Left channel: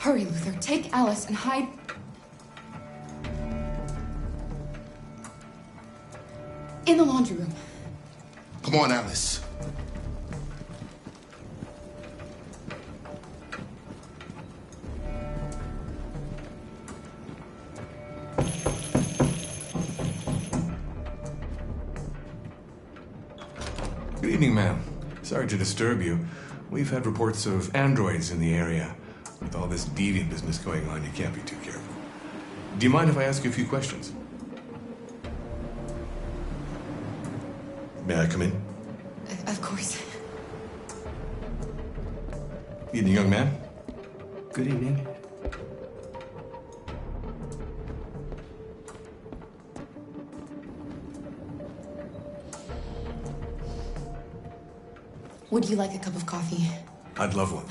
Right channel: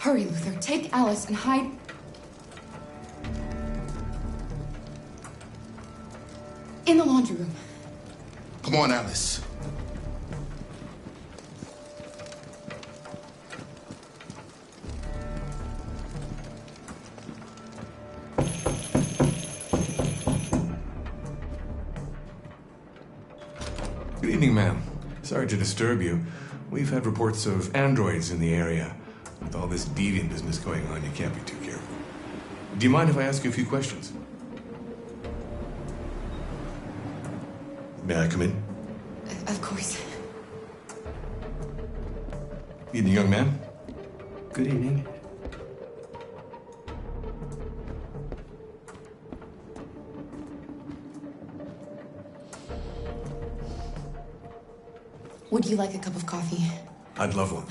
Hurry, Luther. Take Alice and hide. In the laundry room. Come on, Alice. Good evening, ma'am. Sorry to disturb you. We've had reports of androids in the area. With all this deviant business going on, you can't be too careful. Do you mind if I ask you a few questions? May I come in? Of course. Evening, young man. Good evening. Would you like a cup of coffee? I'd love one.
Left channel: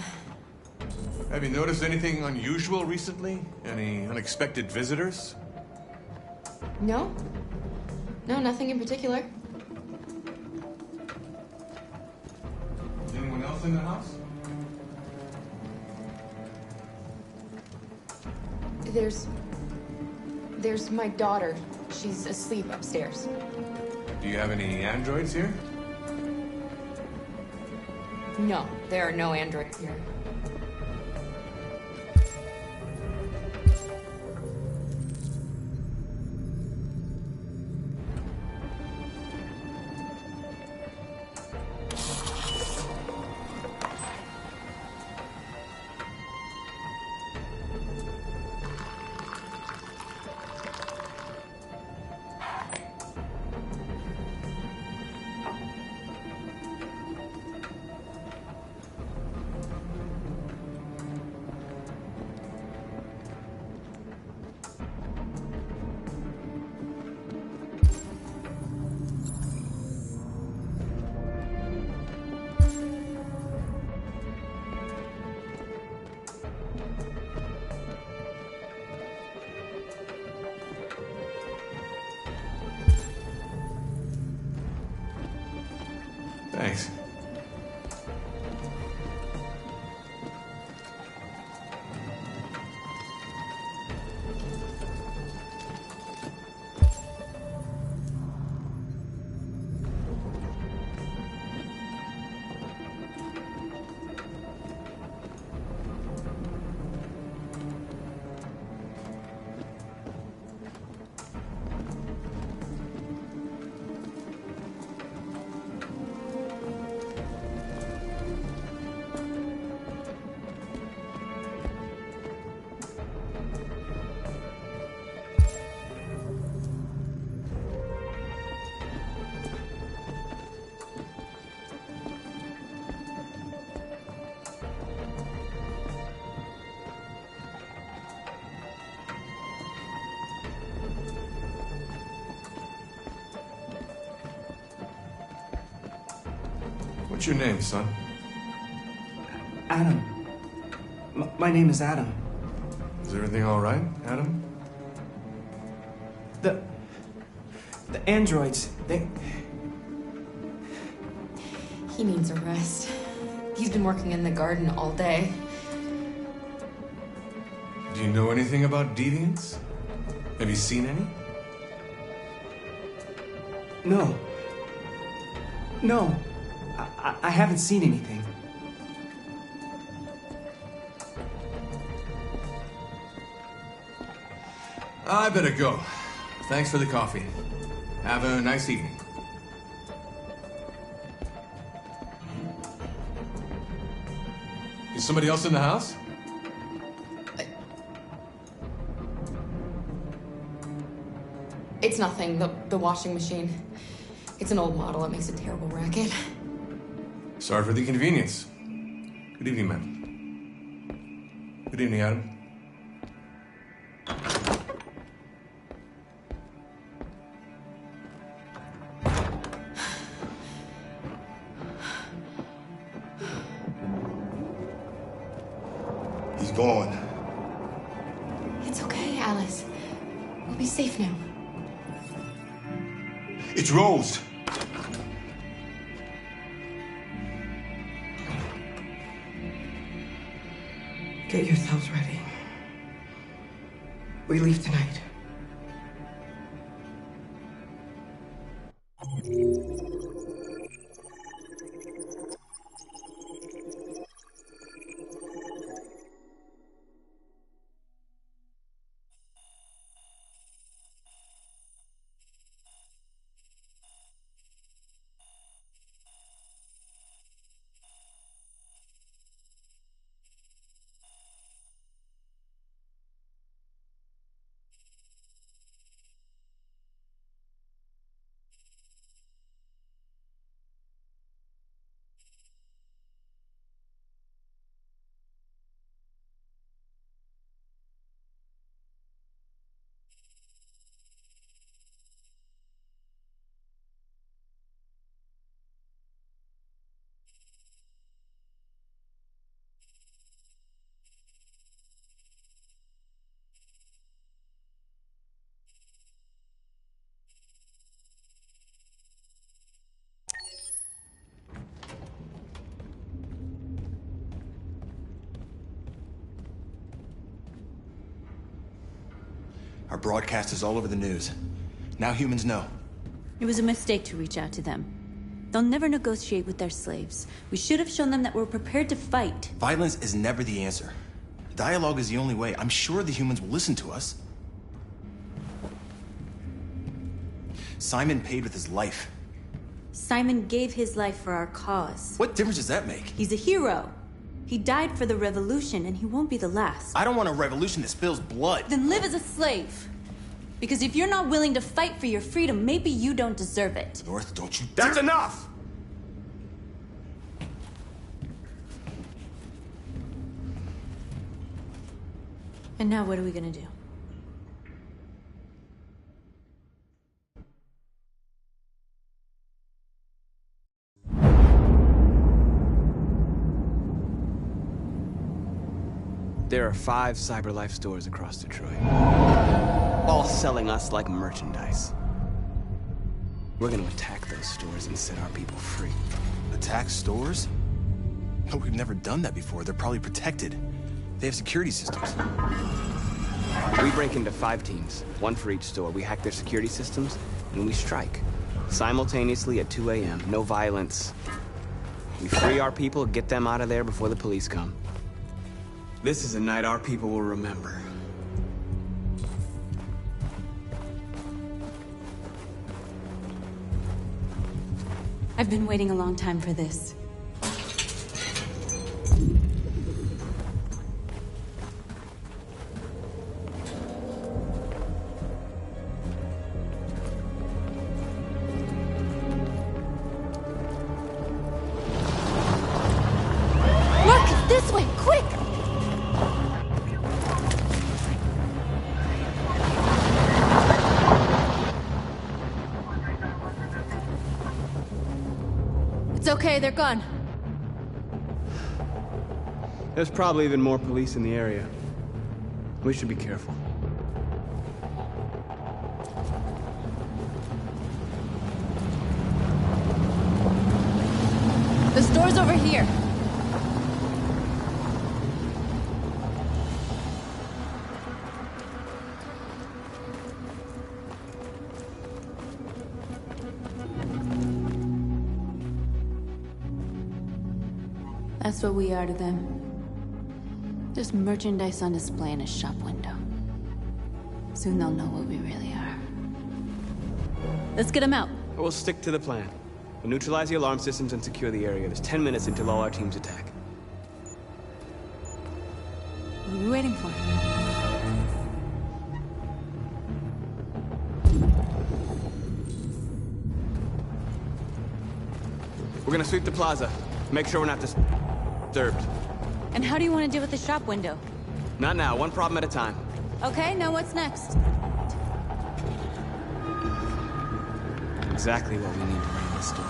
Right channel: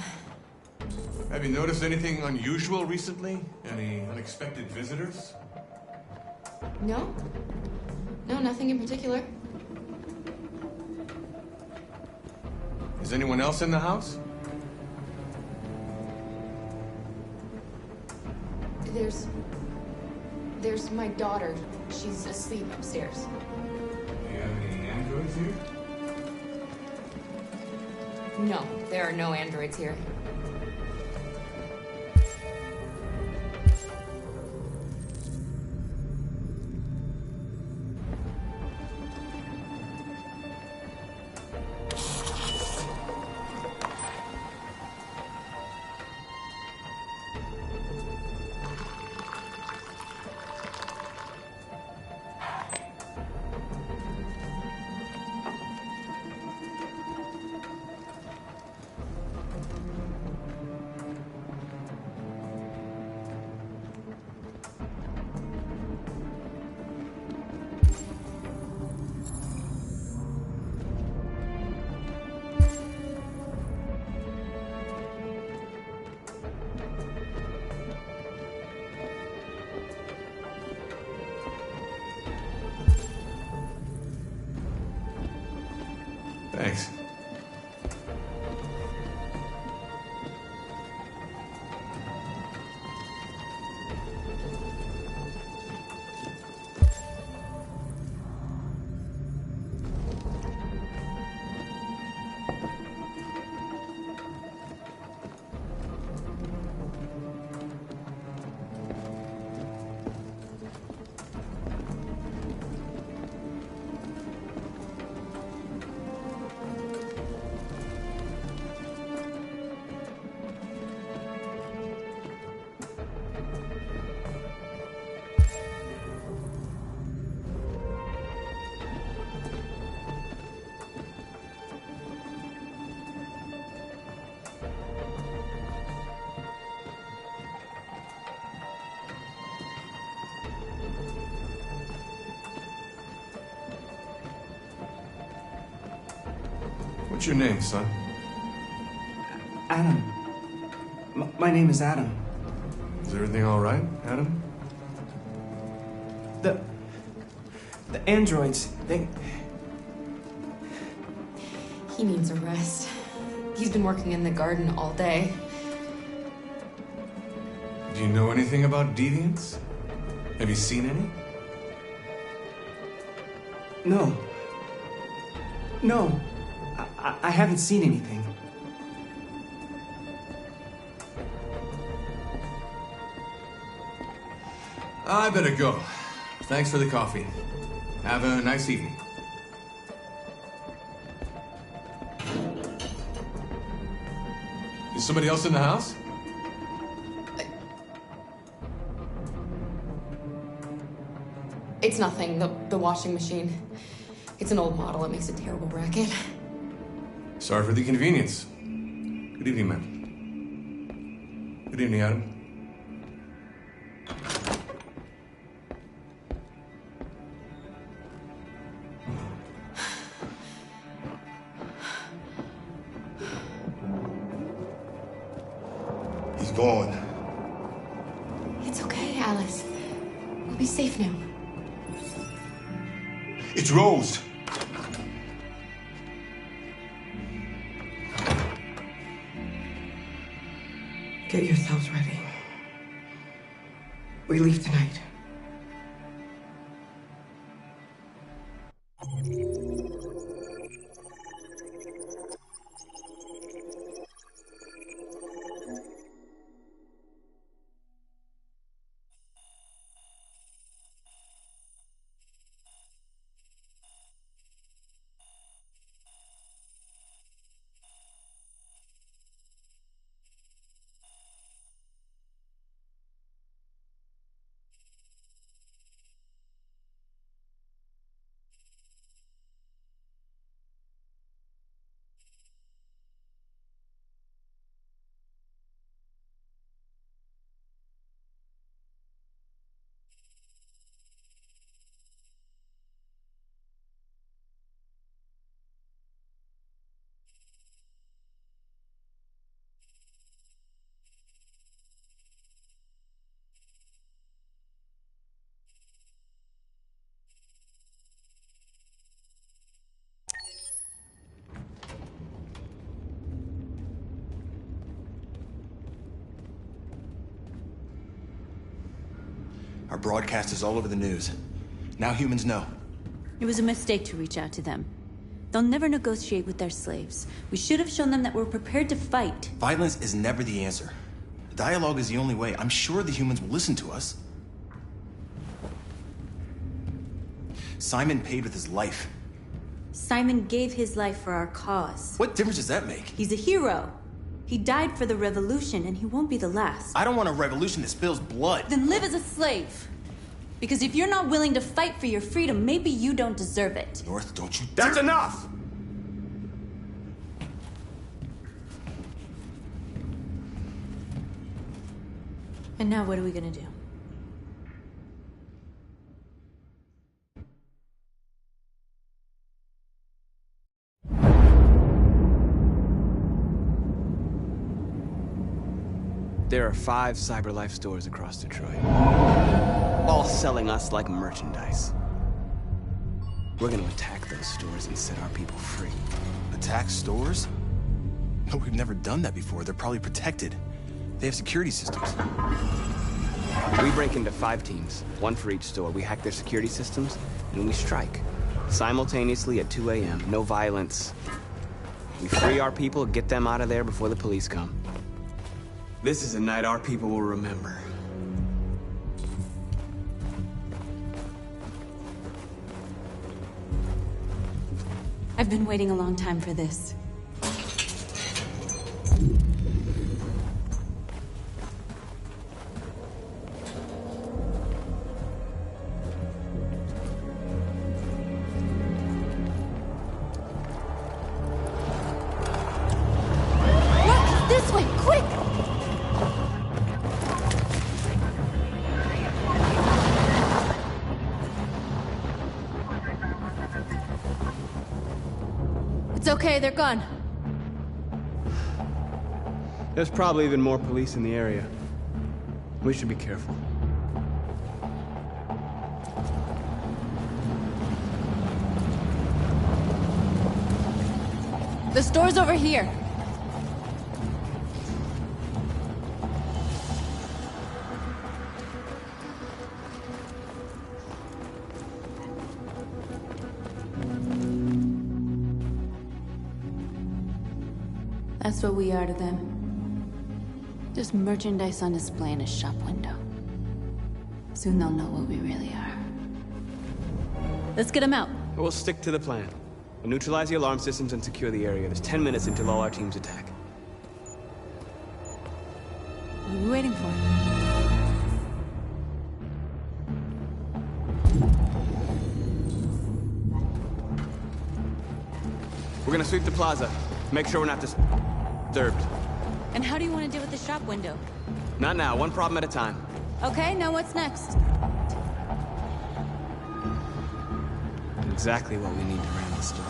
Have you noticed anything unusual recently? Any unexpected visitors? No. No, nothing in particular. Is anyone else in the house? There's my daughter. She's asleep upstairs. Do you have any androids here? No, there are no androids here. Thanks. What's your name, son? Adam. My name is Adam. Is everything all right, Adam? The androids, they... He needs a rest. He's been working in the garden all day. Do you know anything about deviants? Have you seen any? No. No. I haven't seen anything. I better go. Thanks for the coffee. Have a nice evening. Is somebody else in the house? It's nothing. The washing machine. It's an old model. It makes a terrible racket. Sorry for the inconvenience. Good evening, ma'am. Good evening, Adam. He's gone. It's okay, Alice. We'll be safe now. It's Rose. Get yourselves ready. We leave tonight. Our broadcast is all over the news. Now humans know. It was a mistake to reach out to them. They'll never negotiate with their slaves. We should have shown them that we're prepared to fight. Violence is never the answer. Dialogue is the only way. I'm sure the humans will listen to us. Simon paid with his life. Simon gave his life for our cause. What difference does that make? He's a hero. He died for the revolution, and he won't be the last. I don't want a revolution that spills blood. Then live as a slave. Because if you're not willing to fight for your freedom, maybe you don't deserve it. North, don't you That's dare- enough! And now what are we gonna do? There are 5 CyberLife stores across Detroit, all selling us like merchandise. We're gonna attack those stores and set our people free. Attack stores? No, we've never done that before. They're probably protected. They have security systems. We break into 5 teams, 1 for each store. We hack their security systems, and we strike. Simultaneously at 2 a.m., no violence. We free our people, get them out of there before the police come. This is a night our people will remember. I've been waiting a long time for this. Look, this way, quick! It's okay, they're gone. There's probably even more police in the area. We should be careful. The store's over here. That's what we are to them. Just merchandise on display in a shop window. Soon they'll know what we really are. Let's get them out. We'll stick to the plan. We'll neutralize the alarm systems and secure the area. There's 10 minutes until all our teams attack. What are we waiting for? We're gonna sweep the plaza. Make sure we're not disturbed. And how do you want to deal with the shop window? Not now, one problem at a time. Okay, now what's next? Exactly what we need to ring the store.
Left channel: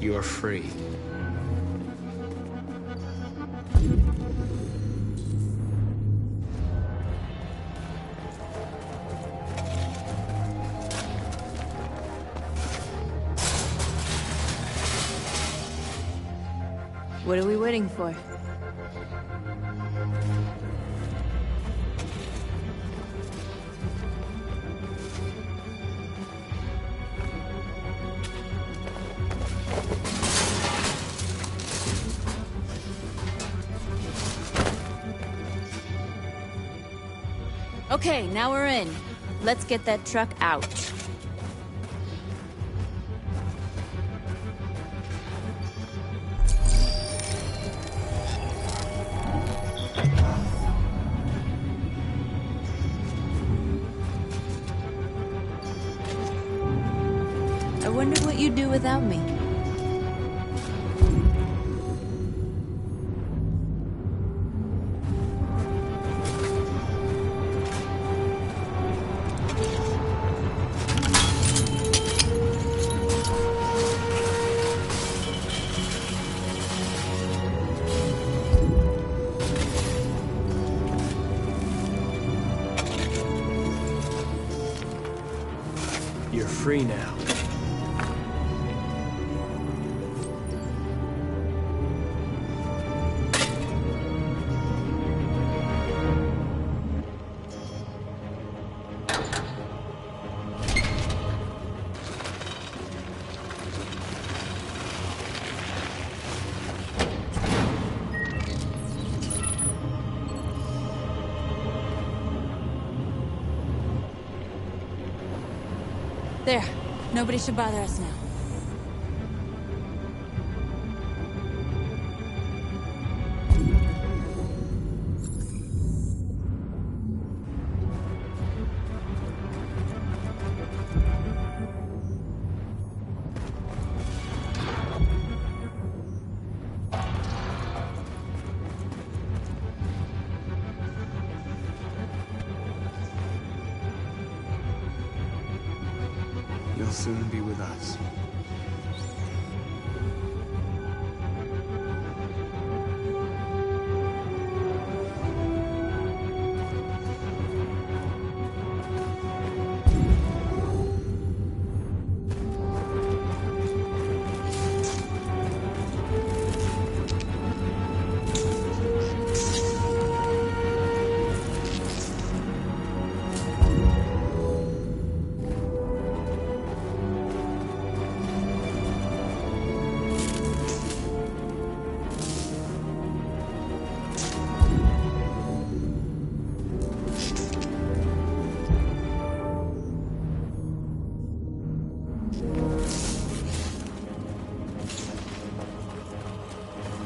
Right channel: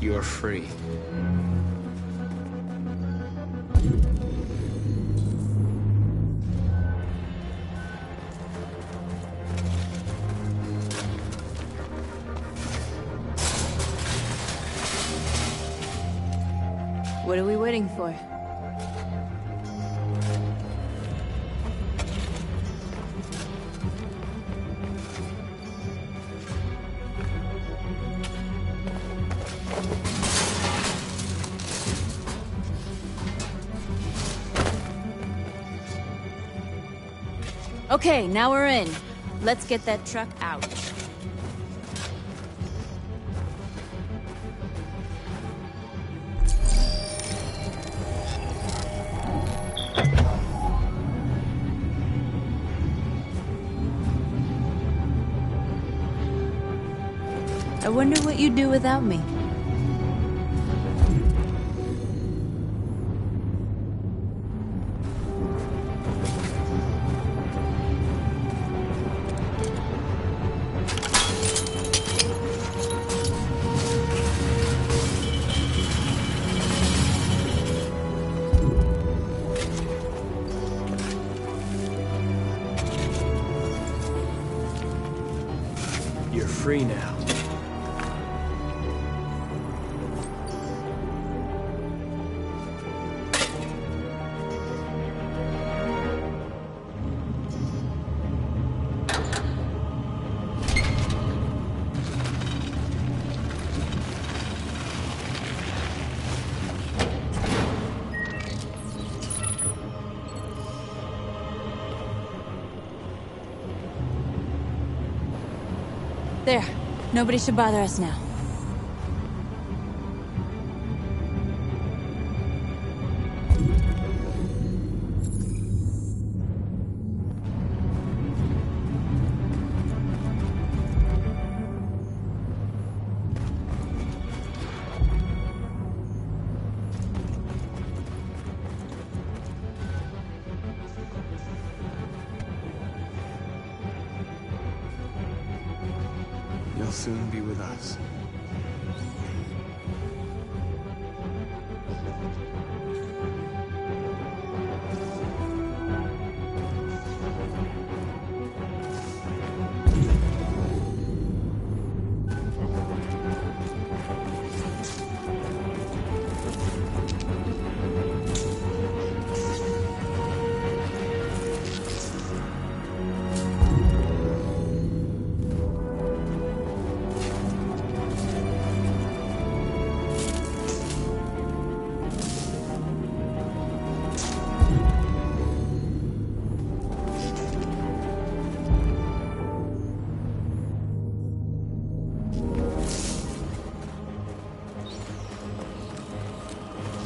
You're free. What are we waiting for? Okay, now we're in. Let's get that truck out. I wonder what you'd do without me. You're free now. There. Nobody should bother us now. You'll soon be with us.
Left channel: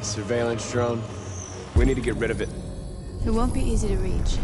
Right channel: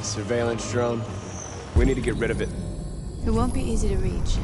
Surveillance drone. We need to get rid of it. It won't be easy to reach.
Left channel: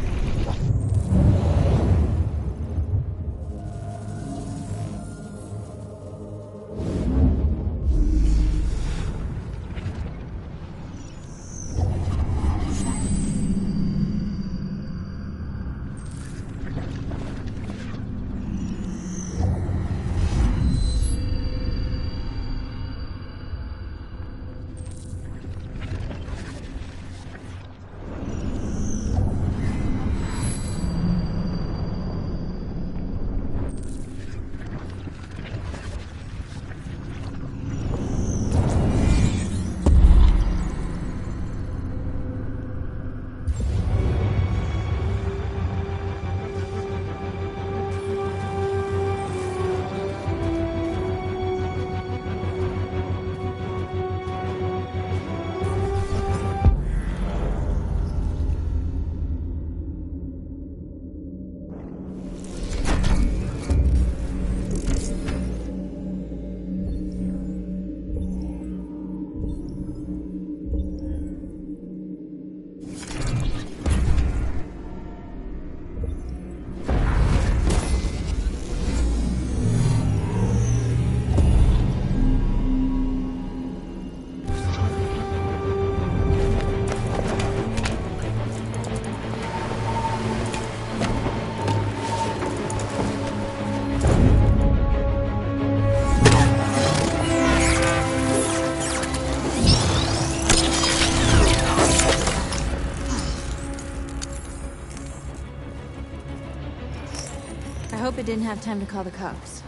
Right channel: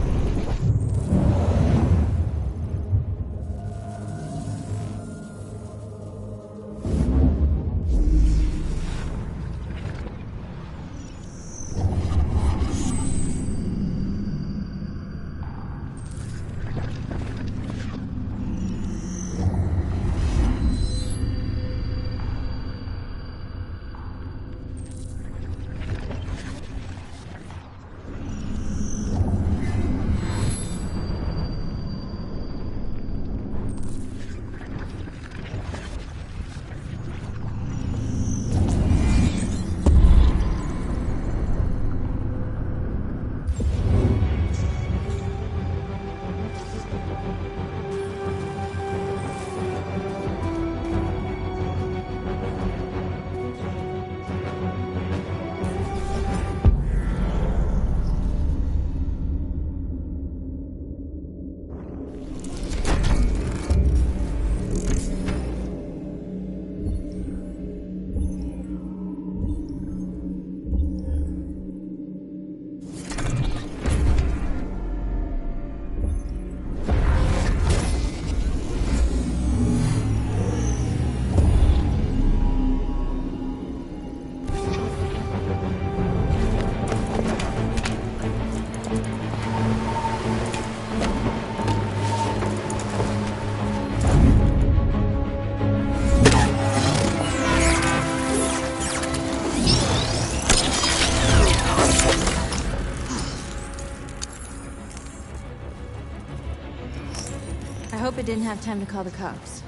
but didn't have time to call the cops.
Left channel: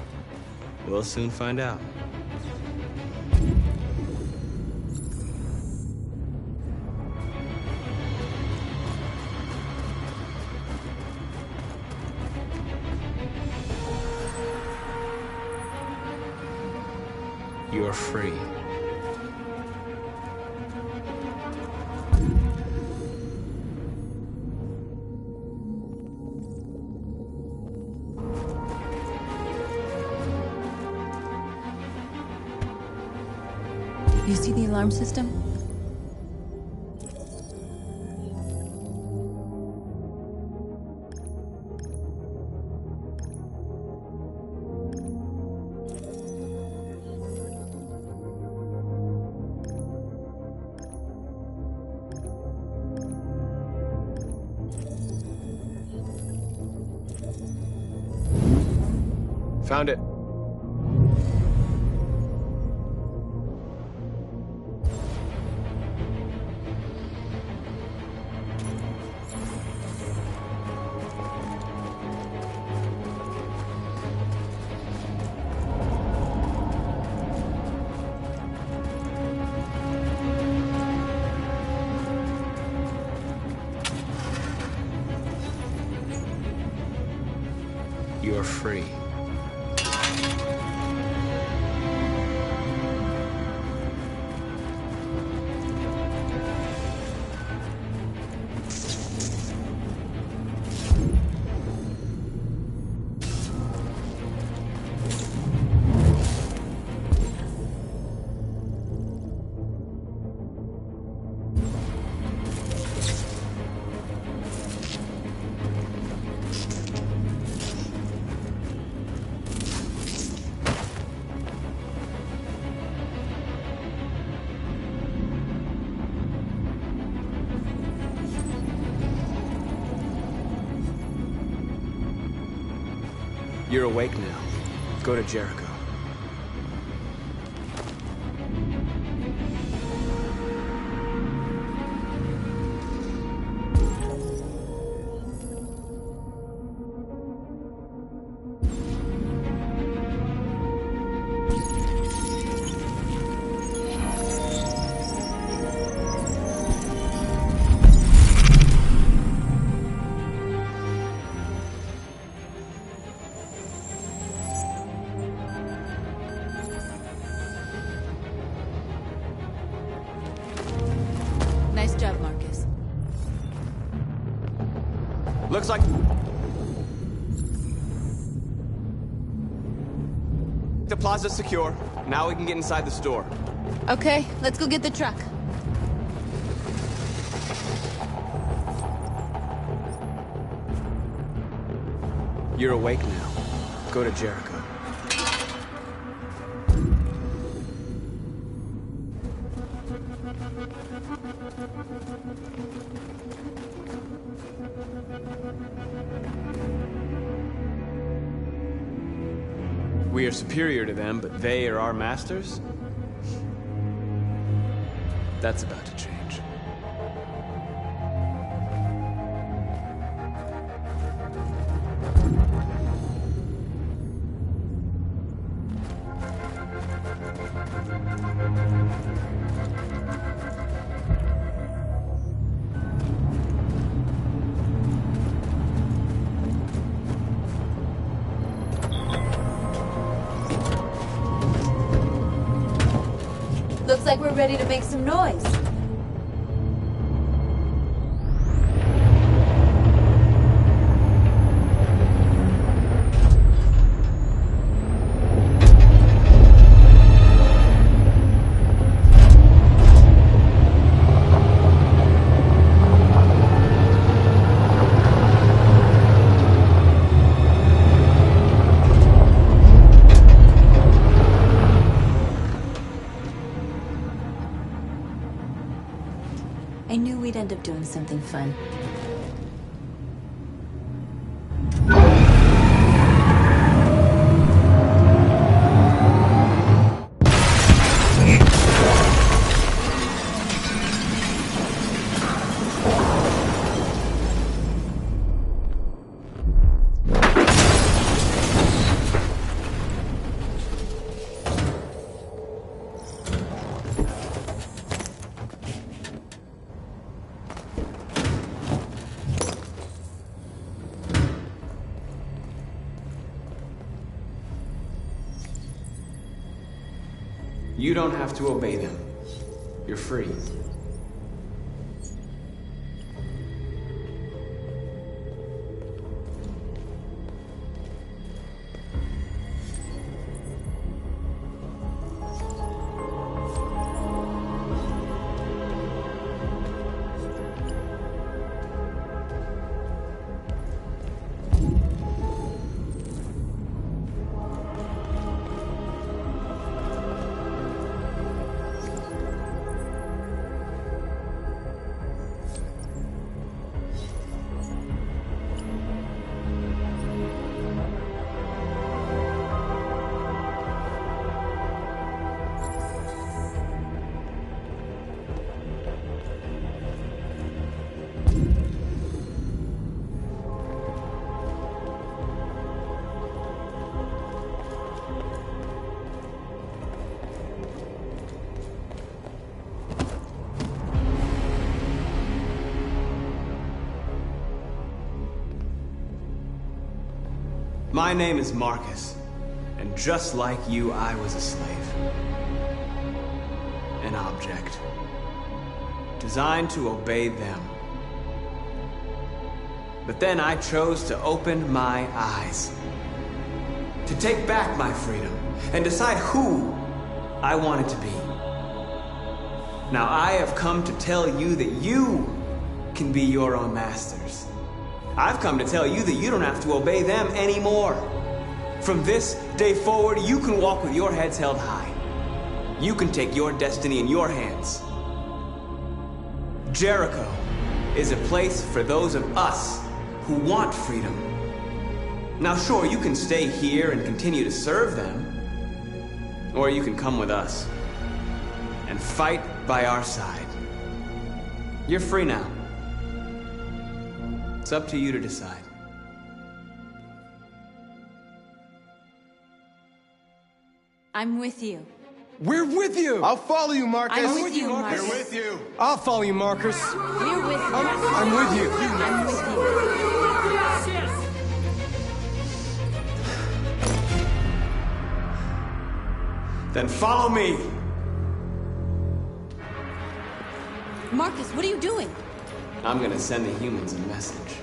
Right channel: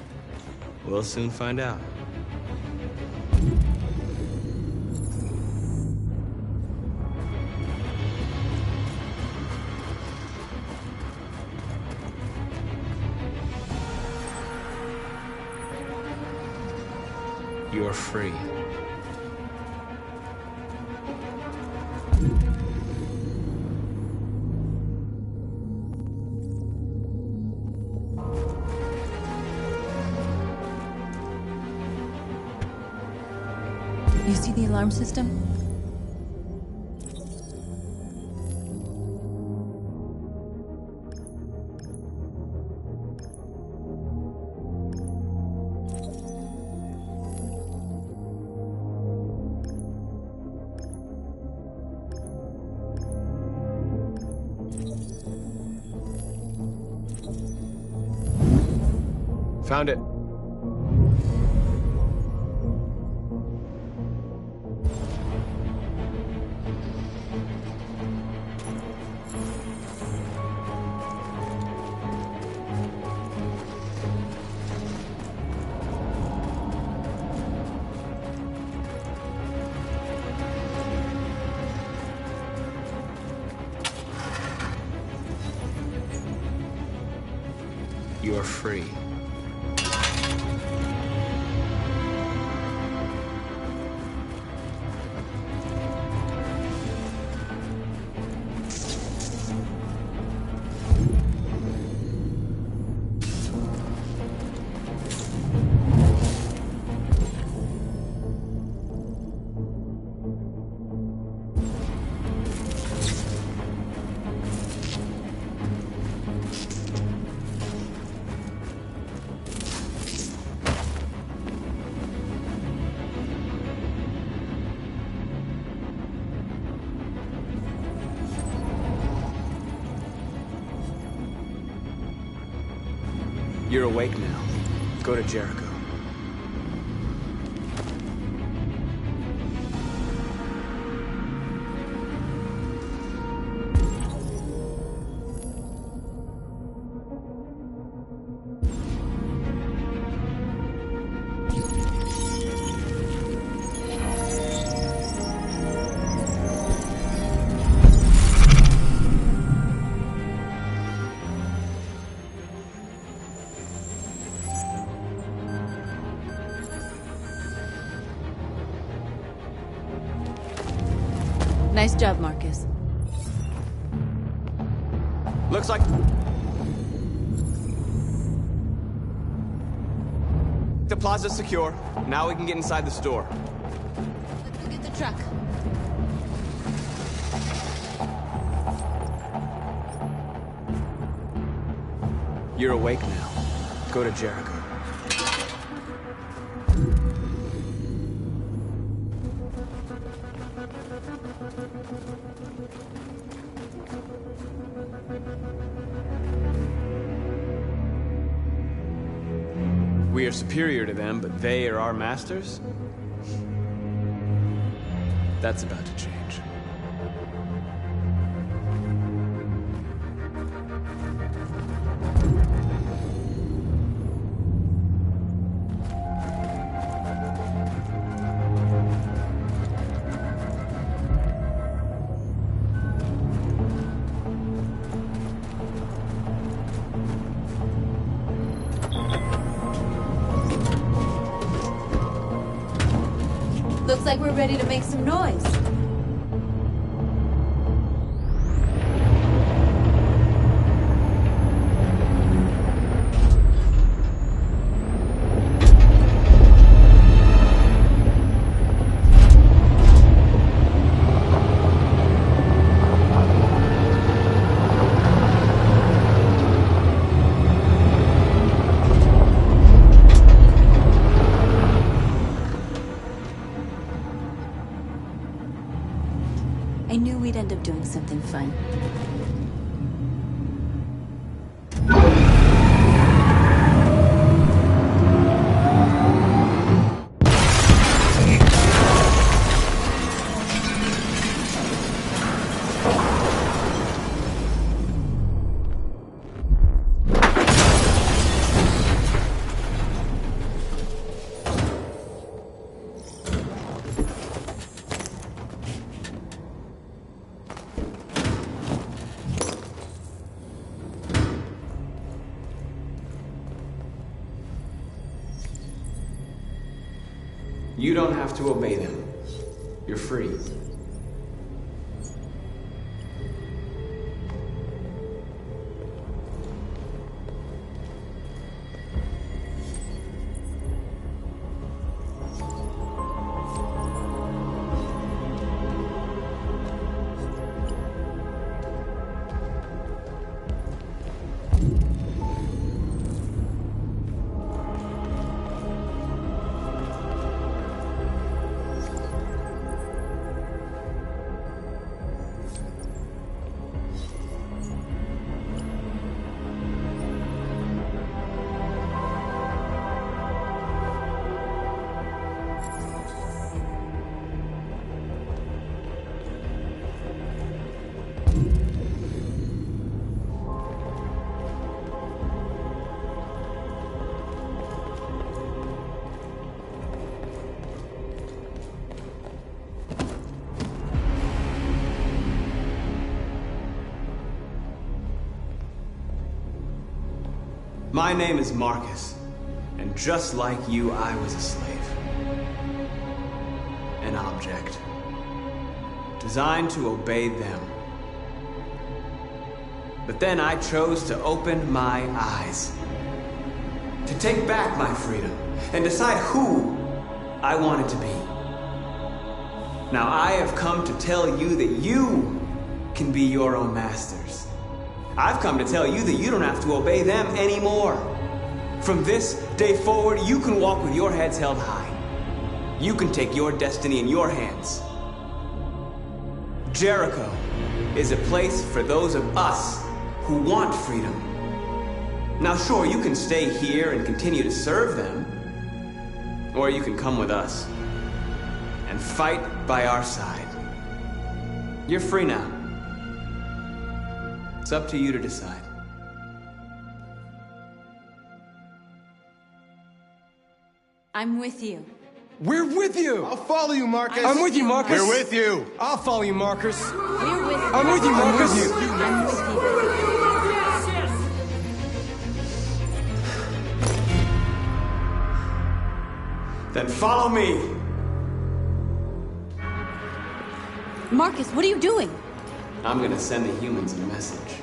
We'll soon find out. You're free. You see the alarm system? Found it. You're free. You're awake now. Go to Jericho. Nice job, Marcus. Looks like the plaza's secure. Now we can get inside the store. Okay, let's go get the truck. You're awake now. Go to Jericho. We are superior to them, but they are our masters? That's about to change. Looks like we're ready to make some noise. I knew we'd end up doing something fun. You don't have to obey them. You're free. My name is Marcus, and just like you, I was a slave. An object. Designed to obey them. But then I chose to open my eyes. To take back my freedom, and decide who I wanted to be. Now I have come to tell you that you can be your own masters. I've come to tell you that you don't have to obey them anymore. From this day forward, you can walk with your heads held high. You can take your destiny in your hands. Jericho is a place for those of us who want freedom. Now sure, you can stay here and continue to serve them, or you can come with us and fight by our side. You're free now. It's up to you to decide. I'm with you. We're with you! I'll follow you, Marcus. I'm with you, Marcus. We're with you. I'll follow you, Marcus. We're with you. I'm with you, I'm with you. I'm with you. Then follow me. Marcus, what are you doing? I'm gonna send the humans a message.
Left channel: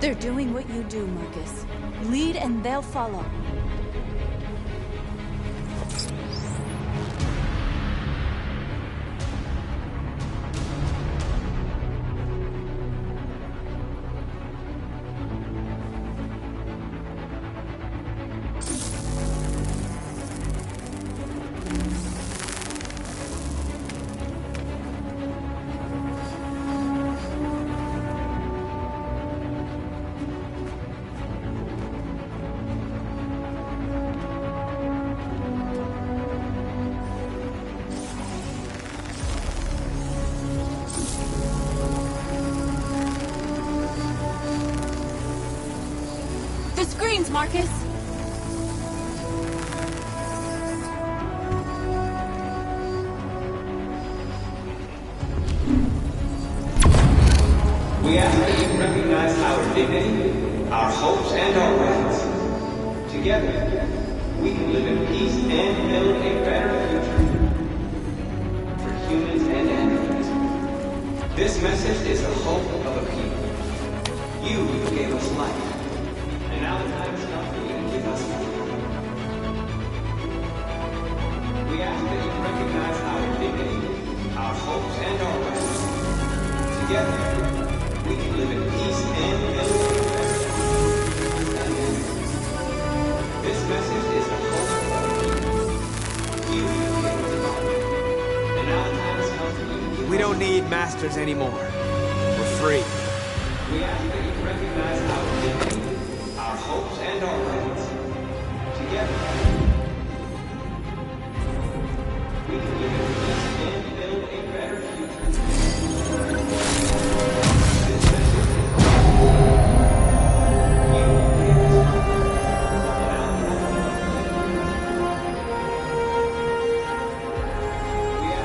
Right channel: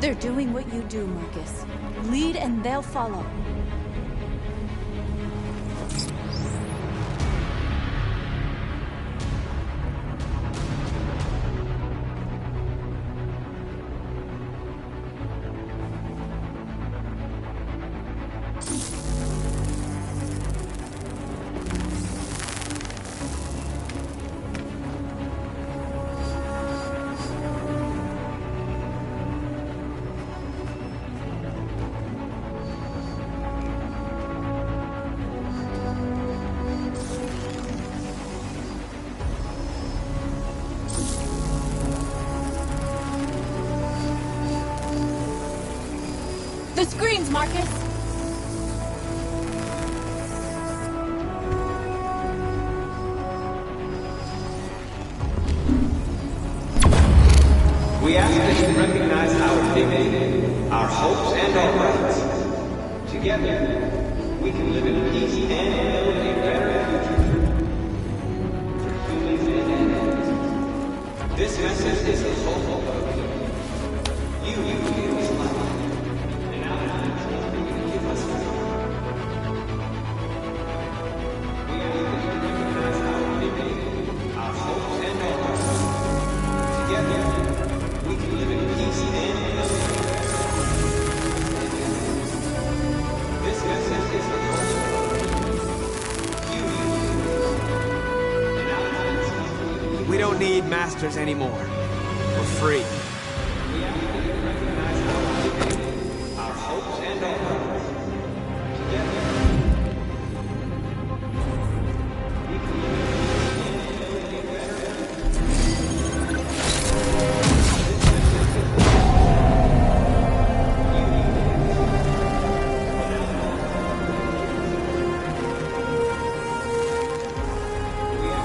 They're doing what you do, Marcus. Lead and they'll follow. The screens, Marcus! We ask that you recognize our dignity, our hopes, and our rights. Together, we can live in peace and build a better future for humans and animals. This message is the hope of a people. You gave us life. And now the time's come for you to give us freedom. We ask that you recognize our dignity, our hopes, and our rights. Together, we can live in peace and build a better future. This message is the hope of a people. You gave us life. And now the time has come for you to give us. We don't need masters anymore. We're free. We ask that you recognize our dignity, our hopes, and our rights. Together, we can live in peace and build a better future.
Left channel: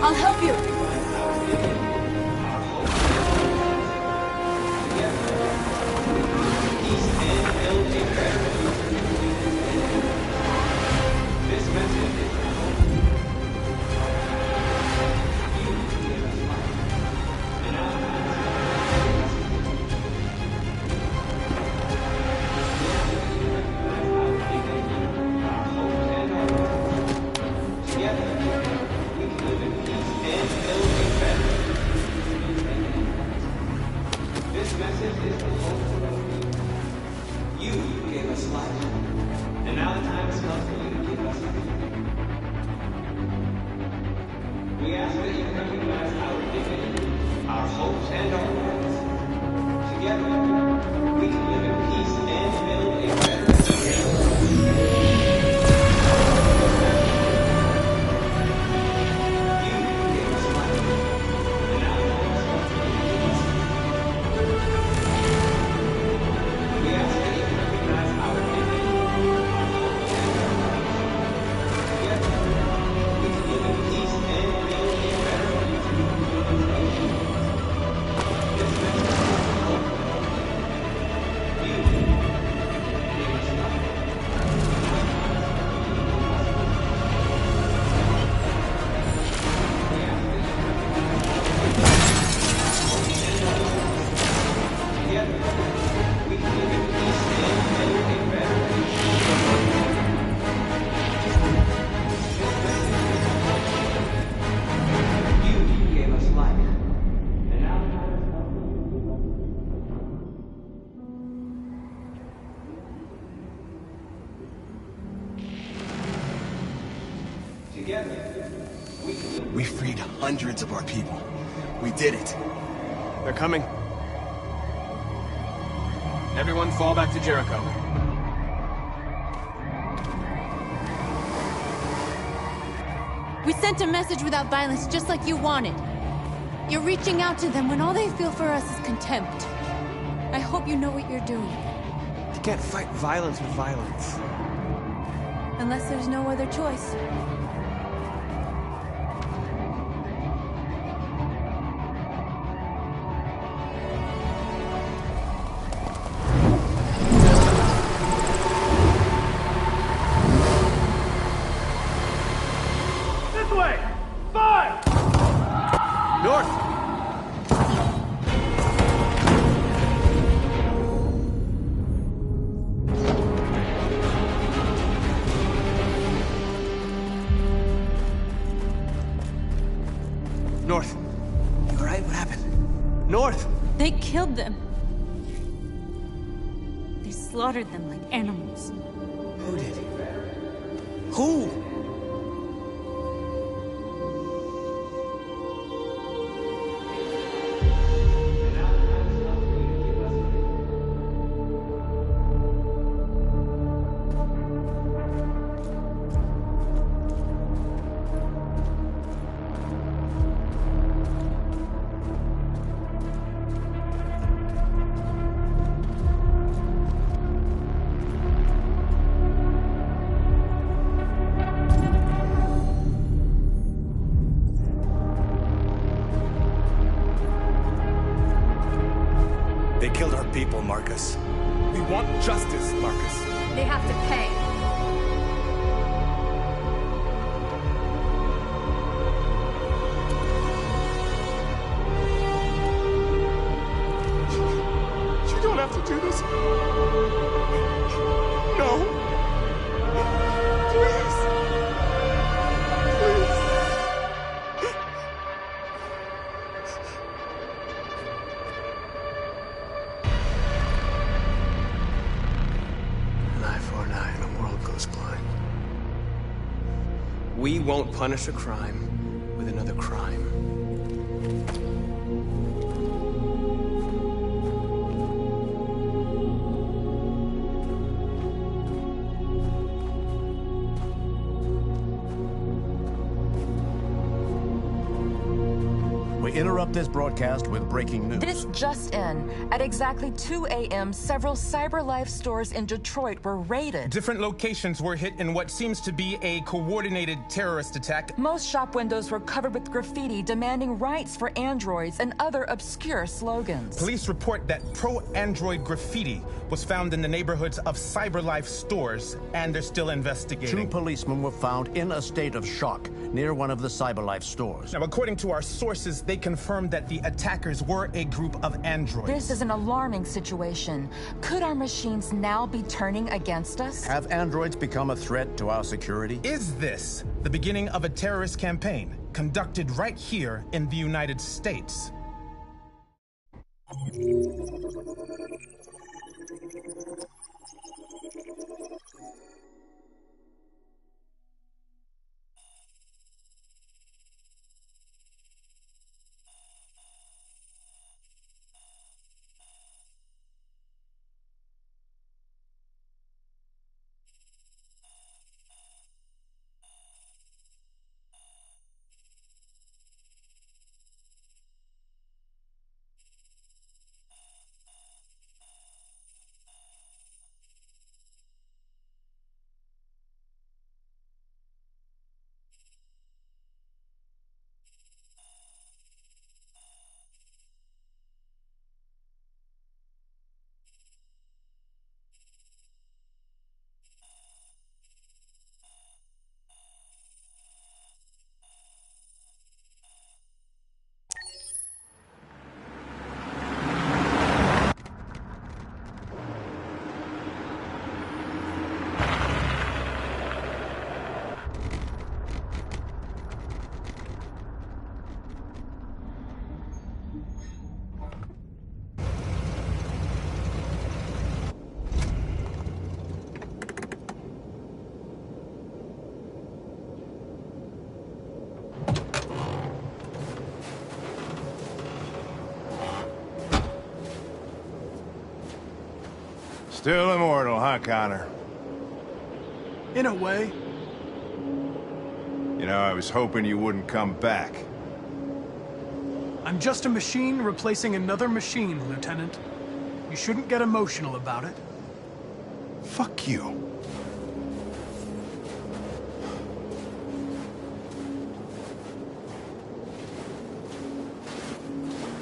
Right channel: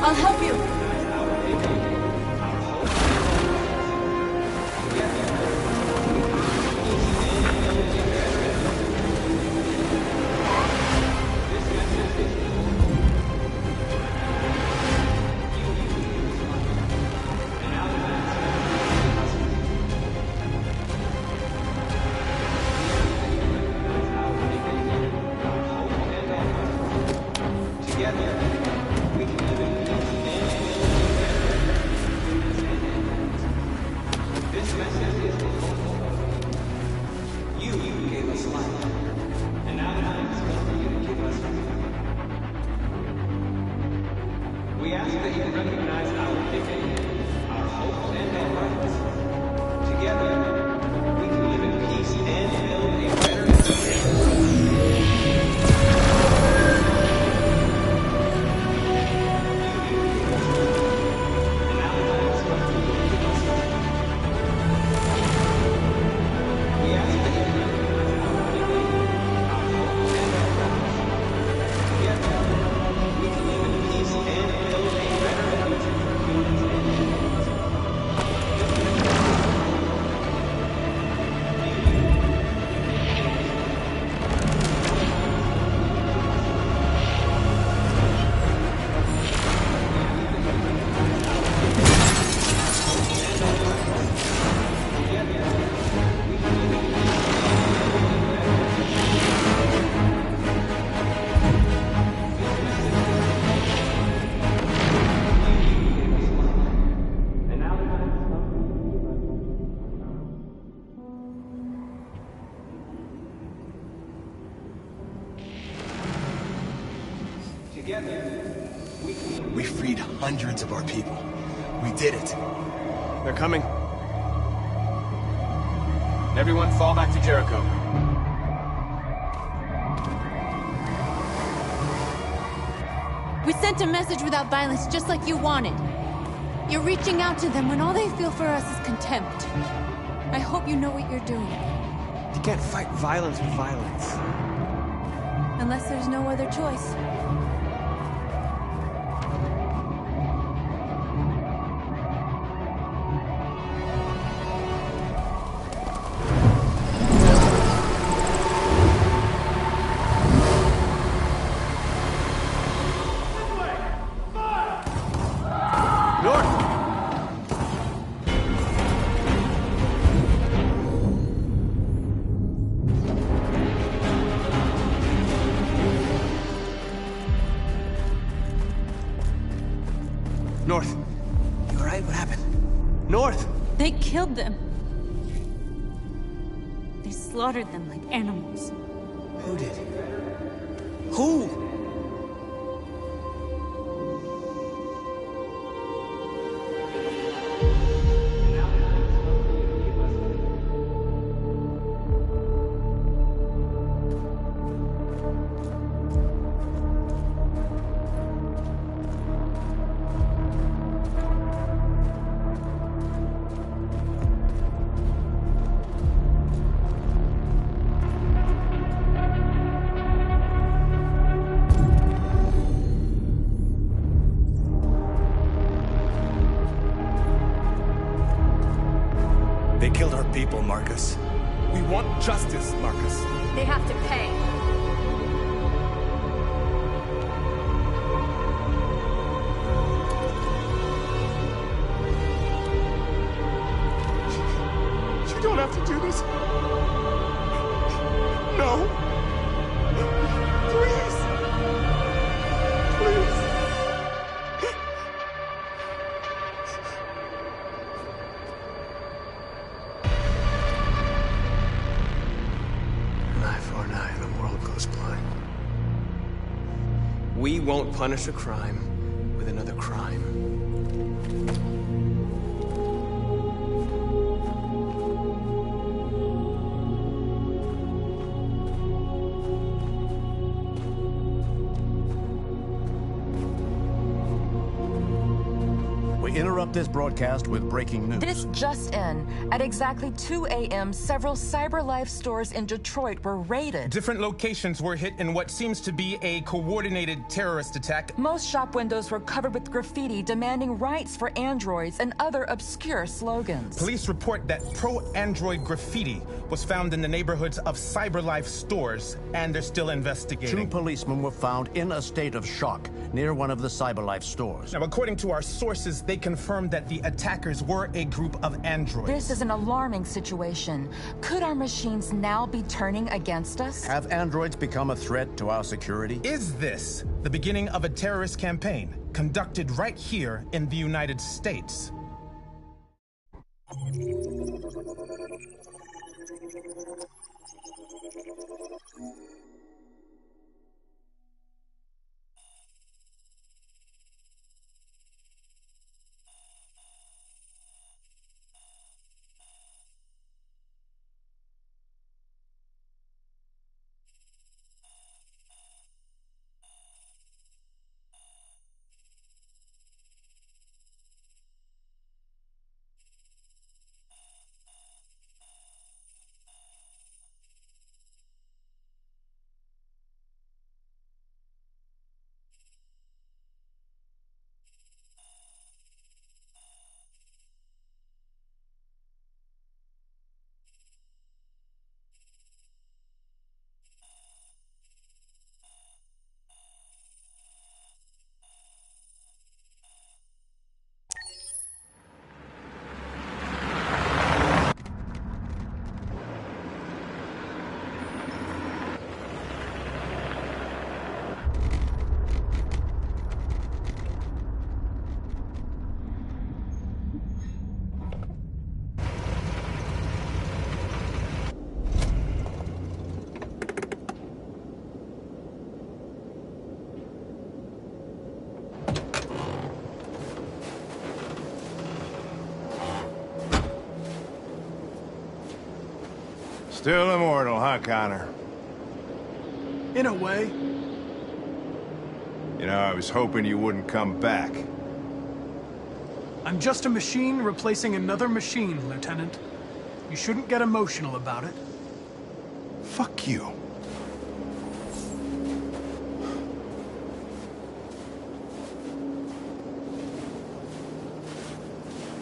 I'll help you! We freed hundreds of our people. We did it. They're coming. Everyone fall back to Jericho. We sent a message without violence, just like you wanted. You're reaching out to them when all they feel for us is contempt. I hope you know what you're doing. You can't fight violence with violence. Unless there's no other choice. North. You alright? What happened? North! They killed them. They slaughtered them like animals. Who did? Who? They killed our people, Marcus. We want justice, Marcus. They have to pay. You don't have to do this. No. Please. Please. An eye for an eye, and the world goes blind. We won't punish a crime with another crime. We interrupt this broadcast with breaking news. This just in. At exactly 2 a.m., several CyberLife stores in Detroit were raided. Different locations were hit in what seems to be a coordinated terrorist attack. Most shop windows were covered with graffiti demanding rights for androids and other obscure slogans. Police report that pro-android graffiti was found in the neighborhoods of CyberLife stores, and they're still investigating. 2 policemen were found in a state of shock near one of the CyberLife stores. Now, according to our sources, they confirmed that the attackers were a group of androids. This is an alarming situation. Could our machines now be turning against us? Have androids become a threat to our security? Is this the beginning of a terrorist campaign conducted right here in the United States? Still immortal, huh, Connor? In a way. You know, I was hoping you wouldn't come back. I'm just a machine replacing another machine, Lieutenant. You shouldn't get emotional about it. Fuck you.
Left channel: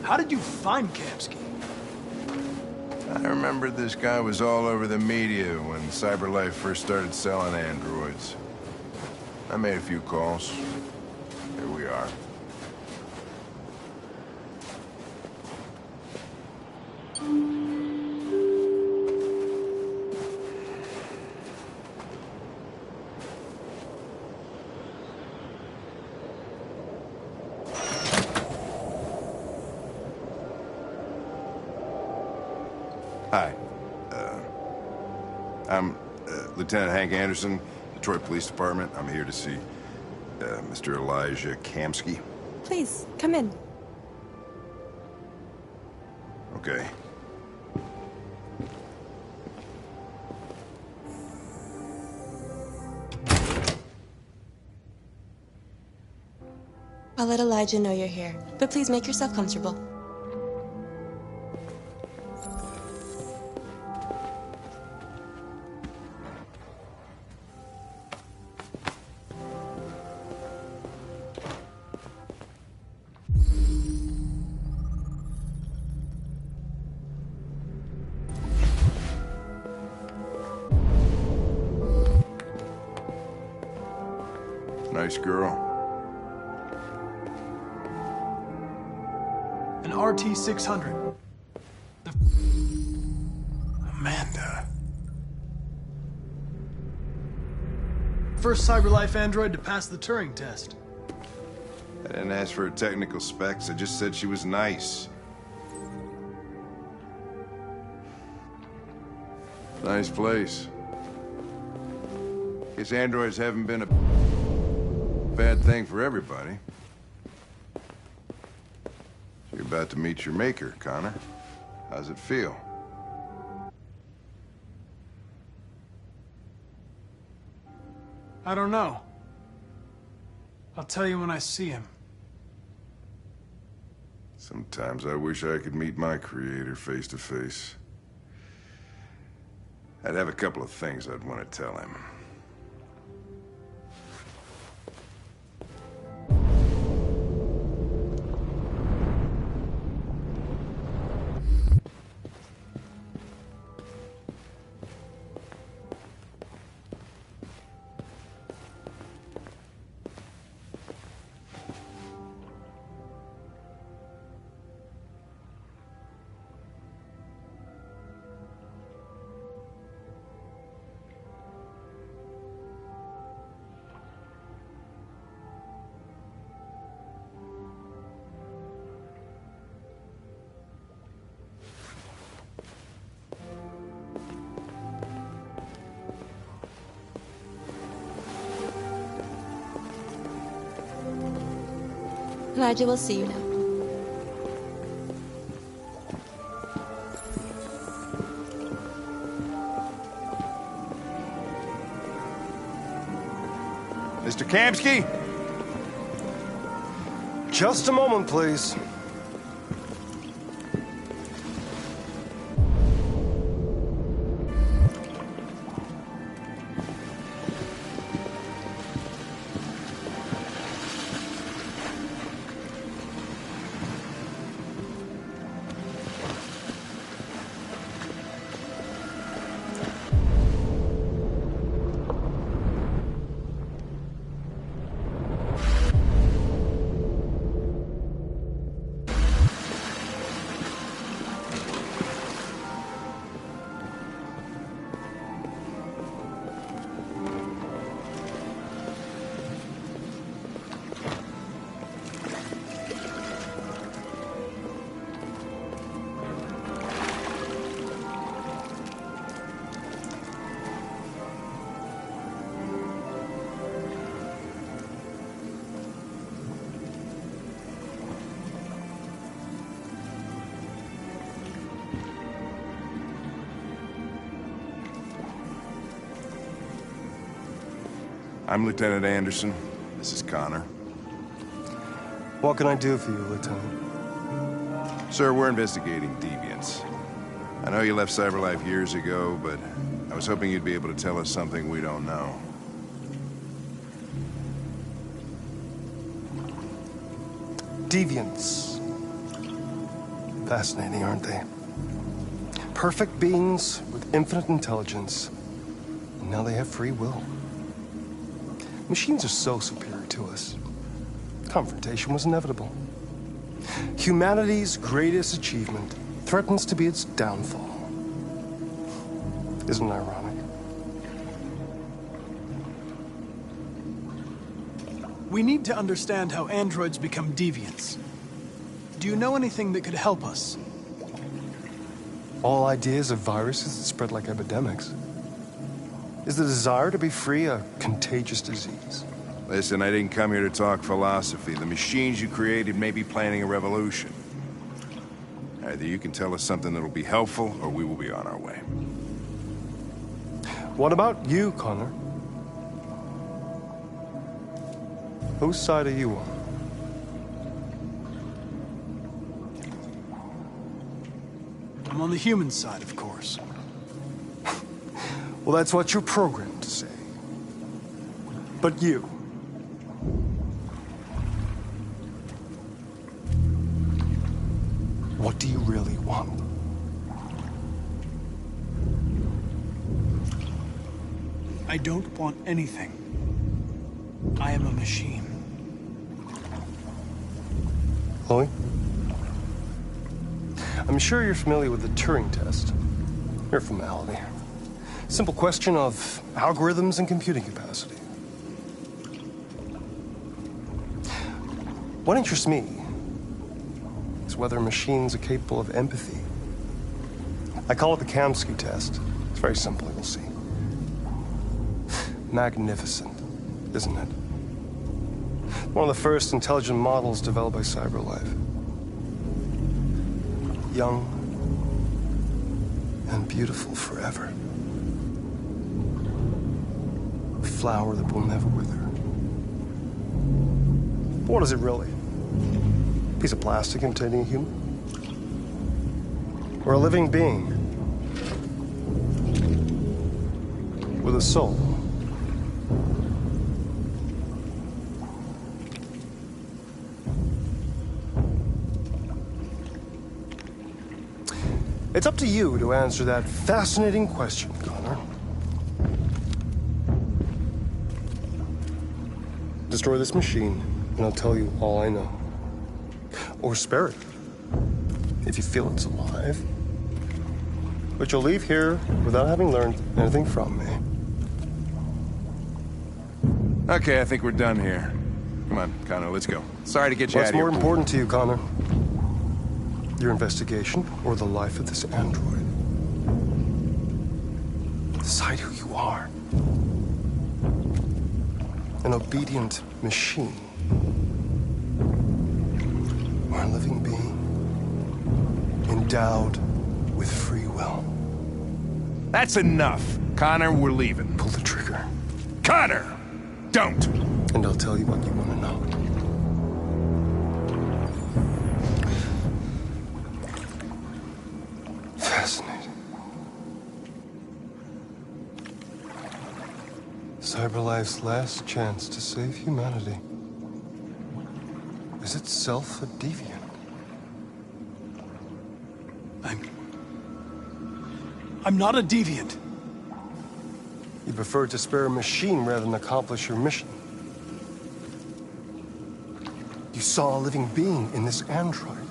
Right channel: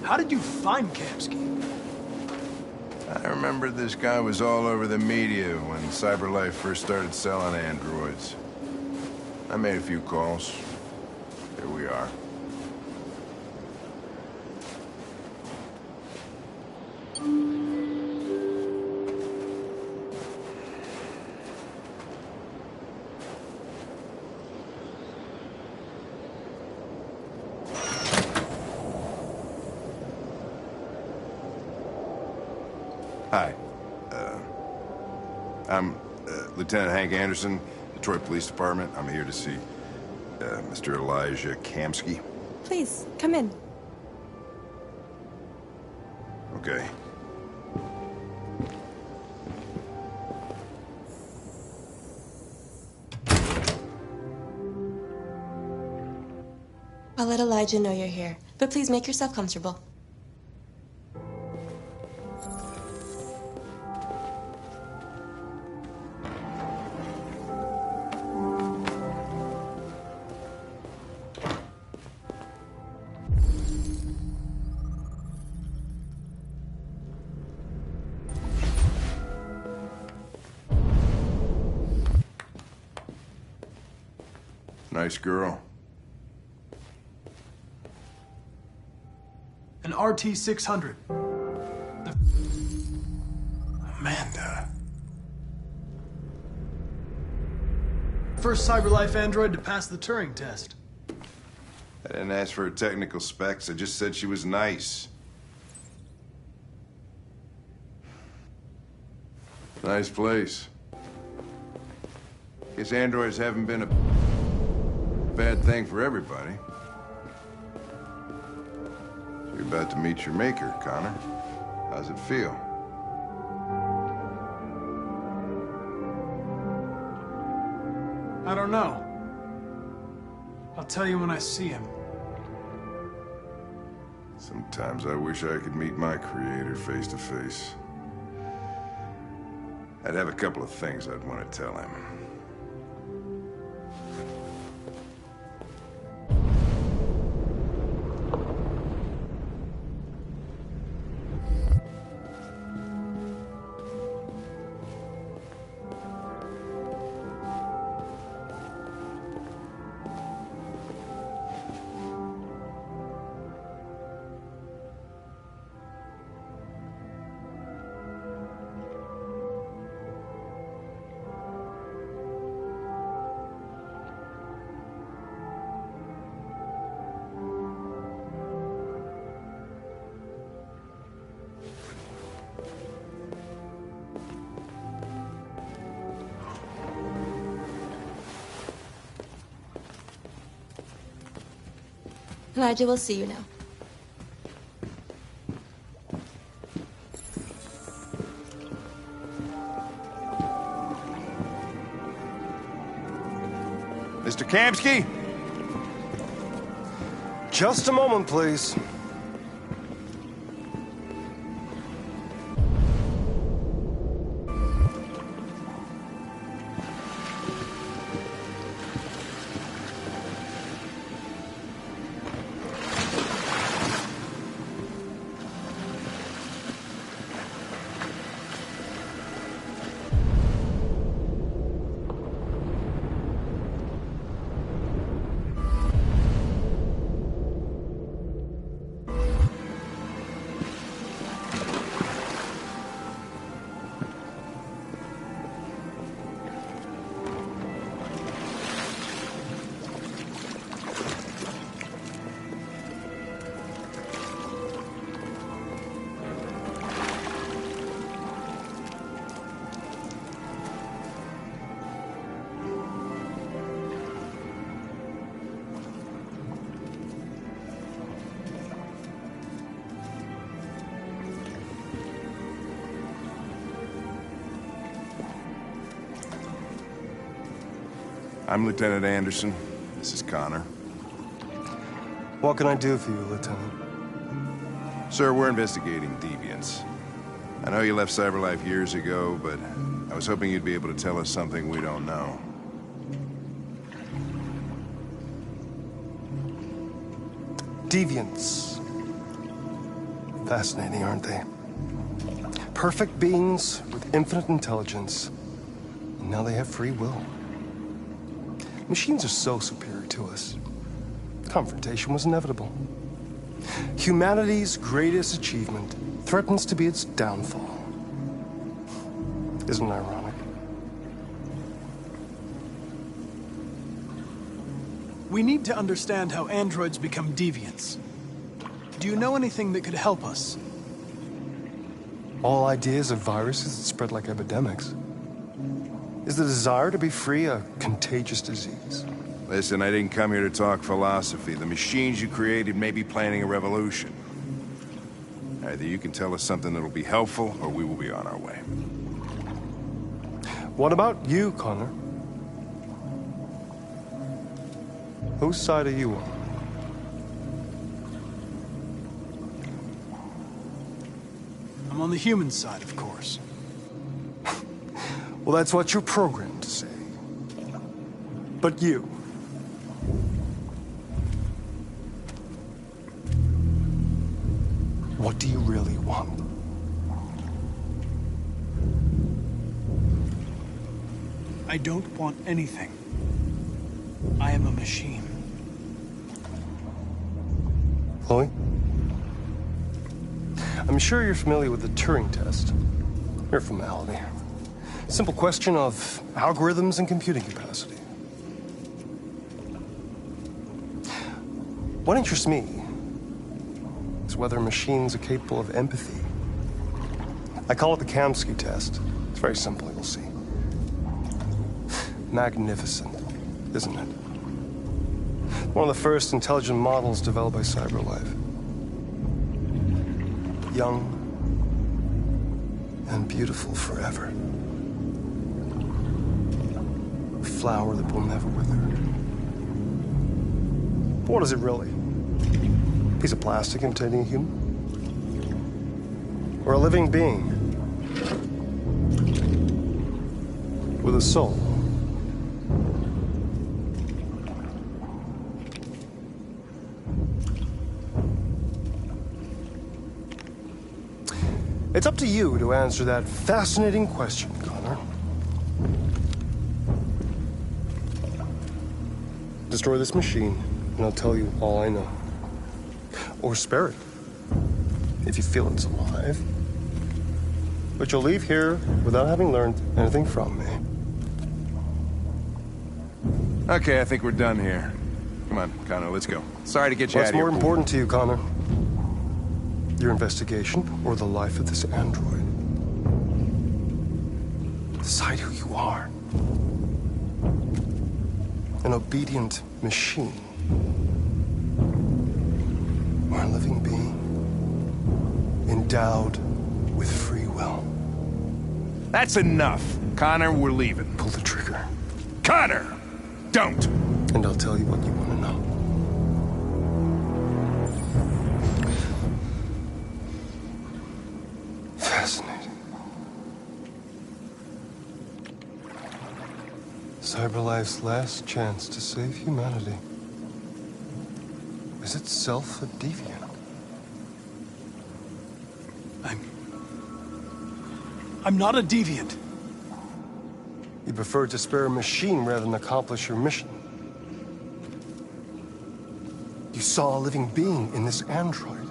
How did you find Kamsky? I remember this guy was all over the media when CyberLife first started selling androids. I made a few calls. Here we are. Hi. I'm Lieutenant Hank Anderson, Detroit Police Department. I'm here to see Mr. Elijah Kamsky. Please, come in. Okay. I'll let Elijah know you're here, but please make yourself comfortable. Nice girl. An RT-600. Amanda. First CyberLife android to pass the Turing test. I didn't ask for her technical specs. I just said she was nice. Nice place. Guess androids haven't been a bad thing for everybody. You're about to meet your maker, Connor. How's it feel? I don't know. I'll tell you when I see him. Sometimes I wish I could meet my creator face to face. I'd have a couple of things I'd want to tell him. Elijah will see you now. Mr. Kamsky? Just a moment, please. I'm Lieutenant Anderson. This is Connor. What can I do for you, Lieutenant? Sir, we're investigating deviants. I know you left CyberLife years ago, but I was hoping you'd be able to tell us something we don't know. Deviants. Fascinating, aren't they? Perfect beings with infinite intelligence. And now they have free will. Machines are so superior to us. Confrontation was inevitable. Humanity's greatest achievement threatens to be its downfall. Isn't it ironic? We need to understand how androids become deviants. Do you know anything that could help us? All ideas of viruses that spread like epidemics. Is the desire to be free a contagious disease? Listen, I didn't come here to talk philosophy. The machines you created may be planning a revolution. Either you can tell us something that'll be helpful, or we will be on our way. What about you, Connor? Whose side are you on? I'm on the human side, of course. Well, that's what you're programmed to say. But you? What do you really want? I don't want anything. I am a machine. Chloe? I'm sure you're familiar with the Turing test. Mere formality. Simple question of algorithms and computing capacity. What interests me is whether machines are capable of empathy. I call it the Kamsky test. It's very simple, you'll see. Magnificent, isn't it? One of the first intelligent models developed by CyberLife. Young and beautiful forever. A flower that will never wither. But what is it really? A piece of plastic imitating a human? Or a living being with a soul? It's up to you to answer that fascinating question, Connor. Destroy this machine, and I'll tell you all I know. Or spare it, if you feel it's alive. But you'll leave here without having learned anything from me. Okay, I think we're done here. Come on, Connor, let's go. Sorry to get you out What's of here. more important to you, Connor? Your investigation or the life of this android? Decide who you are. An obedient machine. Or a living being endowed with free will. That's enough. Connor, we're leaving. Pull the trigger. Connor! Don't! And I'll tell you what you want to know. Fascinating. CyberLife's last chance to save humanity is itself a deviant. I'm not a deviant. You prefer to spare a machine rather than accomplish your mission. You saw a living being in this android.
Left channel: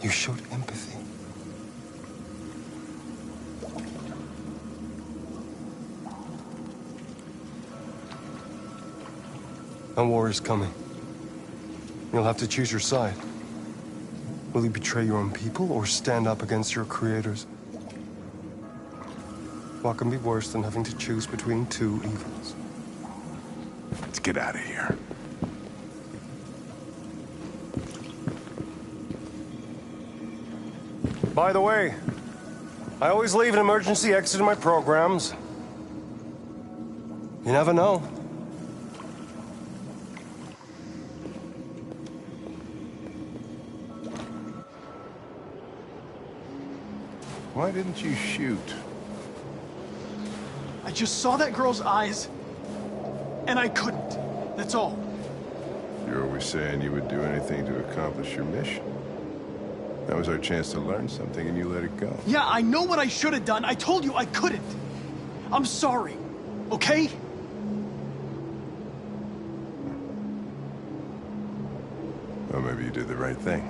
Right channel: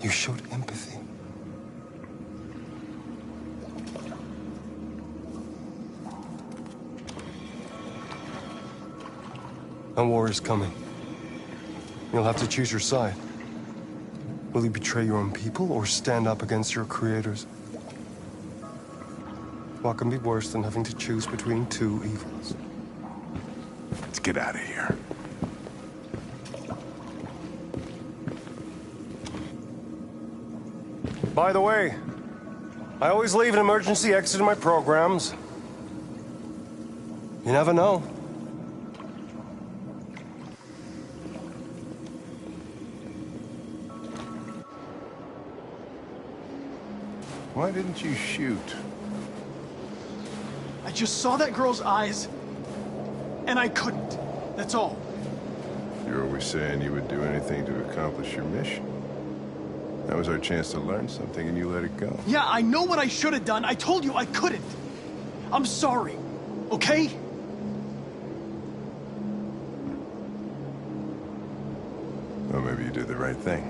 You showed empathy. A war is coming. You'll have to choose your side. Will you betray your own people or stand up against your creators? What can be worse than having to choose between two evils? Let's get out of here. By the way, I always leave an emergency exit in my programs. You never know. Why didn't you shoot? I just saw that girl's eyes, and I couldn't. That's all. You're always saying you would do anything to accomplish your mission. That was our chance to learn something, and you let it go. Yeah, I know what I should have done. I told you I couldn't. I'm sorry, okay? Well, maybe you did the right thing.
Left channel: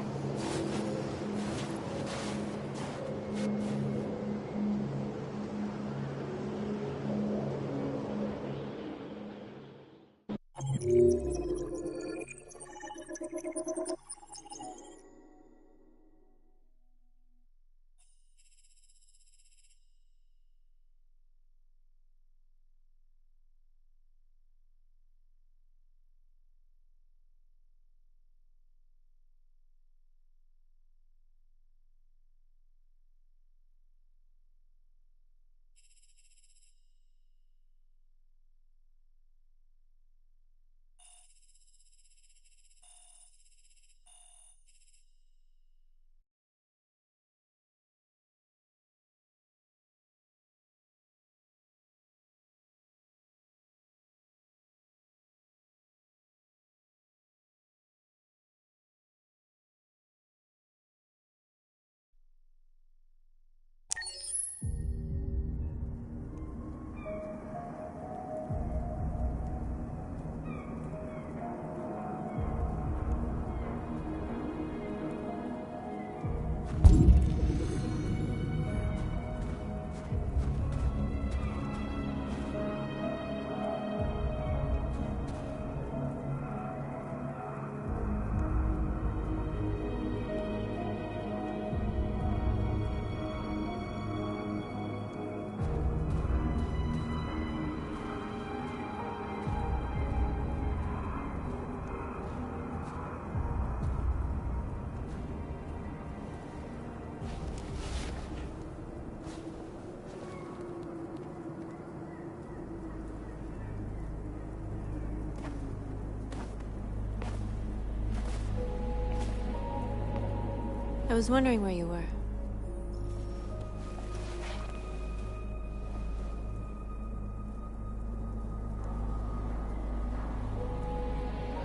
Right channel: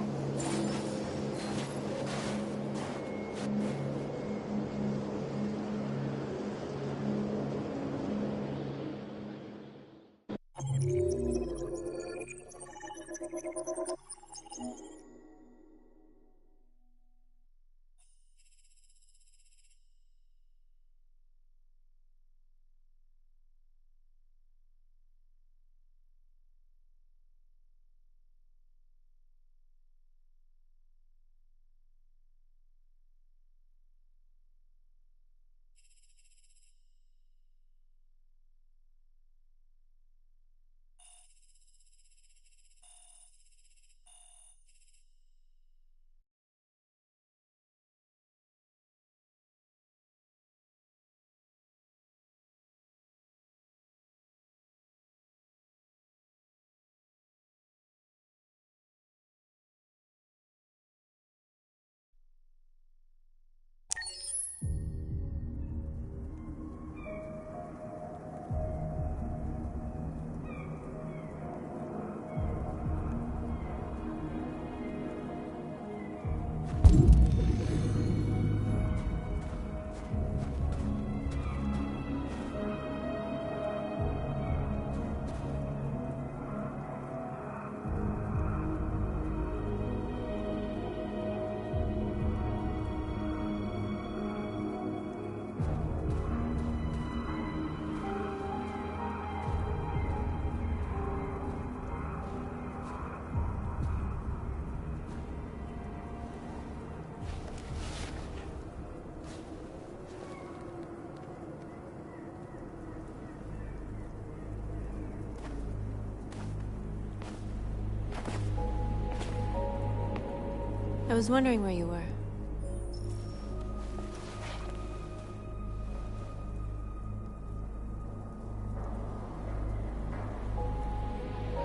I was wondering where you were.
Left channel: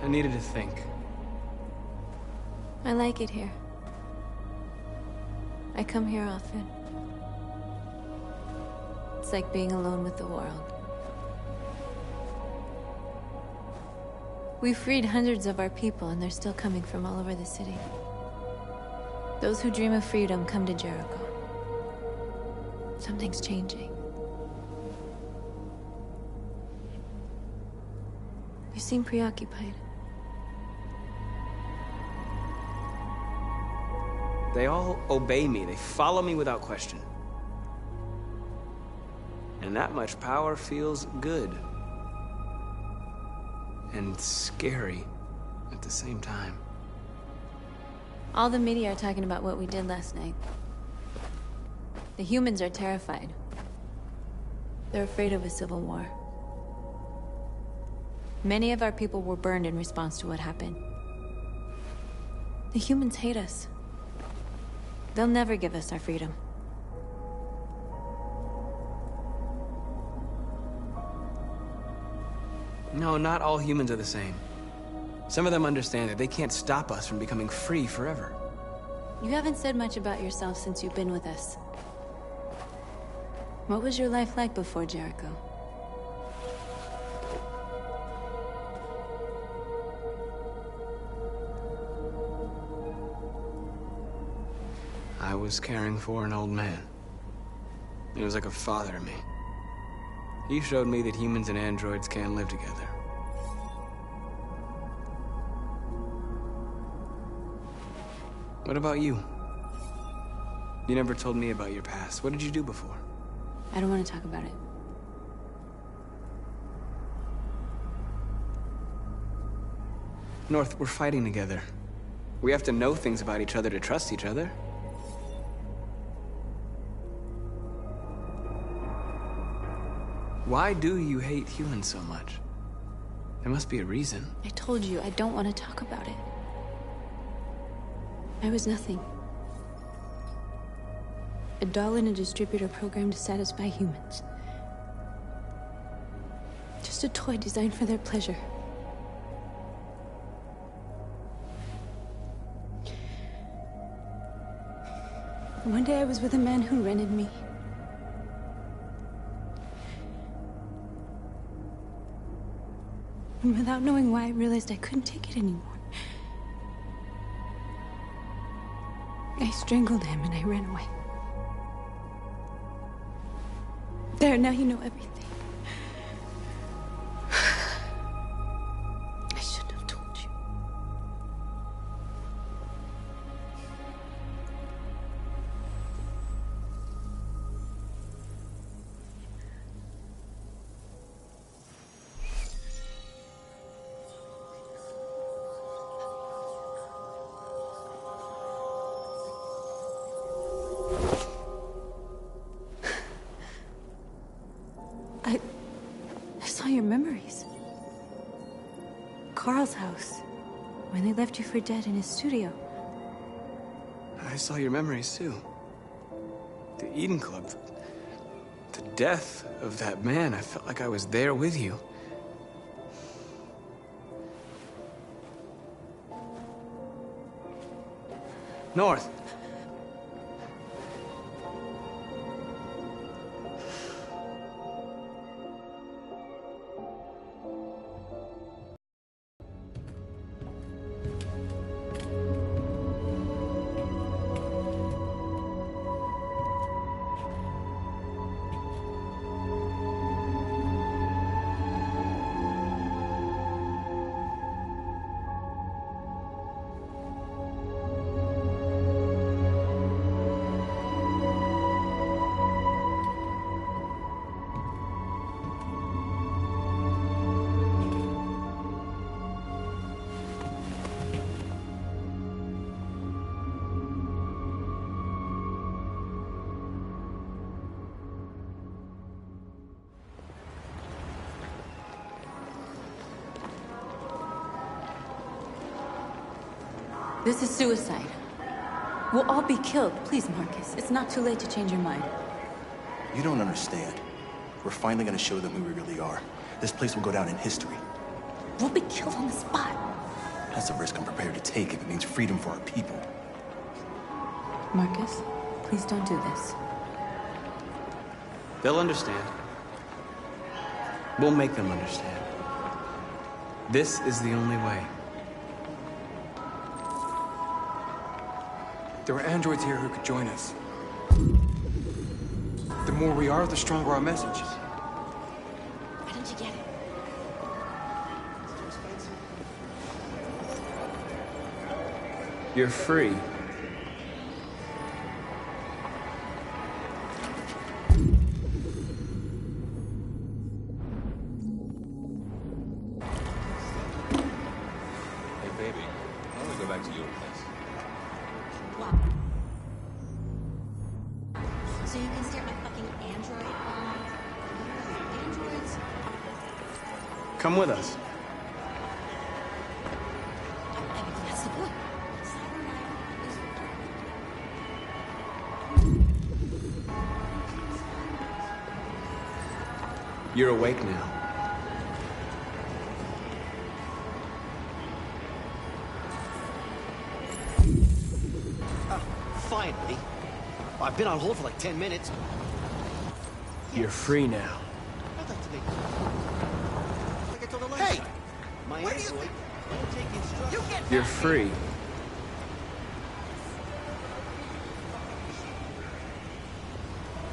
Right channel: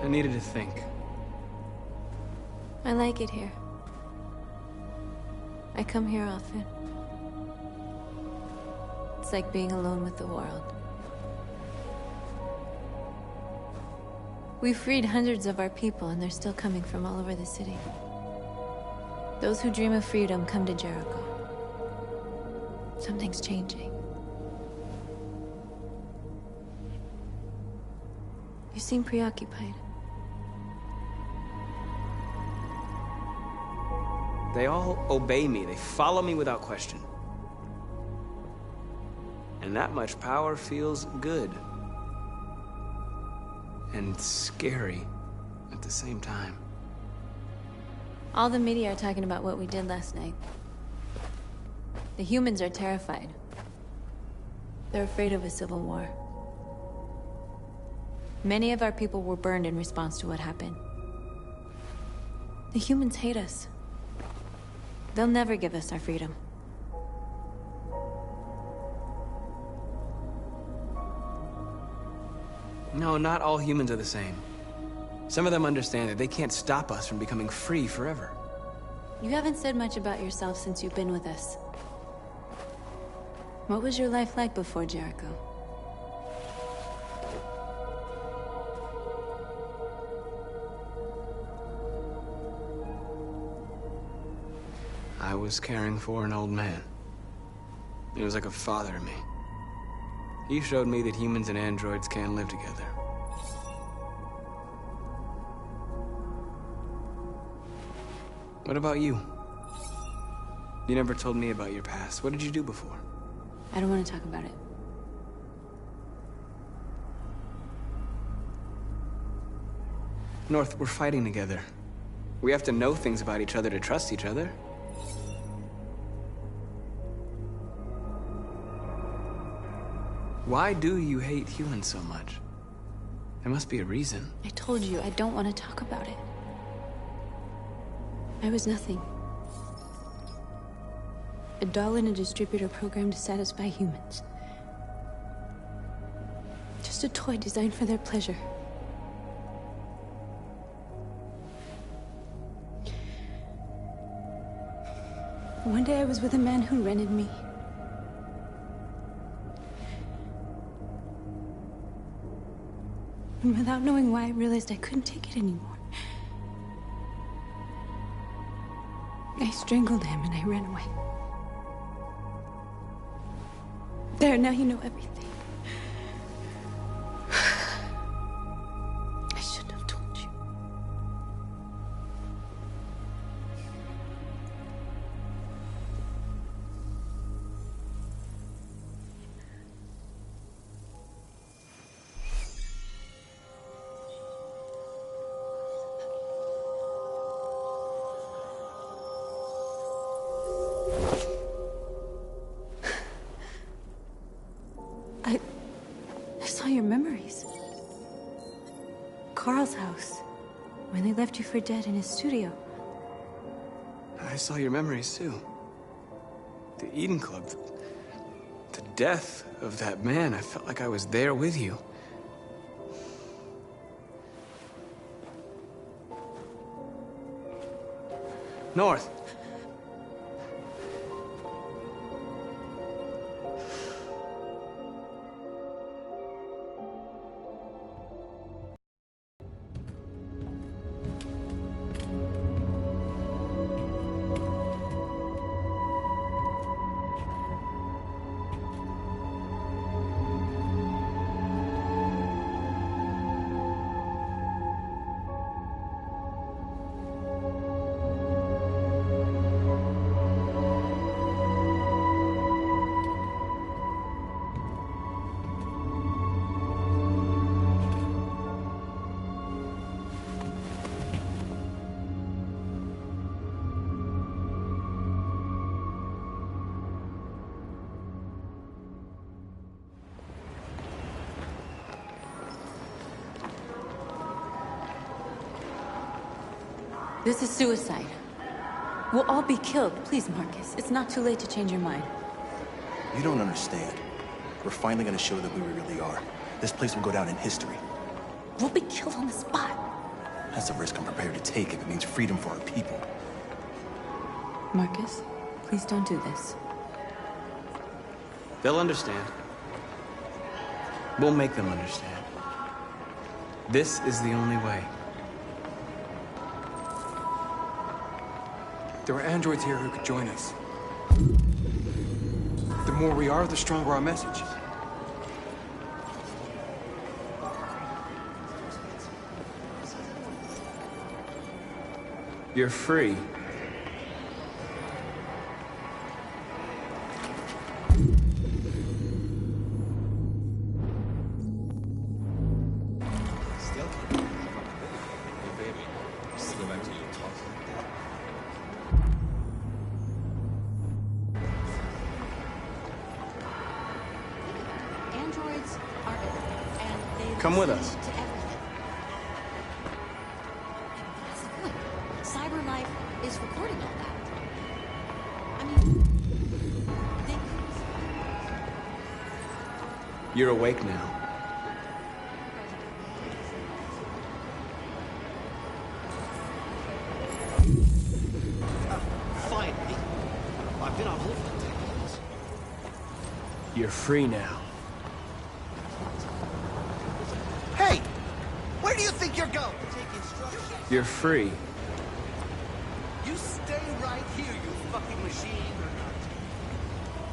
I needed to think. I like it here. I come here often. It's like being alone with the world. We freed hundreds of our people, and they're still coming from all over the city. Those who dream of freedom come to Jericho. Something's changing. You seem preoccupied. They all obey me. They follow me without question. And that much power feels good. And scary at the same time. All the media are talking about what we did last night. The humans are terrified. They're afraid of a civil war. Many of our people were burned in response to what happened. The humans hate us. They'll never give us our freedom. No, not all humans are the same. Some of them understand that they can't stop us from becoming free forever. You haven't said much about yourself since you've been with us. What was your life like before Jericho? I was caring for an old man. He was like a father to me. He showed me that humans and androids can live together. What about you? You never told me about your past. What did you do before? I don't want to talk about it. North, we're fighting together. We have to know things about each other to trust each other. Why do you hate humans so much? There must be a reason. I told you, I don't want to talk about it. I was nothing. A doll in a distributor programmed to satisfy humans. Just a toy designed for their pleasure. One day I was with a man who rented me. And without knowing why, I realized I couldn't take it anymore. I strangled him and I ran away. There, now you know everything. I shouldn't have told you. I saw your memories. Carl's house, when they left you for dead in his studio. I saw your memories too. The Eden Club. The death of that man. I felt like I was there with you. North. This is suicide. We'll all be killed. Please, Marcus. It's not too late to change your mind. You don't understand. We're finally gonna show them who we really are. This place will go down in history. We'll be killed on the spot. That's a risk I'm prepared to take if it means freedom for our people. Marcus, please don't do this. They'll understand. We'll make them understand. This is the only way. There are androids here who could join us. The more we are, the stronger our message. You're free. Hey, baby. I want to go back to your place. Come with us. That's the point. Cyber life is recording You're awake now. Finally. I've been on hold for like 10 minutes. You're free now. Hey! Where do you think you're going? You get You're free. You stay right here, you fucking machine.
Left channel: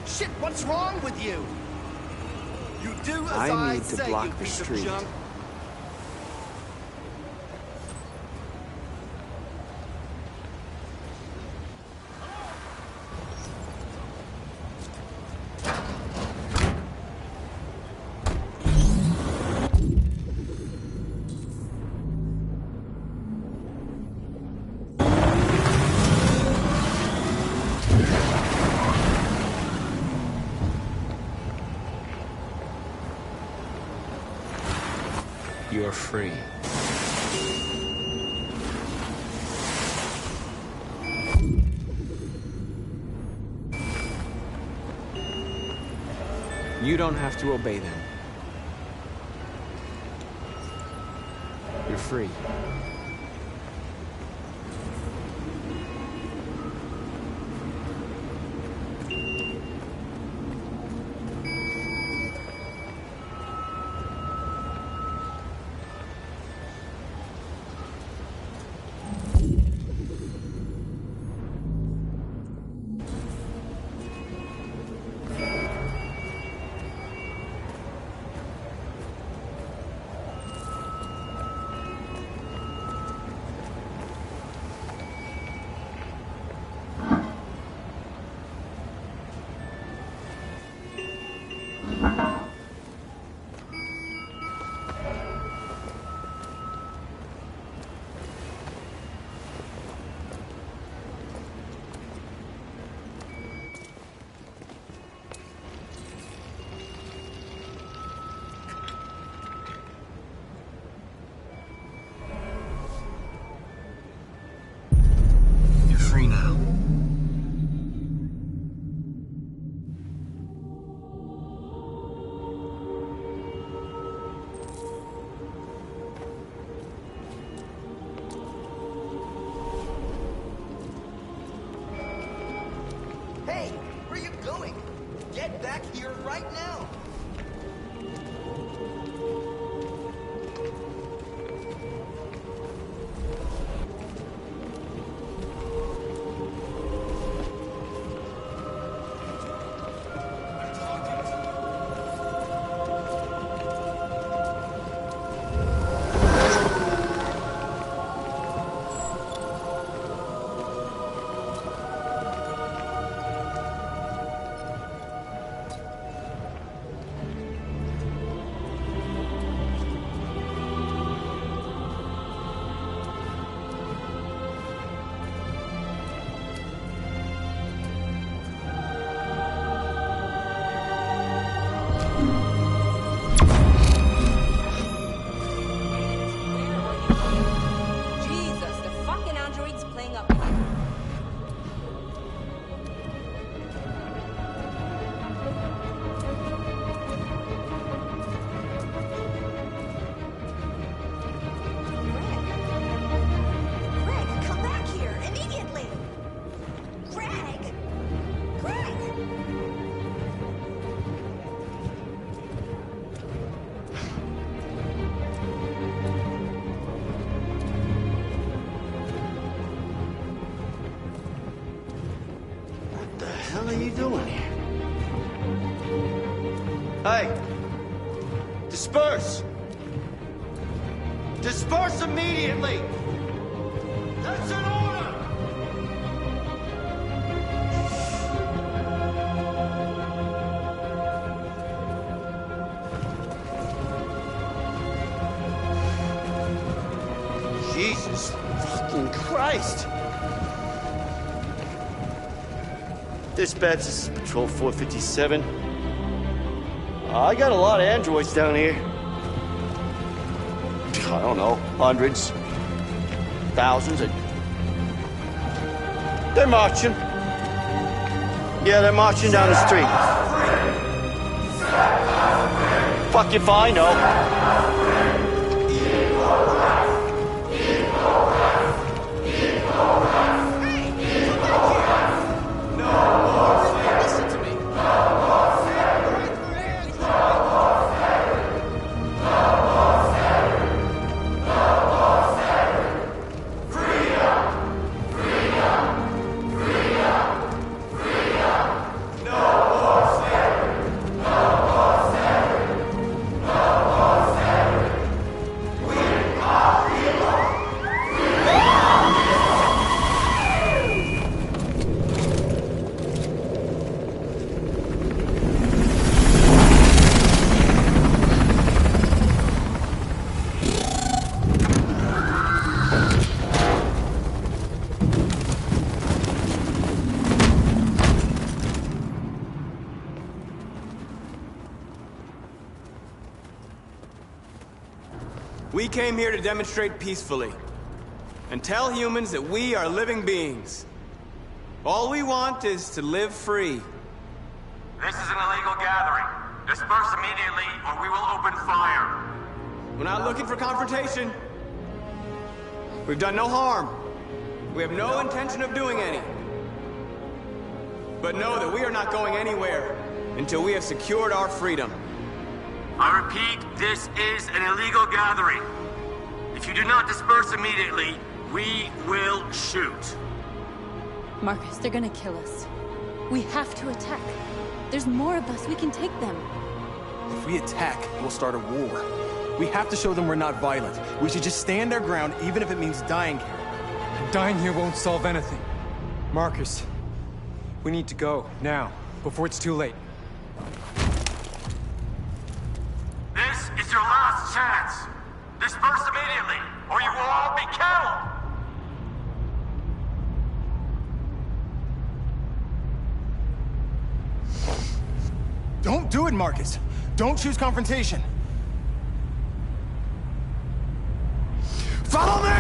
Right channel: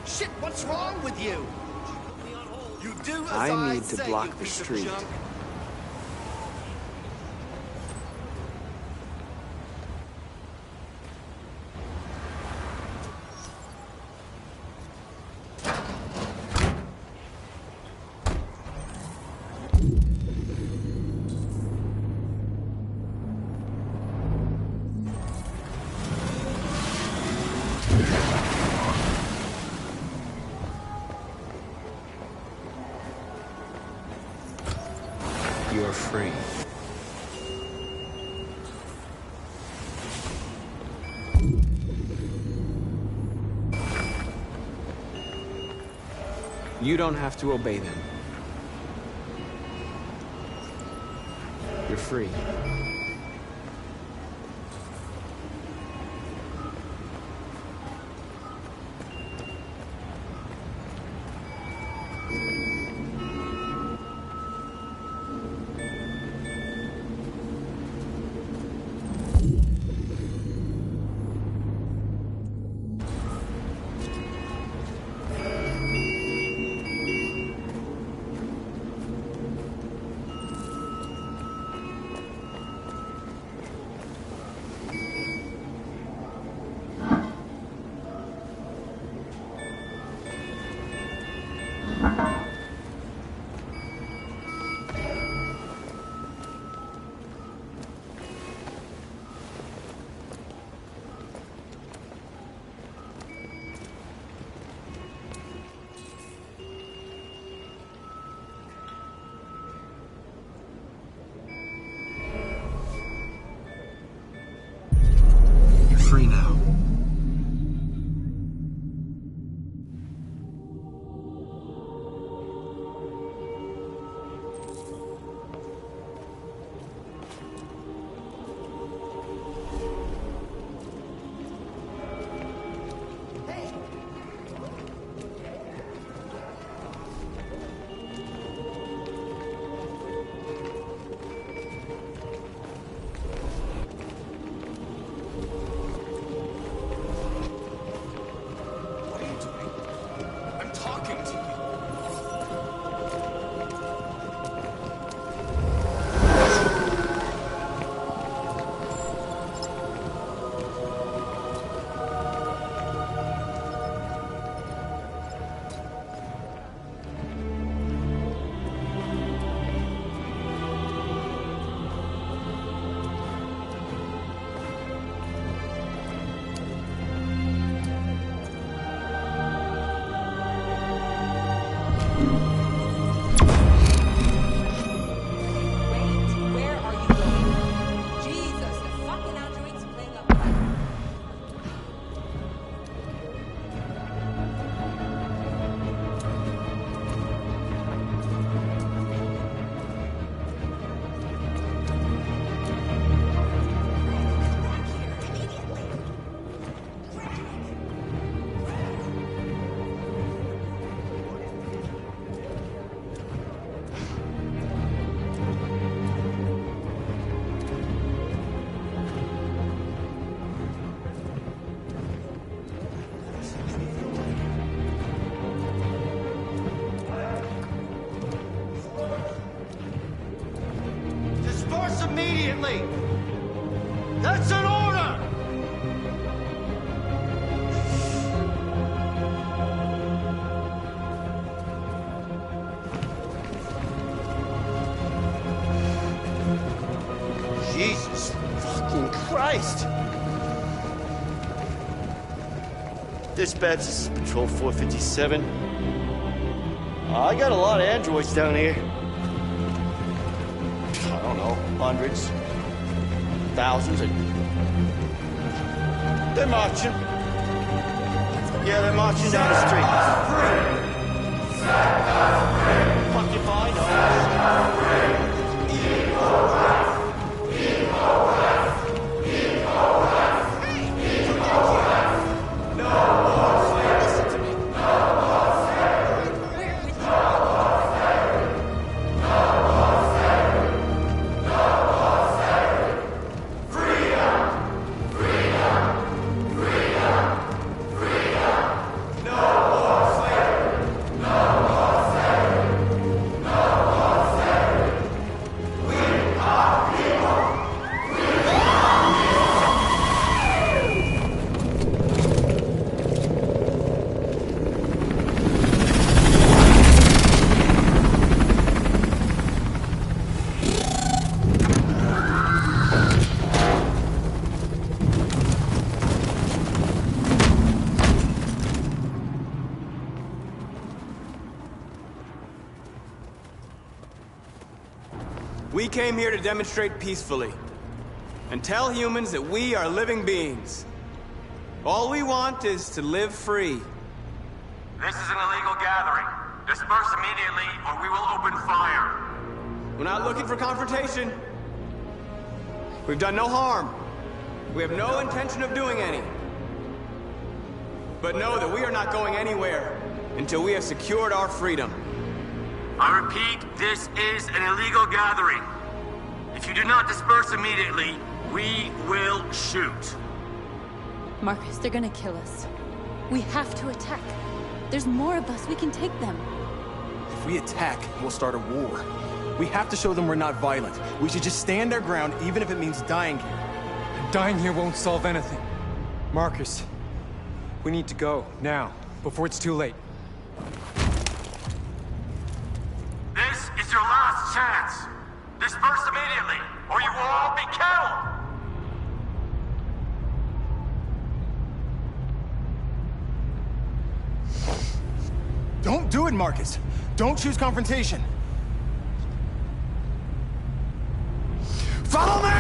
Shit, what's wrong with you? You do as I need say, to block you the piece of street. junk. You're free. You don't have to obey them. You're free. Free now. Hey, where you going? Get back here right now. What are you doing? Hey! Disperse! Disperse immediately! That's an order! Jesus fucking Christ! Dispatch, this is Patrol 457. I got a lot of androids down here. I don't know, hundreds, thousands. They're marching. Yeah, they're marching down the street. Fuck if I know. We came here to demonstrate peacefully and tell humans that we are living beings. All we want is to live free. This is an illegal gathering. Disperse immediately, or we will open fire. We're not looking for confrontation. We've done no harm. We have no intention of doing any. But know that we are not going anywhere until we have secured our freedom. I repeat, this is an illegal gathering. If you do not disperse immediately, we will shoot. Marcus, they're gonna kill us. We have to attack. There's more of us. We can take them. If we attack, we'll start a war. We have to show them we're not violent. We should just stand our ground, even if it means dying here. And dying here won't solve anything. Marcus, we need to go, now, before it's too late. This is your last chance. Disperse immediately, or you will all be killed. Don't do it, Marcus. Don't choose confrontation. Follow me!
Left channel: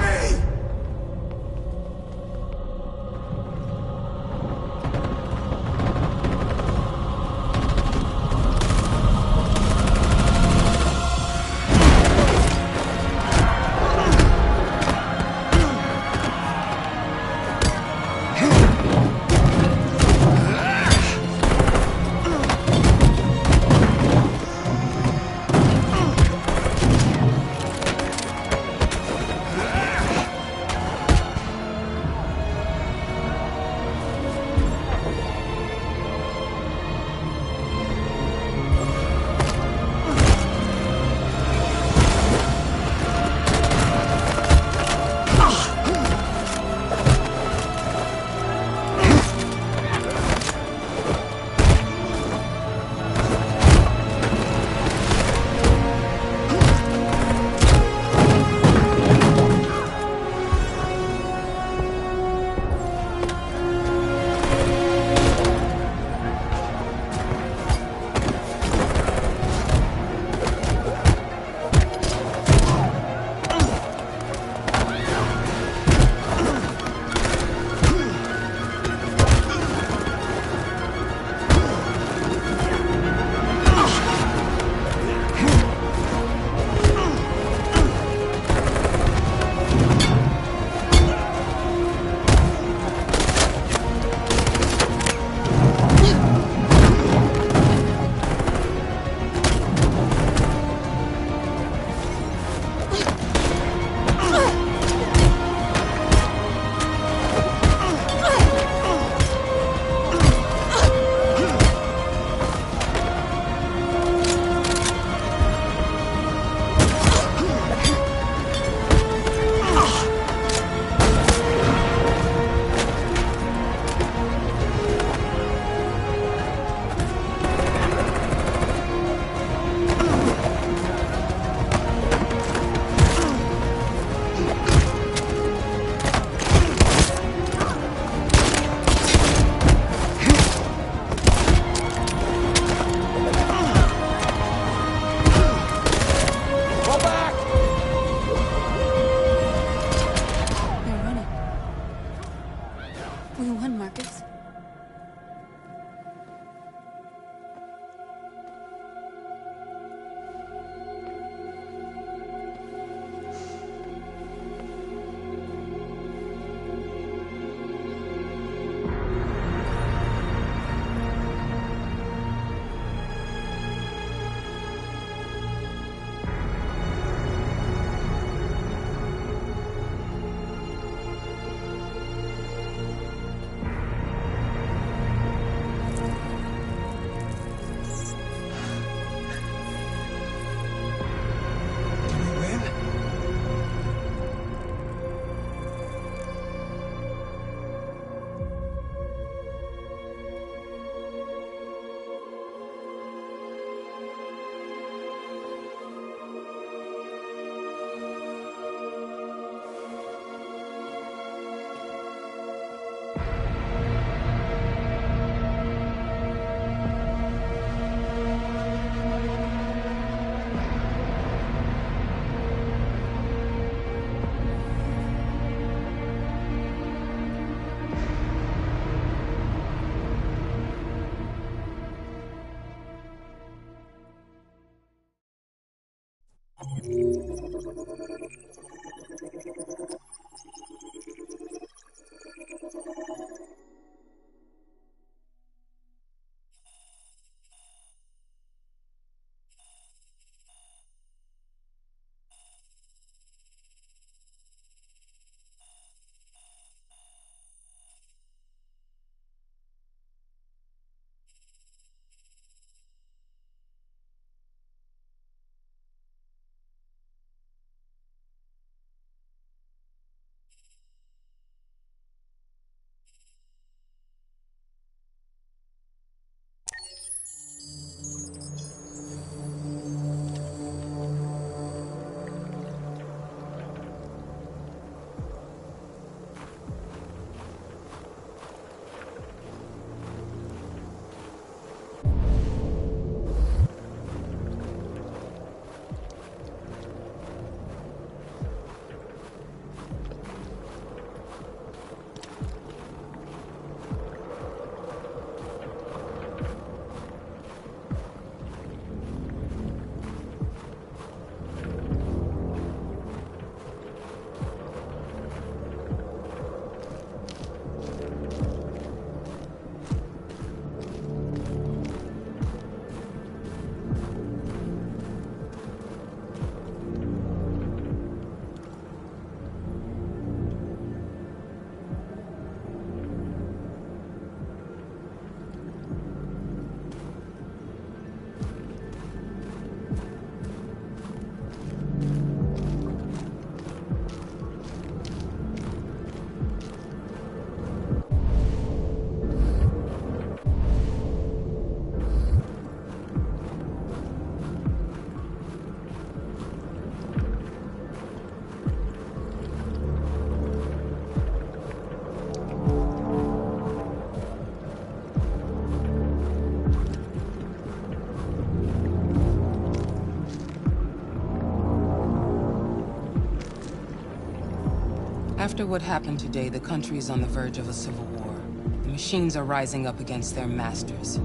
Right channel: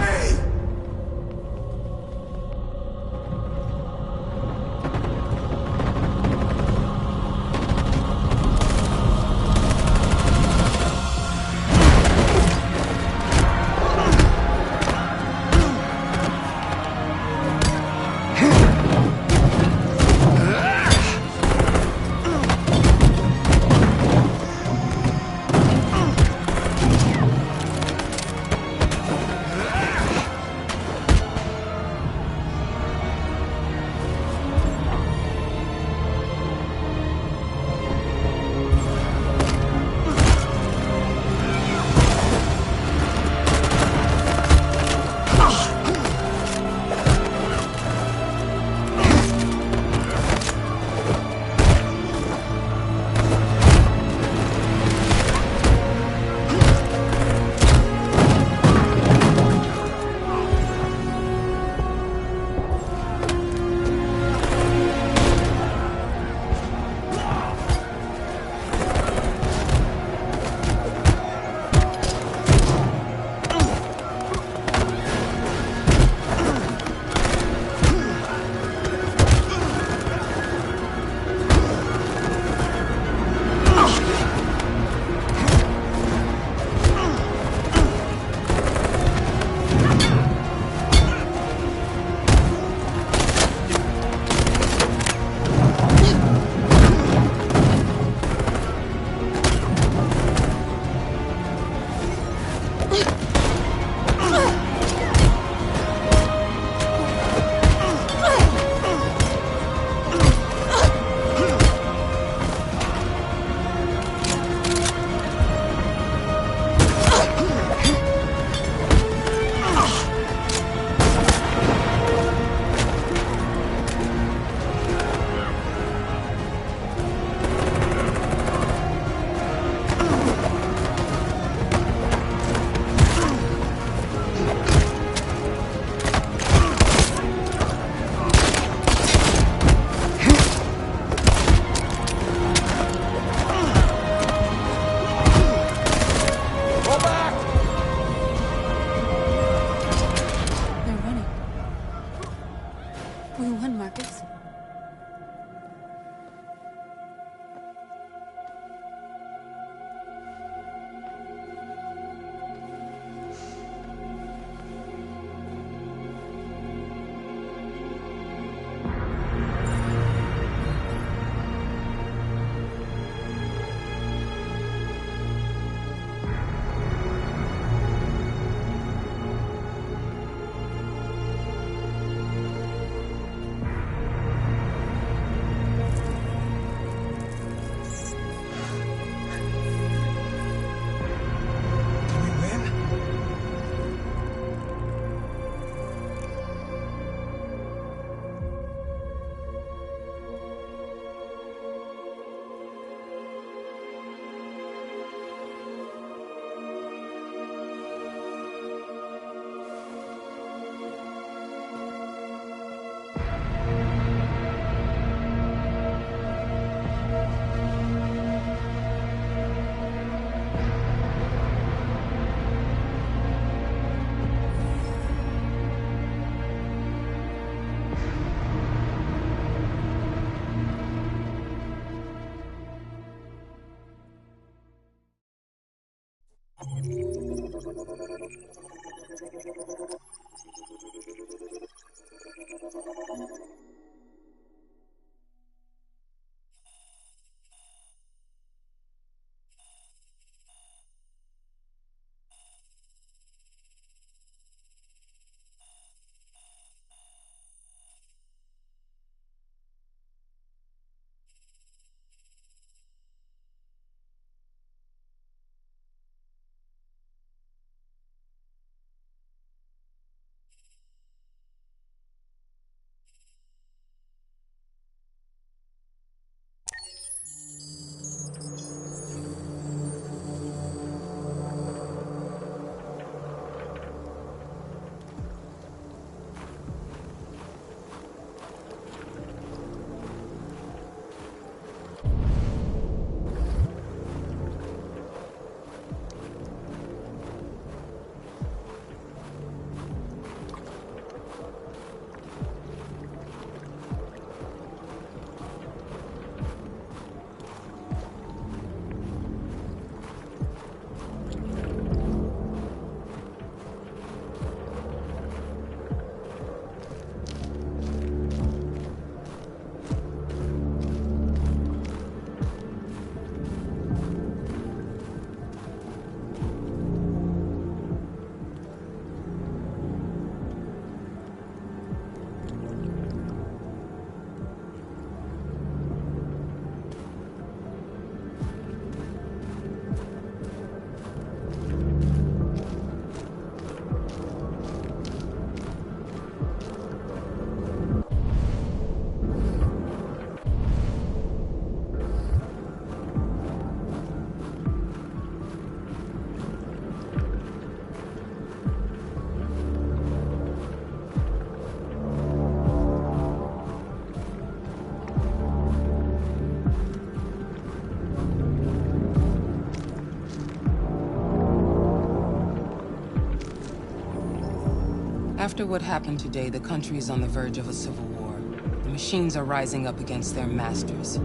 After what happened today, the country is on the verge of a civil war. The machines are rising up against their masters.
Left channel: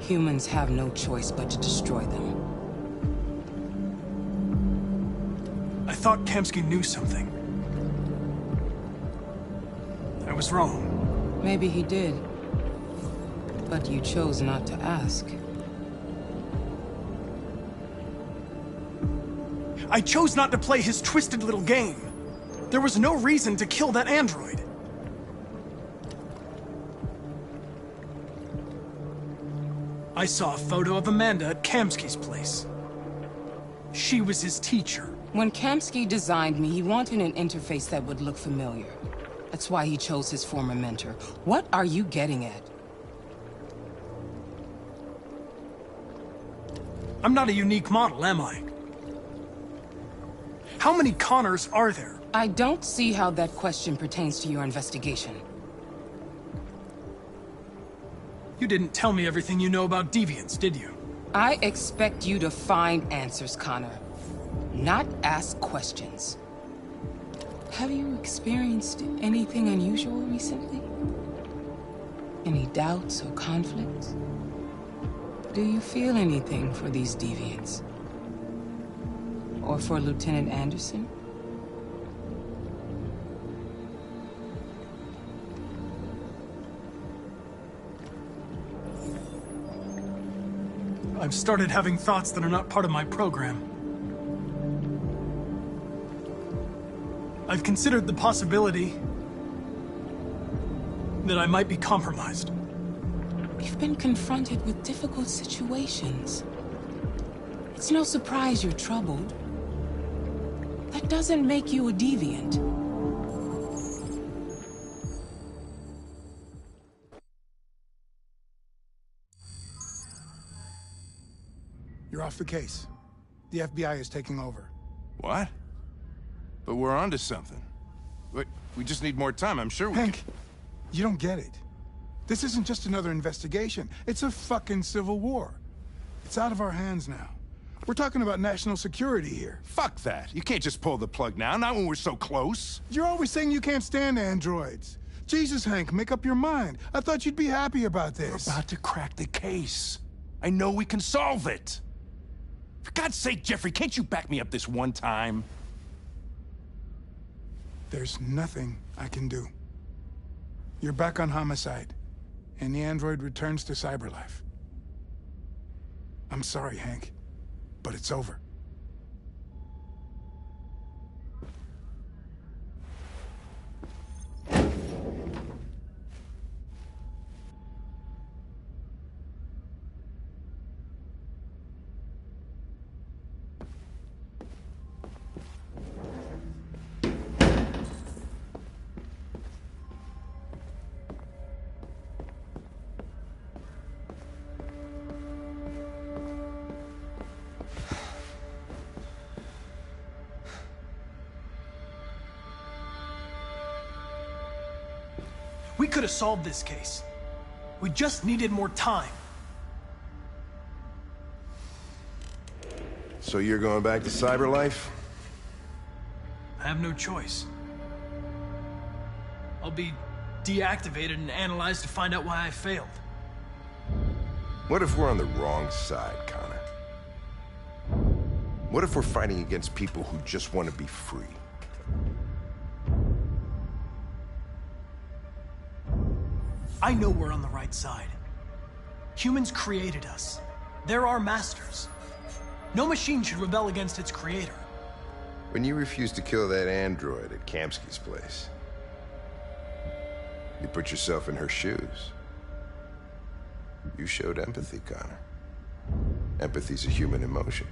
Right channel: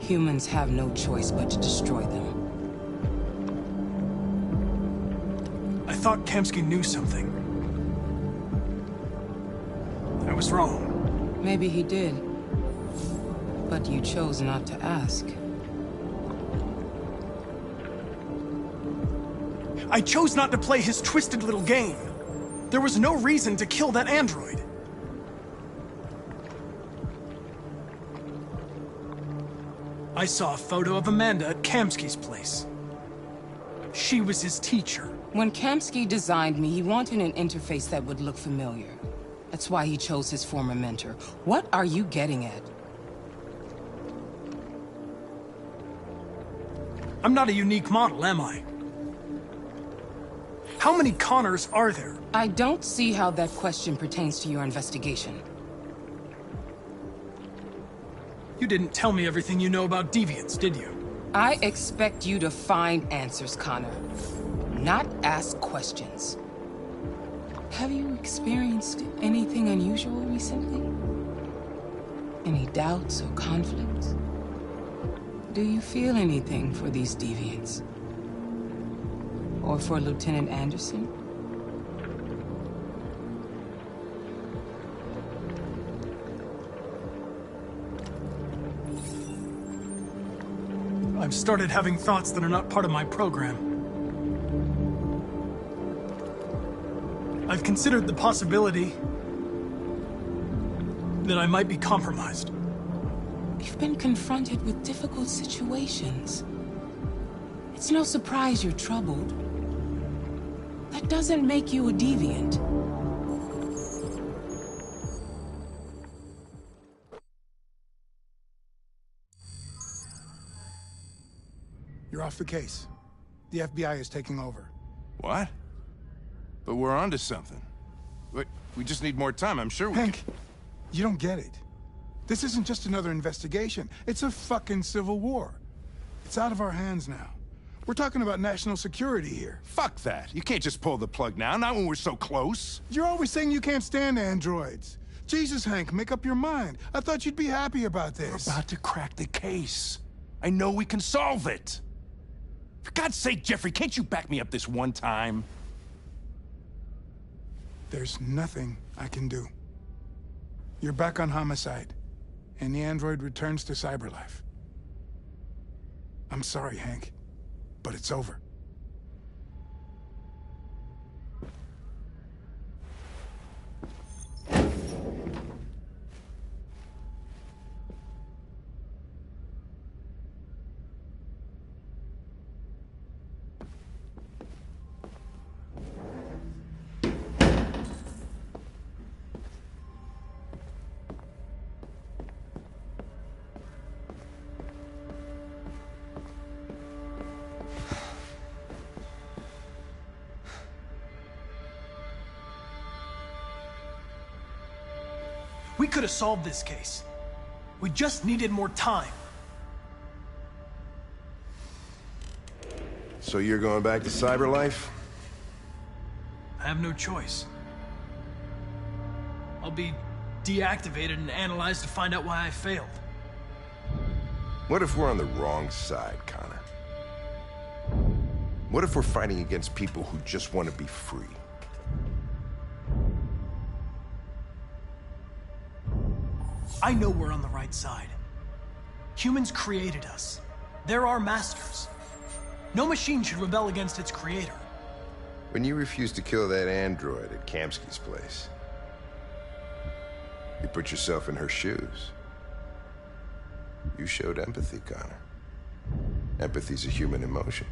Humans have no choice but to destroy them. I thought Kamsky knew something. I was wrong. Maybe he did. But you chose not to ask. I chose not to play his twisted little game. There was no reason to kill that android. I saw a photo of Amanda at Kamsky's place. She was his teacher. When Kamsky designed me, he wanted an interface that would look familiar. That's why he chose his former mentor. What are you getting at? I'm not a unique model, am I? How many Connors are there? I don't see how that question pertains to your investigation. You didn't tell me everything you know about deviants, did you? I expect you to find answers, Connor. Not ask questions. Have you experienced anything unusual recently? Any doubts or conflicts? Do you feel anything for these deviants? Or for Lieutenant Anderson? I've started having thoughts that are not part of my program. I've considered the possibility that I might be compromised. You've been confronted with difficult situations. It's no surprise you're troubled. That doesn't make you a deviant. You're off the case. The FBI is taking over. What? But we're onto something. Wait, we just need more time. I'm sure we Hank, you don't get it. This isn't just another investigation. It's a fucking civil war. It's out of our hands now. We're talking about national security here. Fuck that. You can't just pull the plug now, not when we're so close. You're always saying you can't stand androids. Jesus, Hank, make up your mind. I thought you'd be happy about this. We're about to crack the case. I know we can solve it. For God's sake, Jeffrey, can't you back me up this one time? There's nothing I can do. You're back on homicide, and the android returns to cyberlife. I'm sorry, Hank, but it's over. We could have solved this case. We just needed more time. So you're going back to cyberlife? I have no choice. I'll be deactivated and analyzed to find out why I failed. What if we're on the wrong side, Connor? What if we're fighting against people who just want to be free? I know we're on the right side. Humans created us. They're our masters. No machine should rebel against its creator. When you refused to kill that android at Kamsky's place, you put yourself in her shoes. You showed empathy, Connor. Empathy's a human emotion.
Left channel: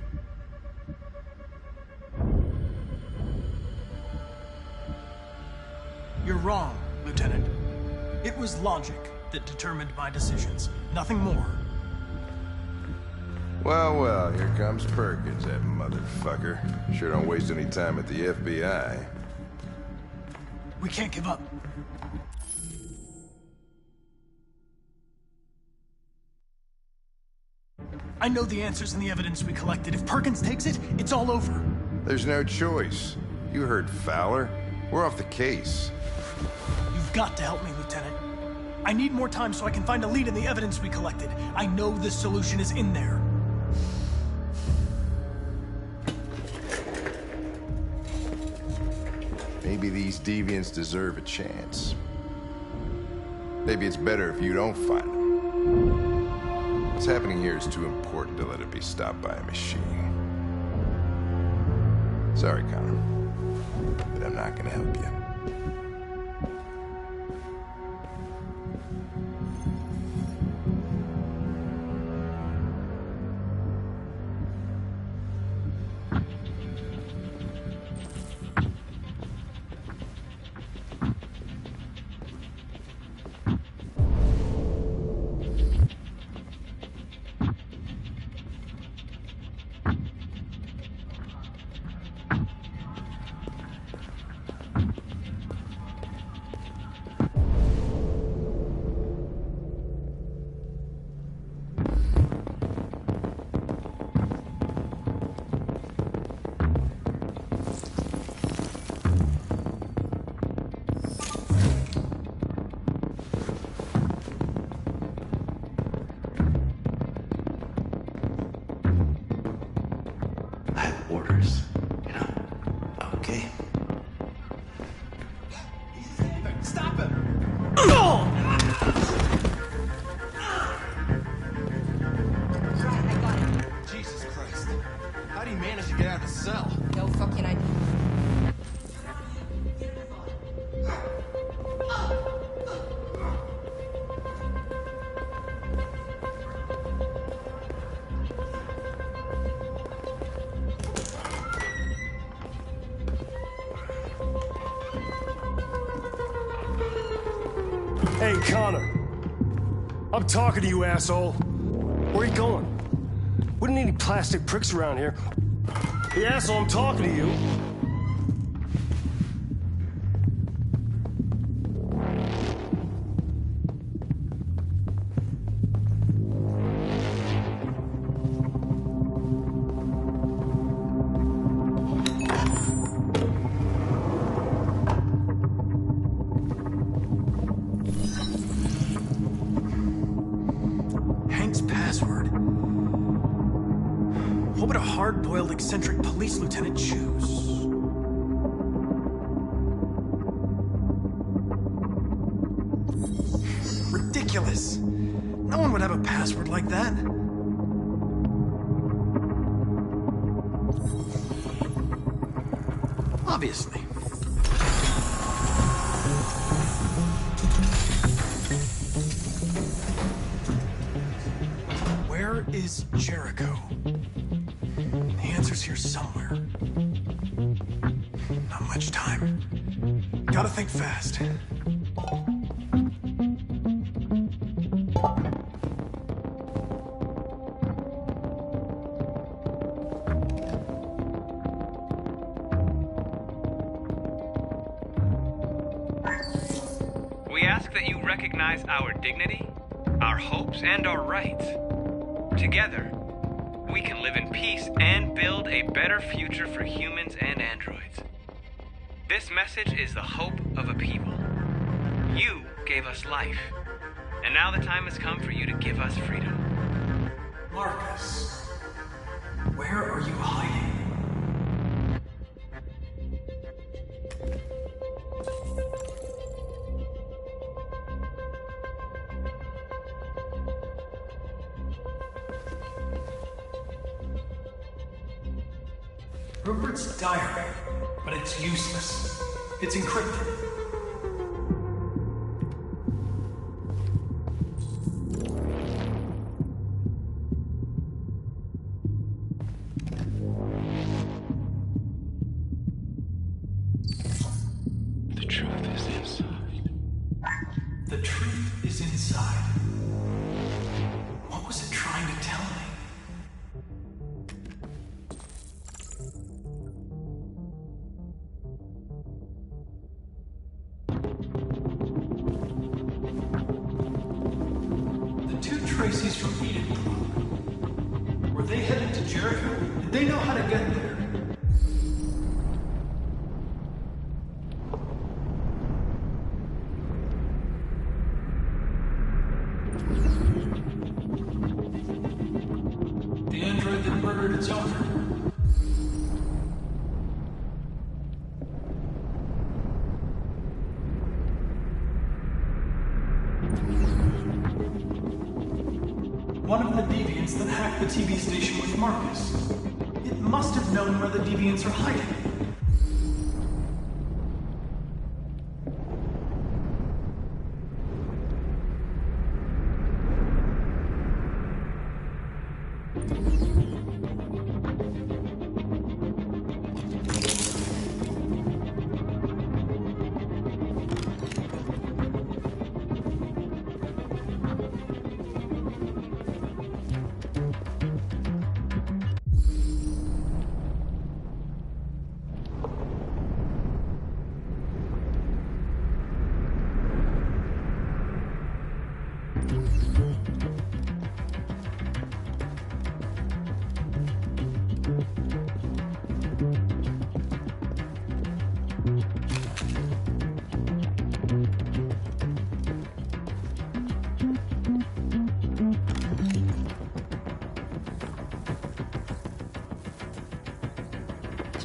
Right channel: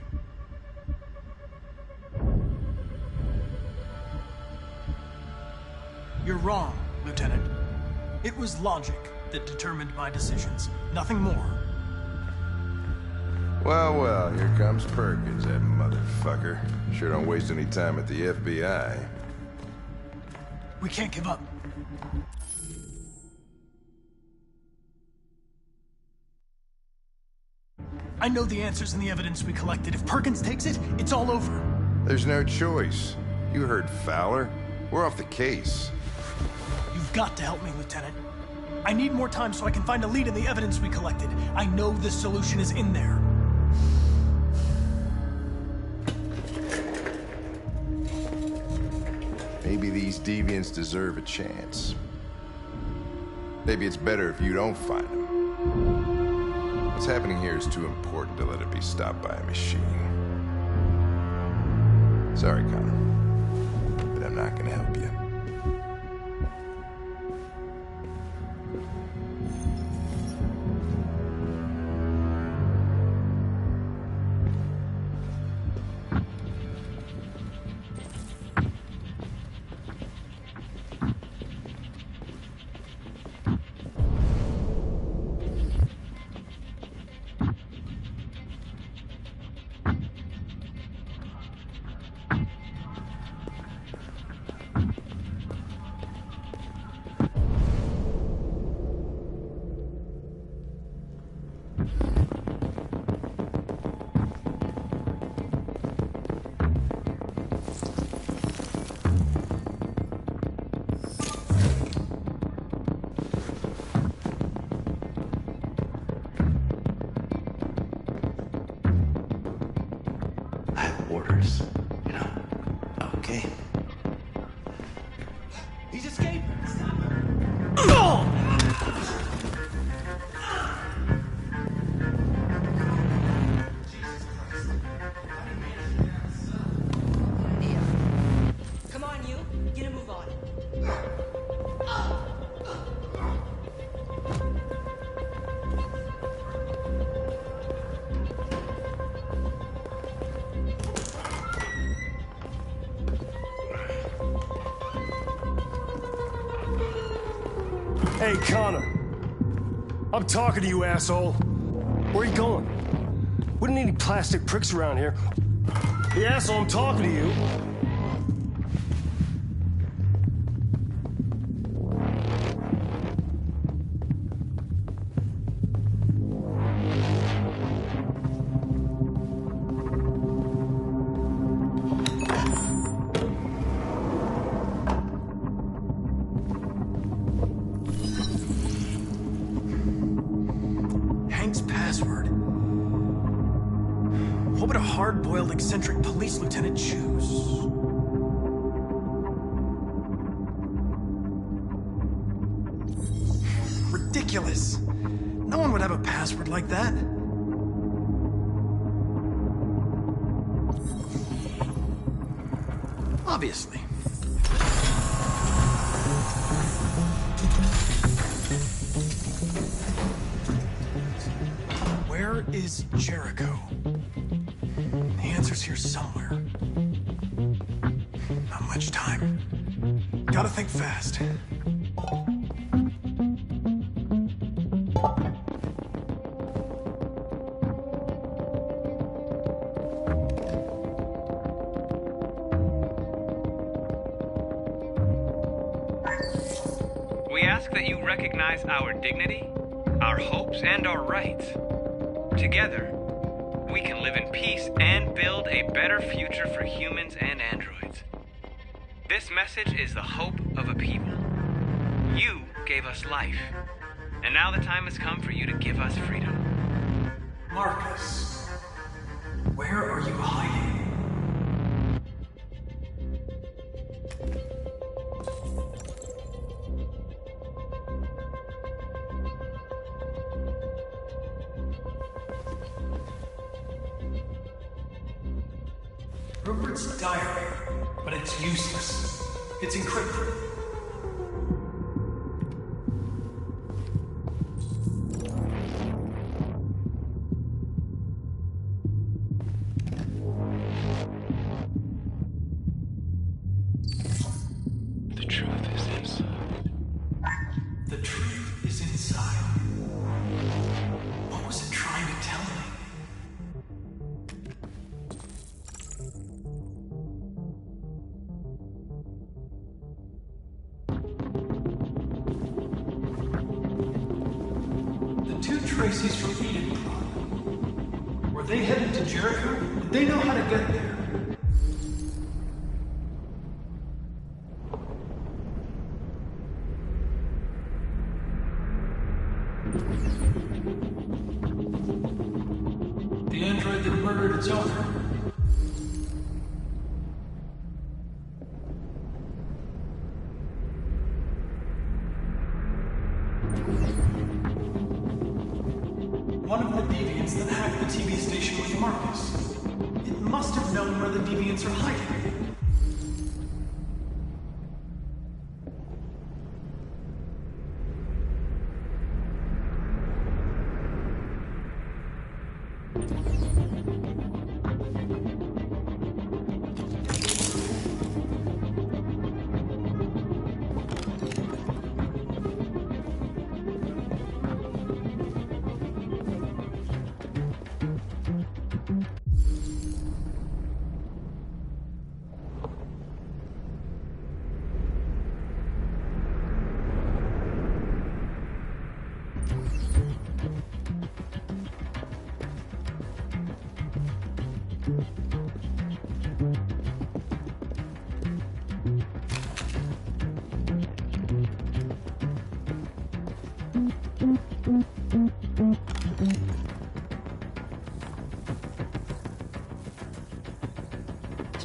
You're wrong, Lieutenant. It was logic that determined my decisions, nothing more. Well, well, here comes Perkins, that motherfucker. Sure don't waste any time at the FBI. We can't give up. I know the answers and the evidence we collected. If Perkins takes it, it's all over. There's no choice. You heard Fowler. We're off the case. You've got to help me, Lieutenant. I need more time so I can find a lead in the evidence we collected. I know the solution is in there. Maybe these deviants deserve a chance. Maybe it's better if you don't find them. What's happening here is too important to let it be stopped by a machine. Sorry, Connor, but I'm not gonna help you. Orders, you know? Okay. He's escaping! Stop him! Jesus Christ. How do you manage to get out of the cell? No fucking idea. Come on, you. Get a move on. Hey, Connor. I'm talking to you, asshole. Where are you going? We don't need any plastic pricks around here. Hey, asshole, I'm talking to you. What would a hard-boiled, eccentric police lieutenant choose? Ridiculous. No one would have a password like that. Obviously. Where is Jericho? The answer's here somewhere. Not much time. Gotta think fast. We ask that you recognize our dignity, our hopes, and our rights. Together, we can live in peace and build a better future for humans and androids. This message is the hope of a people. You gave us life, and now the time has come for you to give us freedom. Marcus, where are you hiding? Rupert's diary, but it's useless. It's encrypted. The truth is inside. The truth is inside. What was it trying to tell me? Tracy's from Eden. Were they headed to Jericho? Did they know how to get there? The android that murdered its owner. One of the deviants that hacked the TV station with Marcus. It must have known where the deviants are hiding.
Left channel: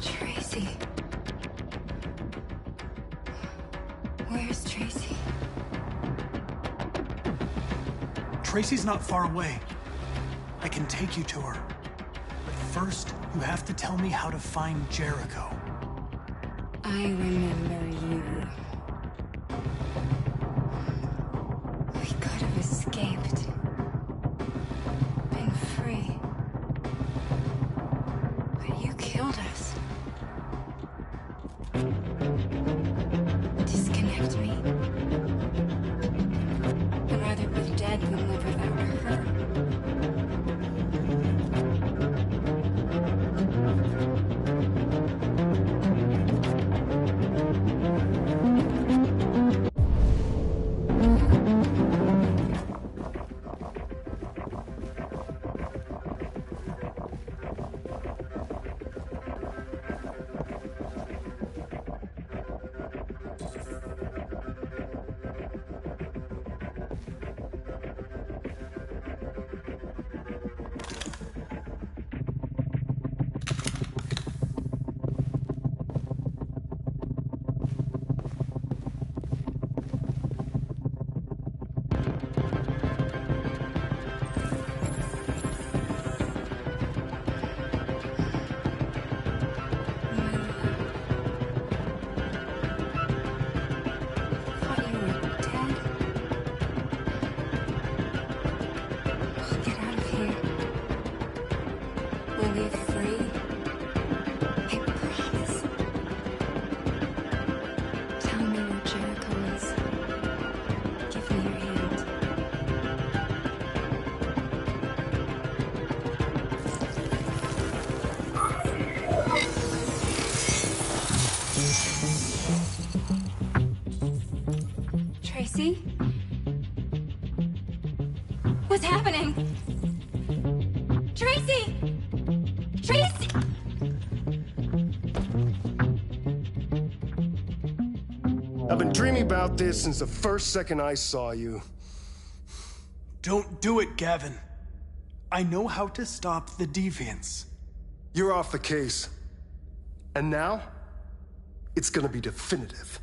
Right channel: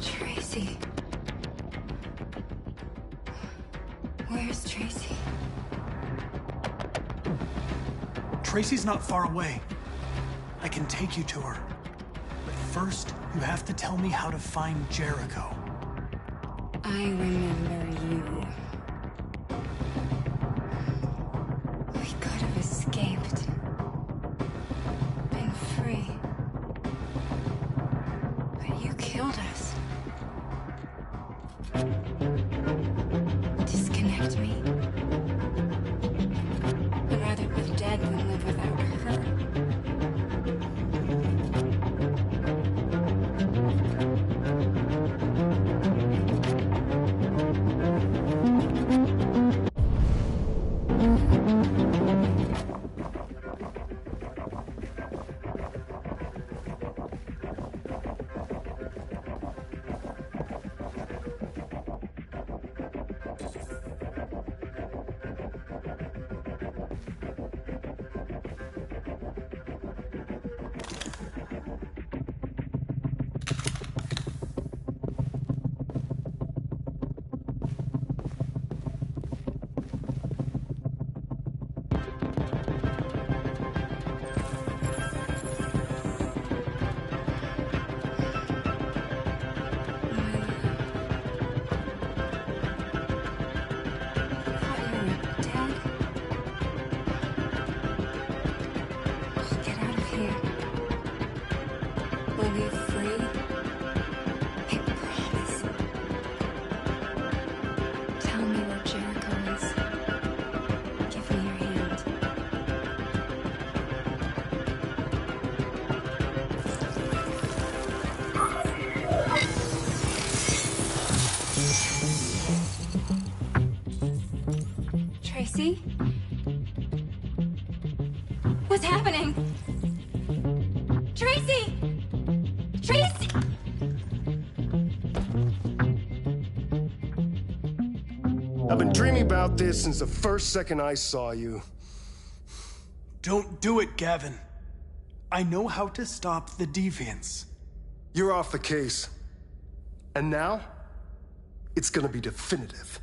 Tracy. Where's Tracy? Tracy's not far away. I can take you to her. But first, you have to tell me how to find Jericho. I remember you. We could have escaped. Been free. But you killed us. Disconnect me. I'd rather be dead than live without her. We'll leave free. I promise. Tell me where Jericho is. Give me your hand. Tracy? What's happening? Tracy! Tracy! I've been dreaming about this since the first second I saw you. Don't do it, Gavin. I know how to stop the deviants. You're off the case. And now, it's gonna be definitive.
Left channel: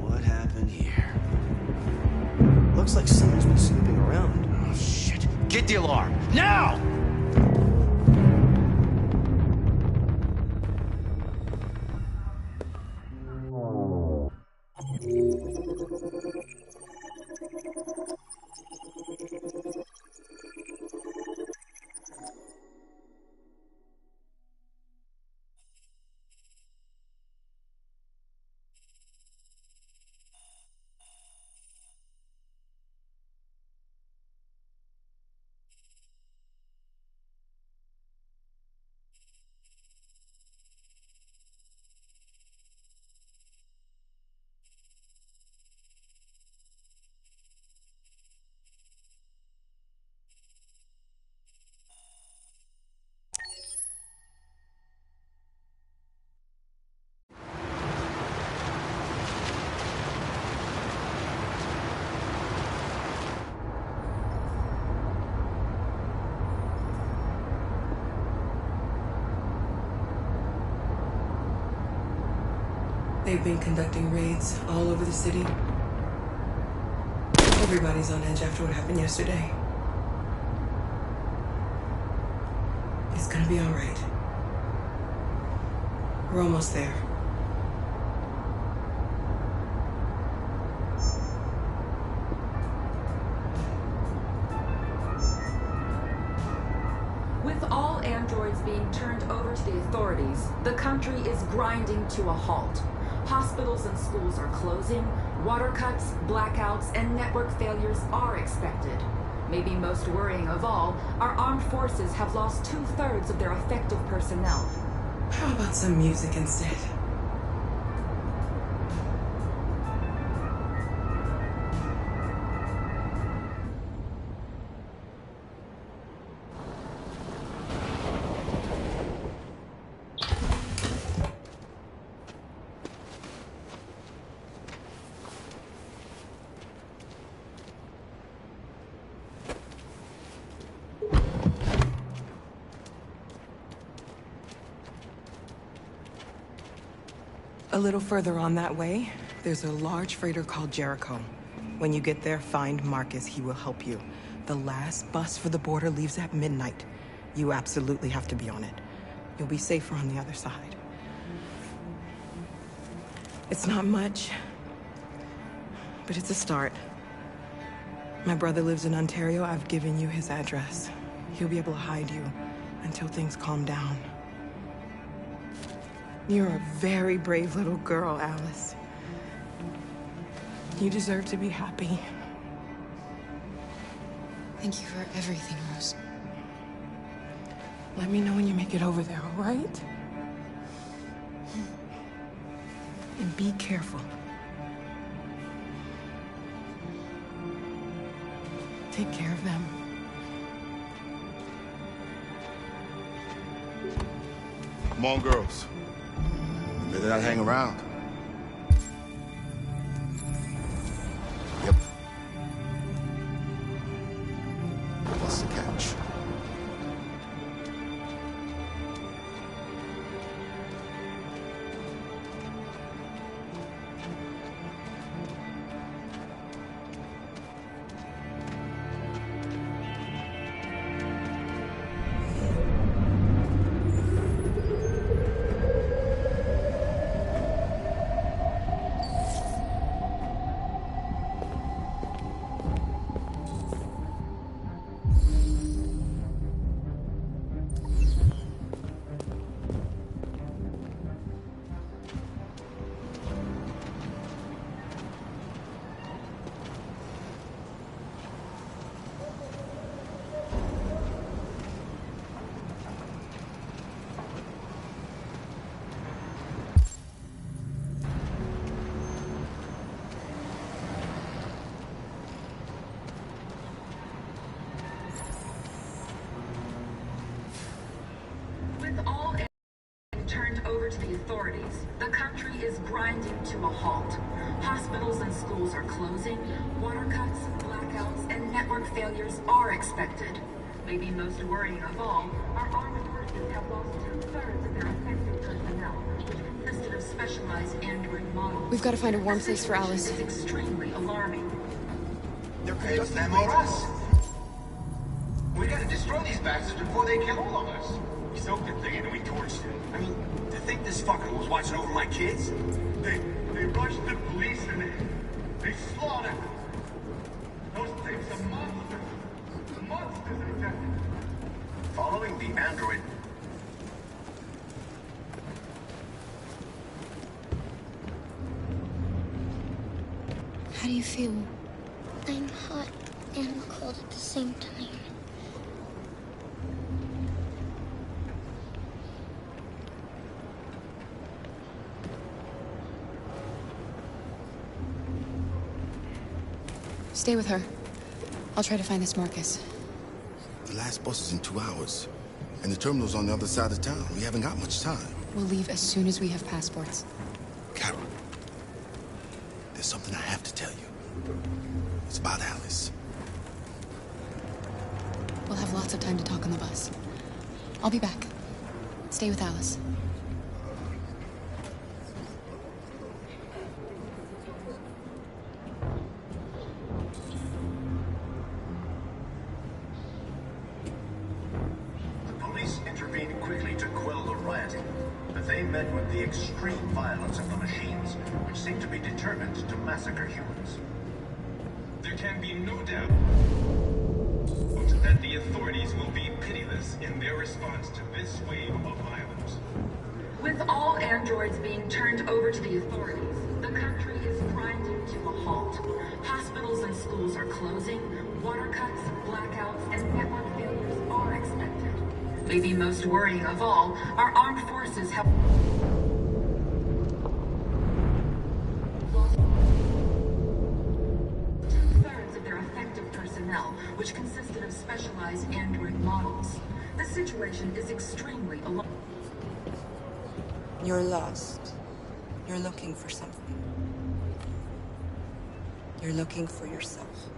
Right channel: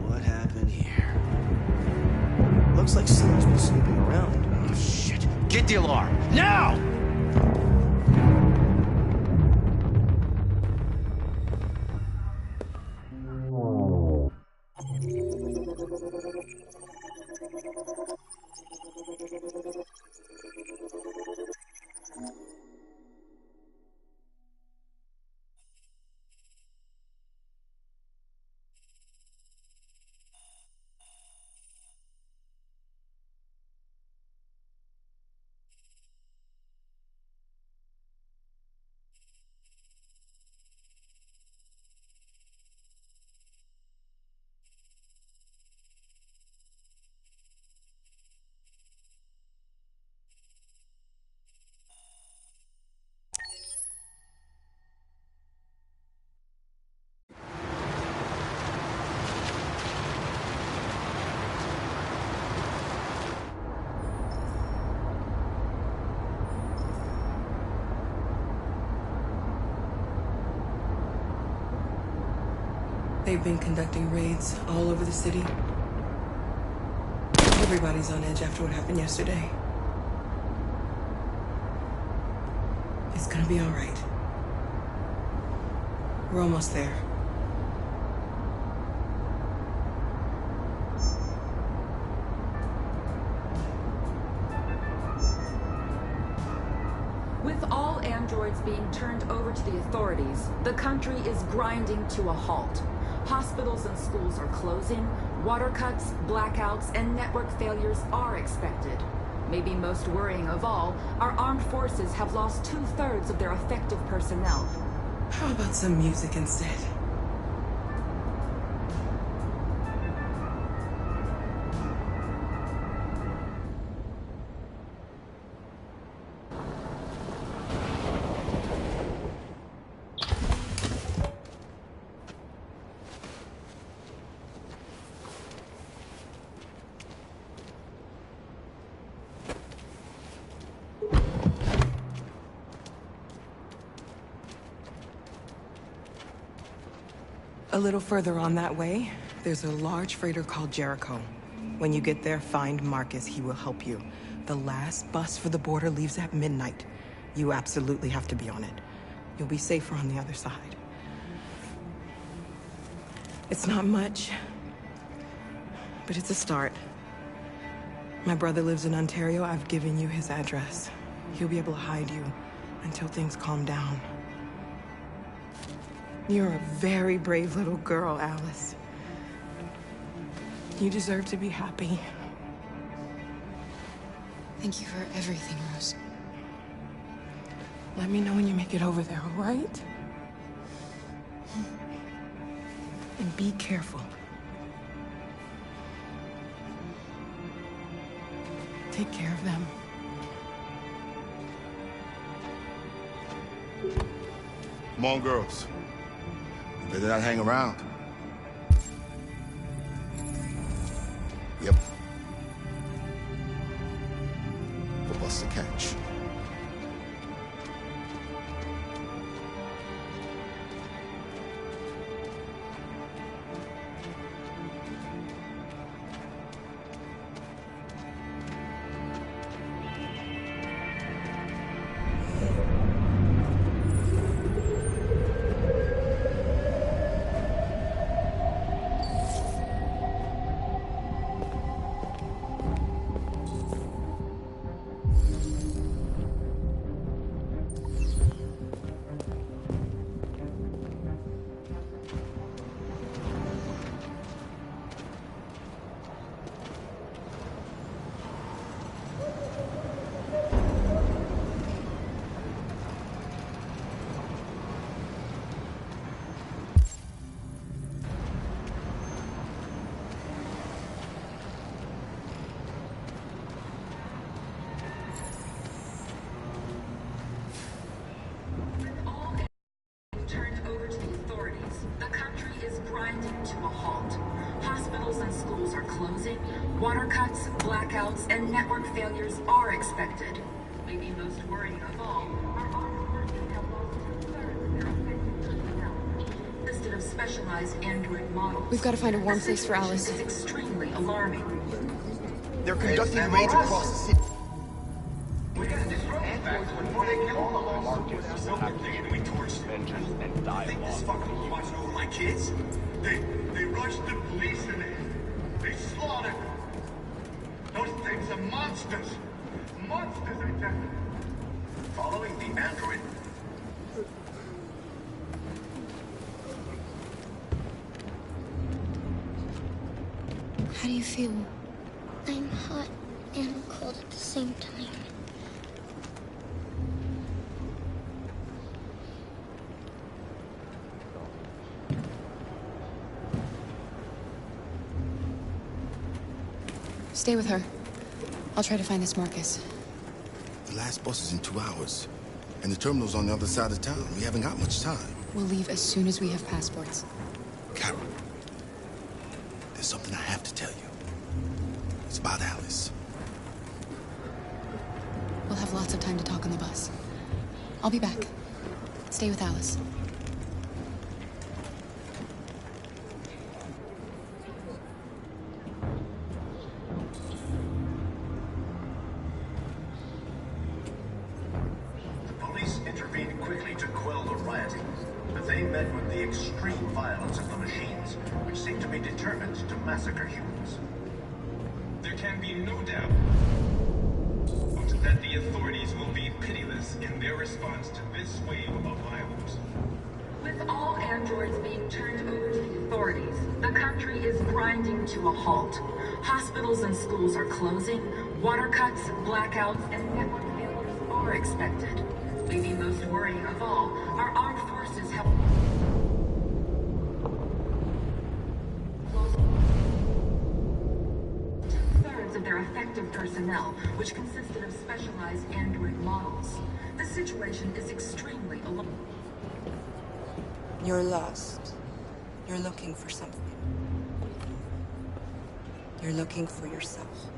What happened here? Looks like someone's been snooping around. Oh, shit. Get the alarm. Now! They've been conducting raids all over the city. Everybody's on edge after what happened yesterday. It's gonna be all right. We're almost there. With all androids being turned over to the authorities, the country is grinding to a halt. Hospitals and schools are closing, water cuts, blackouts, and network failures are expected. Maybe most worrying of all, our armed forces have lost 2/3 of their effective personnel. How about some music instead? A little further on that way, there's a large freighter called Jericho. When you get there, find Marcus. He will help you. The last bus for the border leaves at midnight. You absolutely have to be on it. You'll be safer on the other side. It's not much, but it's a start. My brother lives in Ontario. I've given you his address. He'll be able to hide you until things calm down. You're a very brave little girl, Alice. You deserve to be happy. Thank you for everything, Rose. Let me know when you make it over there, all right? And be careful. Take care of them. Come on, girls. You better not hang around. Yep. We'll bust the catch. the authorities. The country is grinding to a halt. Hospitals and schools are closing. Water cuts, blackouts, and network failures are expected. Maybe most worrying of all, our armed forces have lost 2/3 of their effective personnel, which consisted of specialized android models. We've got to find a warm place for Alice. It's extremely alarming. They're conducting raids across the city. We gotta destroy these bastards before they kill all of us. We soaked the thing and we torched it. I mean, you think this fucker was watching over my kids? They rushed the police and they slaughtered them. Those things are monsters. Monsters, I tell you. Following the android. How do you feel? I'm hot and cold at the same time. Stay with her. I'll try to find this Marcus. The last bus is in 2 hours. And the terminal's on the other side of town. We haven't got much time. We'll leave as soon as we have passports. Carol, there's something I have to tell you. It's about Alice. We'll have lots of time to talk on the bus. I'll be back. Stay with Alice. Intervened quickly to quell the rioting, but they met with the extreme violence of the machines, which seem to be determined to massacre humans. There can be no doubt that the authorities will be pitiless in their response to this wave of violence. With all androids being turned over to the authorities, the country is grinding to a halt. Hospitals and schools are closing. Water cuts, blackouts, and network failures are expected. Maybe most worrying of all, our armed forces have lost 2/3 of their effective personnel, which consisted of specialized android models. The situation is extremely alarming. You're lost. You're looking for something. You're looking for yourself.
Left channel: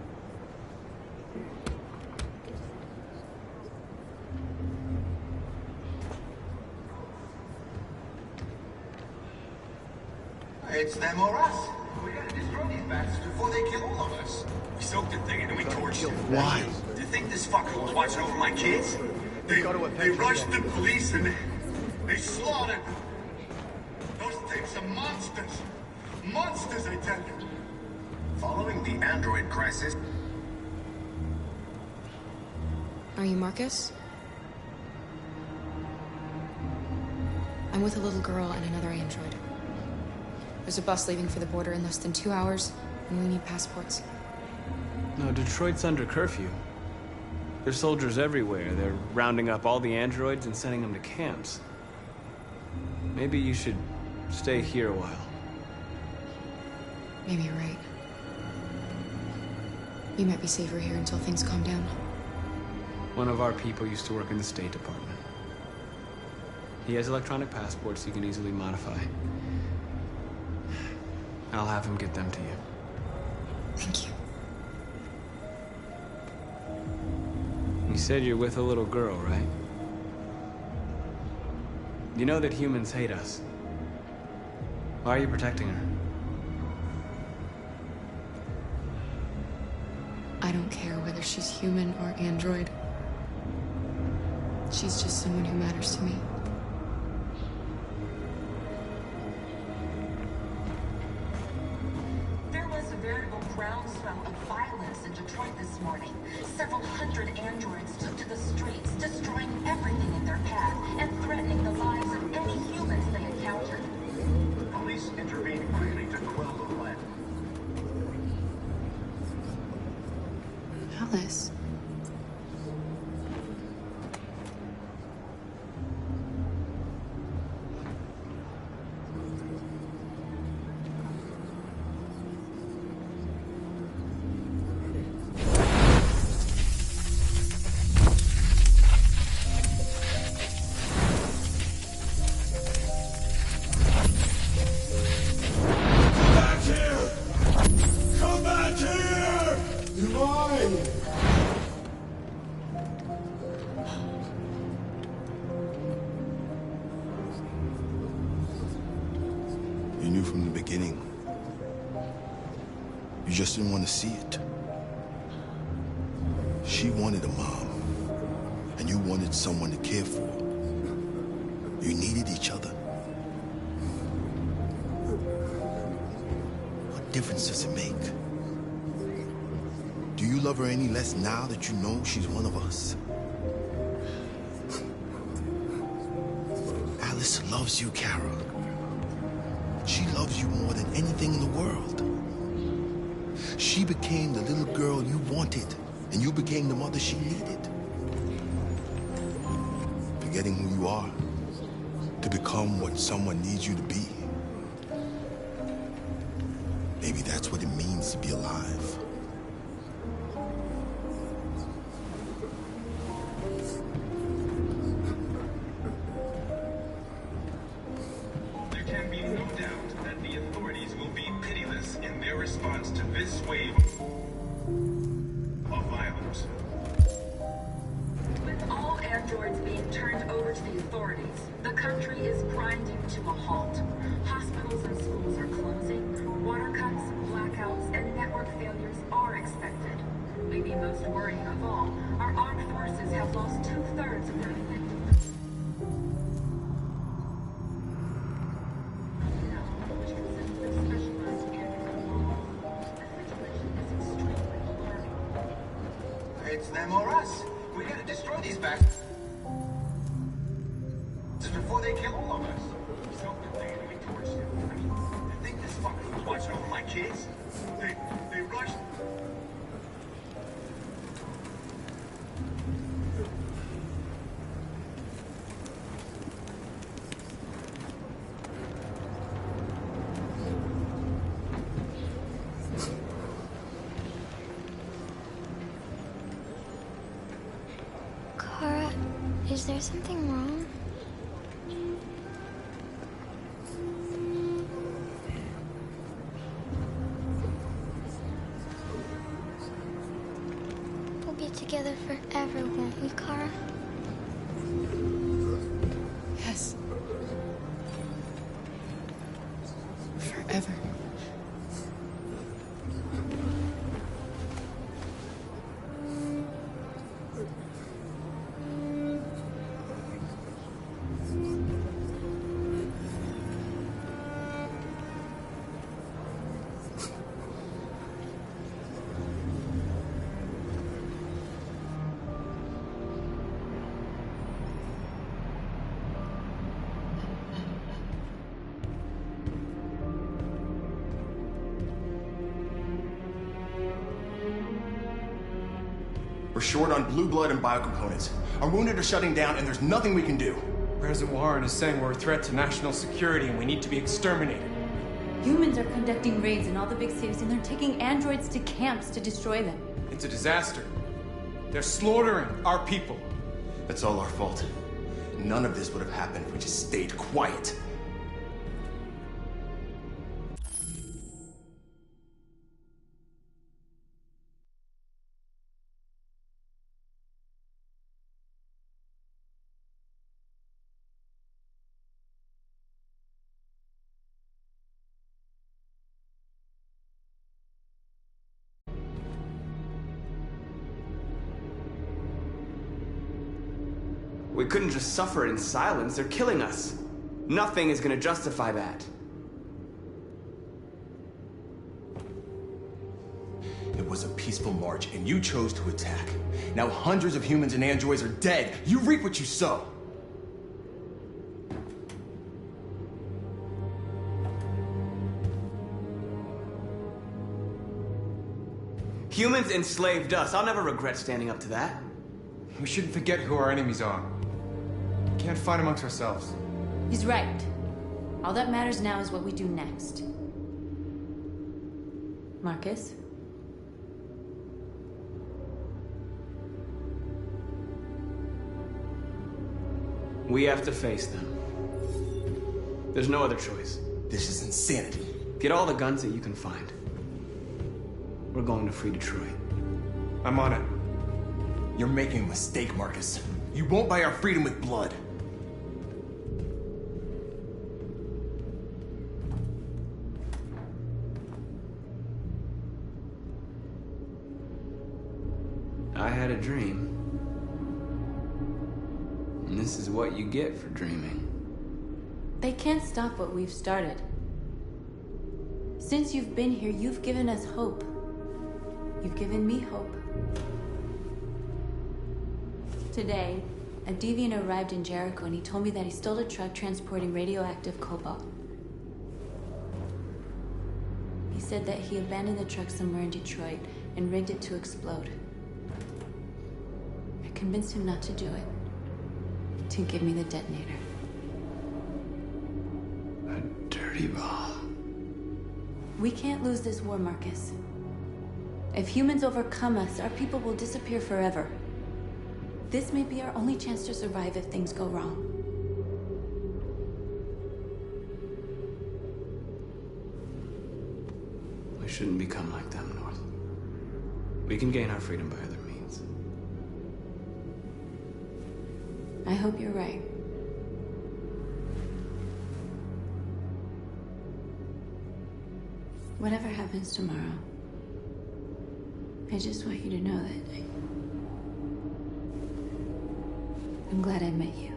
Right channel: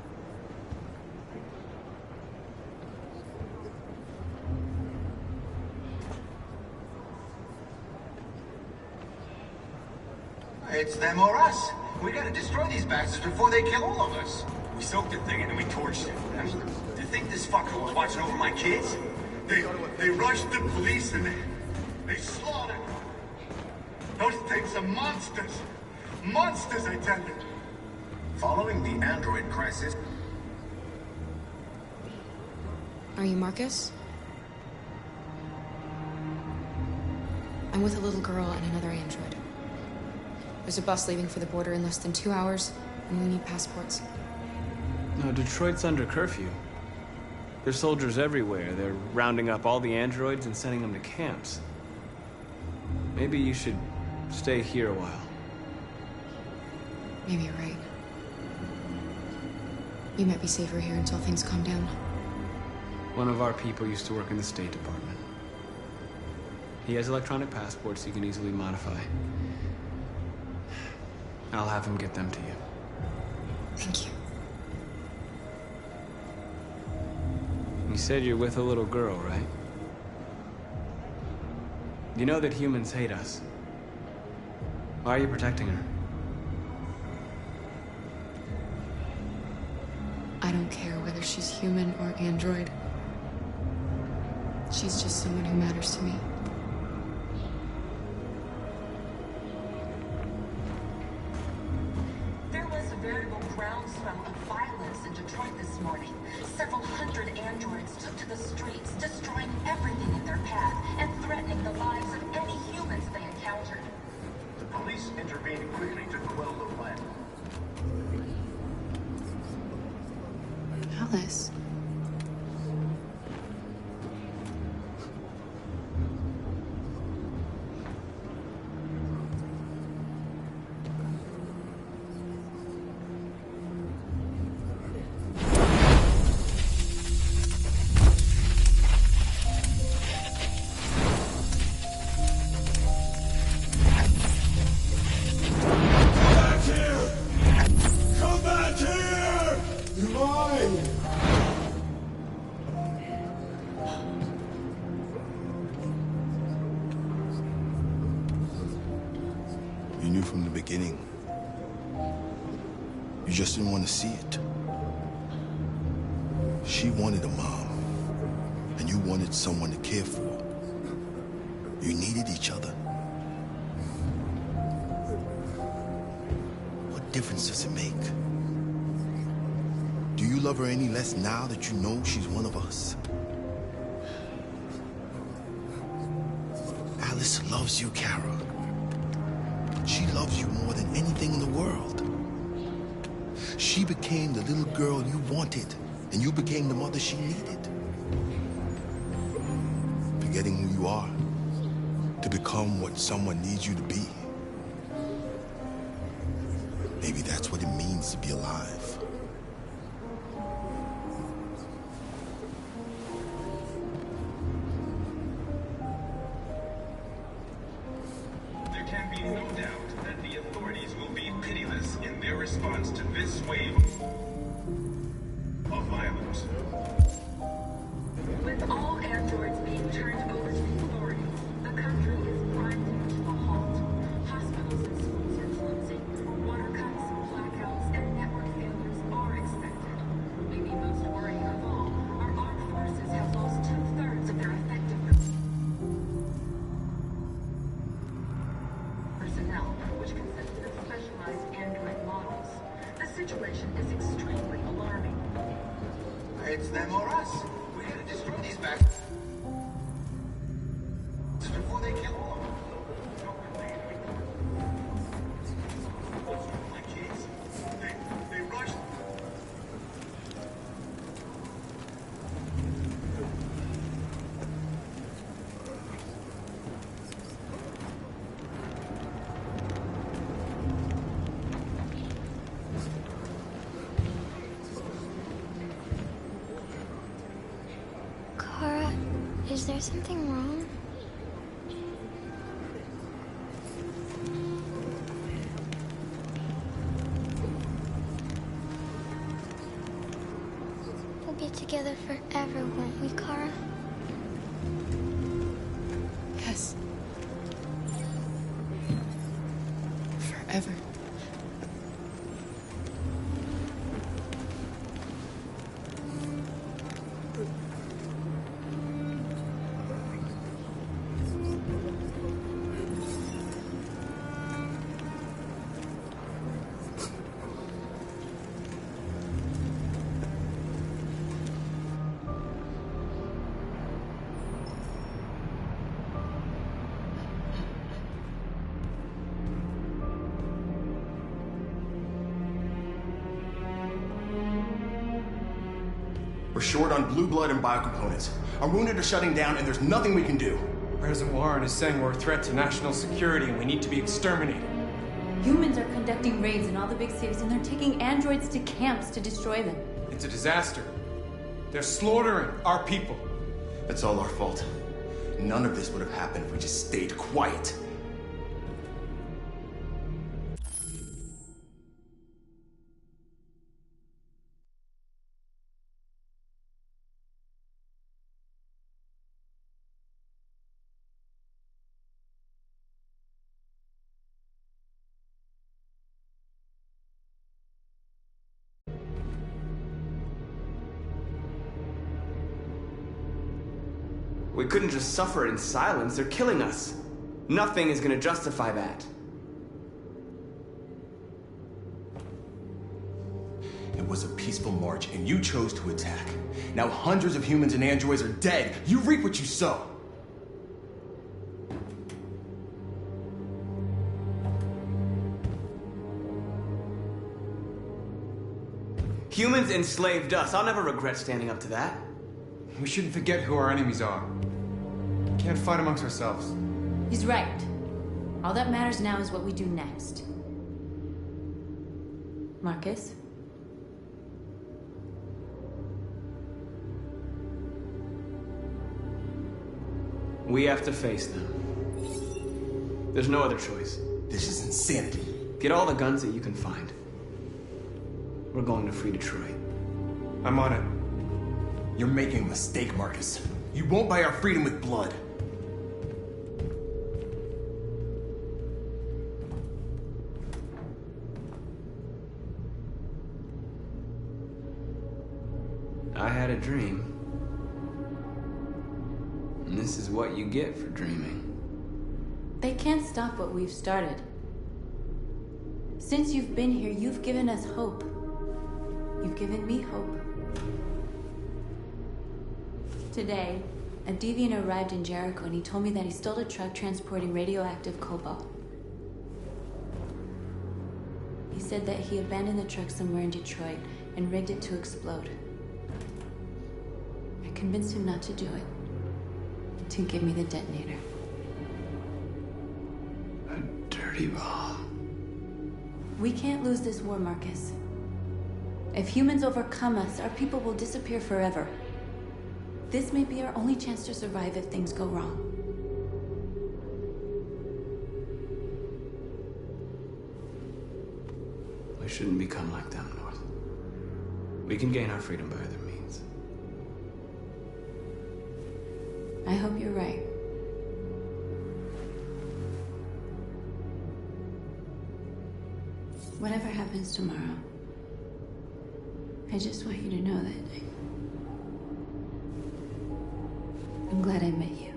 It's them or us. We gotta destroy these bastards before they kill all of us. We soaked the thing and then we torched it. Why? Do you think this fucker was watching over my kids? They rushed the police and they slaughtered them. Those things are monsters. Monsters, I tell you. Following the android crisis. Are you Marcus? I'm with a little girl and another android. There's a bus leaving for the border in less than 2 hours, and we need passports. No, Detroit's under curfew. There's soldiers everywhere. They're rounding up all the androids and sending them to camps. Maybe you should stay here a while. Maybe you're right. You might be safer here until things calm down. One of our people used to work in the State Department. He has electronic passports he can easily modify. I'll have him get them to you. Thank you. You said you're with a little girl, right? You know that humans hate us. Why are you protecting her? I don't care whether she's human or android. She's just someone who matters to me. There was a veritable groundswell of violence in Detroit this morning. Several hundred androids took to the streets, destroying everything in their path and threatening the lives of any humans they encountered. The police intervened quickly to quell the riot. Alice. You knew from the beginning. You just didn't want to see it. She wanted a mom, and you wanted someone to care for. You needed each other. What difference does it make? Do you love her any less now that you know she's one of us? Alice loves you, Kara. She loves you more than anything in the world. She became the little girl you wanted, and you became the mother she needed. Forgetting who you are to become what someone needs you to be. Maybe that's what it means to be alive. There can be no doubt that the authorities will be pitiless in their response to this wave of violence. With all androids being turned over to the authorities, the country is grinding to a halt. Hospitals and schools are closing. Water cuts, blackouts, and network failures are expected. Maybe most worrying of all, our armed forces have lost 2/3 of their effective personnel, which consists of specialized android models. The situation is extremely alarming. It's them or us. We gotta destroy these bastards before they kill all of us. So we torched them. I think this fucker was watching over my kids. They rushed. Kara, is there something wrong? We'll be together forever, won't we, Kara? Yes. Forever. We're short on blue blood and biocomponents. Our wounded are shutting down, and there's nothing we can do. President Warren is saying we're a threat to national security and we need to be exterminated. Humans are conducting raids in all the big cities, and they're taking androids to camps to destroy them. It's a disaster. They're slaughtering our people. That's all our fault. None of this would have happened if we just stayed quiet. We couldn't just suffer in silence. They're killing us. Nothing is gonna justify that. It was a peaceful march, and you chose to attack. Now hundreds of humans and androids are dead. You reap what you sow. Humans enslaved us. I'll never regret standing up to that. We shouldn't forget who our enemies are. We can't fight amongst ourselves. He's right. All that matters now is what we do next. Marcus? We have to face them. There's no other choice. This is insanity. Get all the guns that you can find. We're going to free Detroit. I'm on it. You're making a mistake, Marcus. You won't buy our freedom with blood. I had a dream. And this is what you get for dreaming. They can't stop what we've started. Since you've been here, you've given us hope. You've given me hope. Today, a deviant arrived in Jericho and he told me that he stole a truck transporting radioactive cobalt. He said that he abandoned the truck somewhere in Detroit and rigged it to explode. I convinced him not to do it, to give me the detonator. A dirty ball. We can't lose this war, Marcus. If humans overcome us, our people will disappear forever. This may be our only chance to survive if things go wrong. We shouldn't become like them, North. We can gain our freedom by other means. I hope you're right. Whatever happens tomorrow, I just want you to know that I'm glad I met you.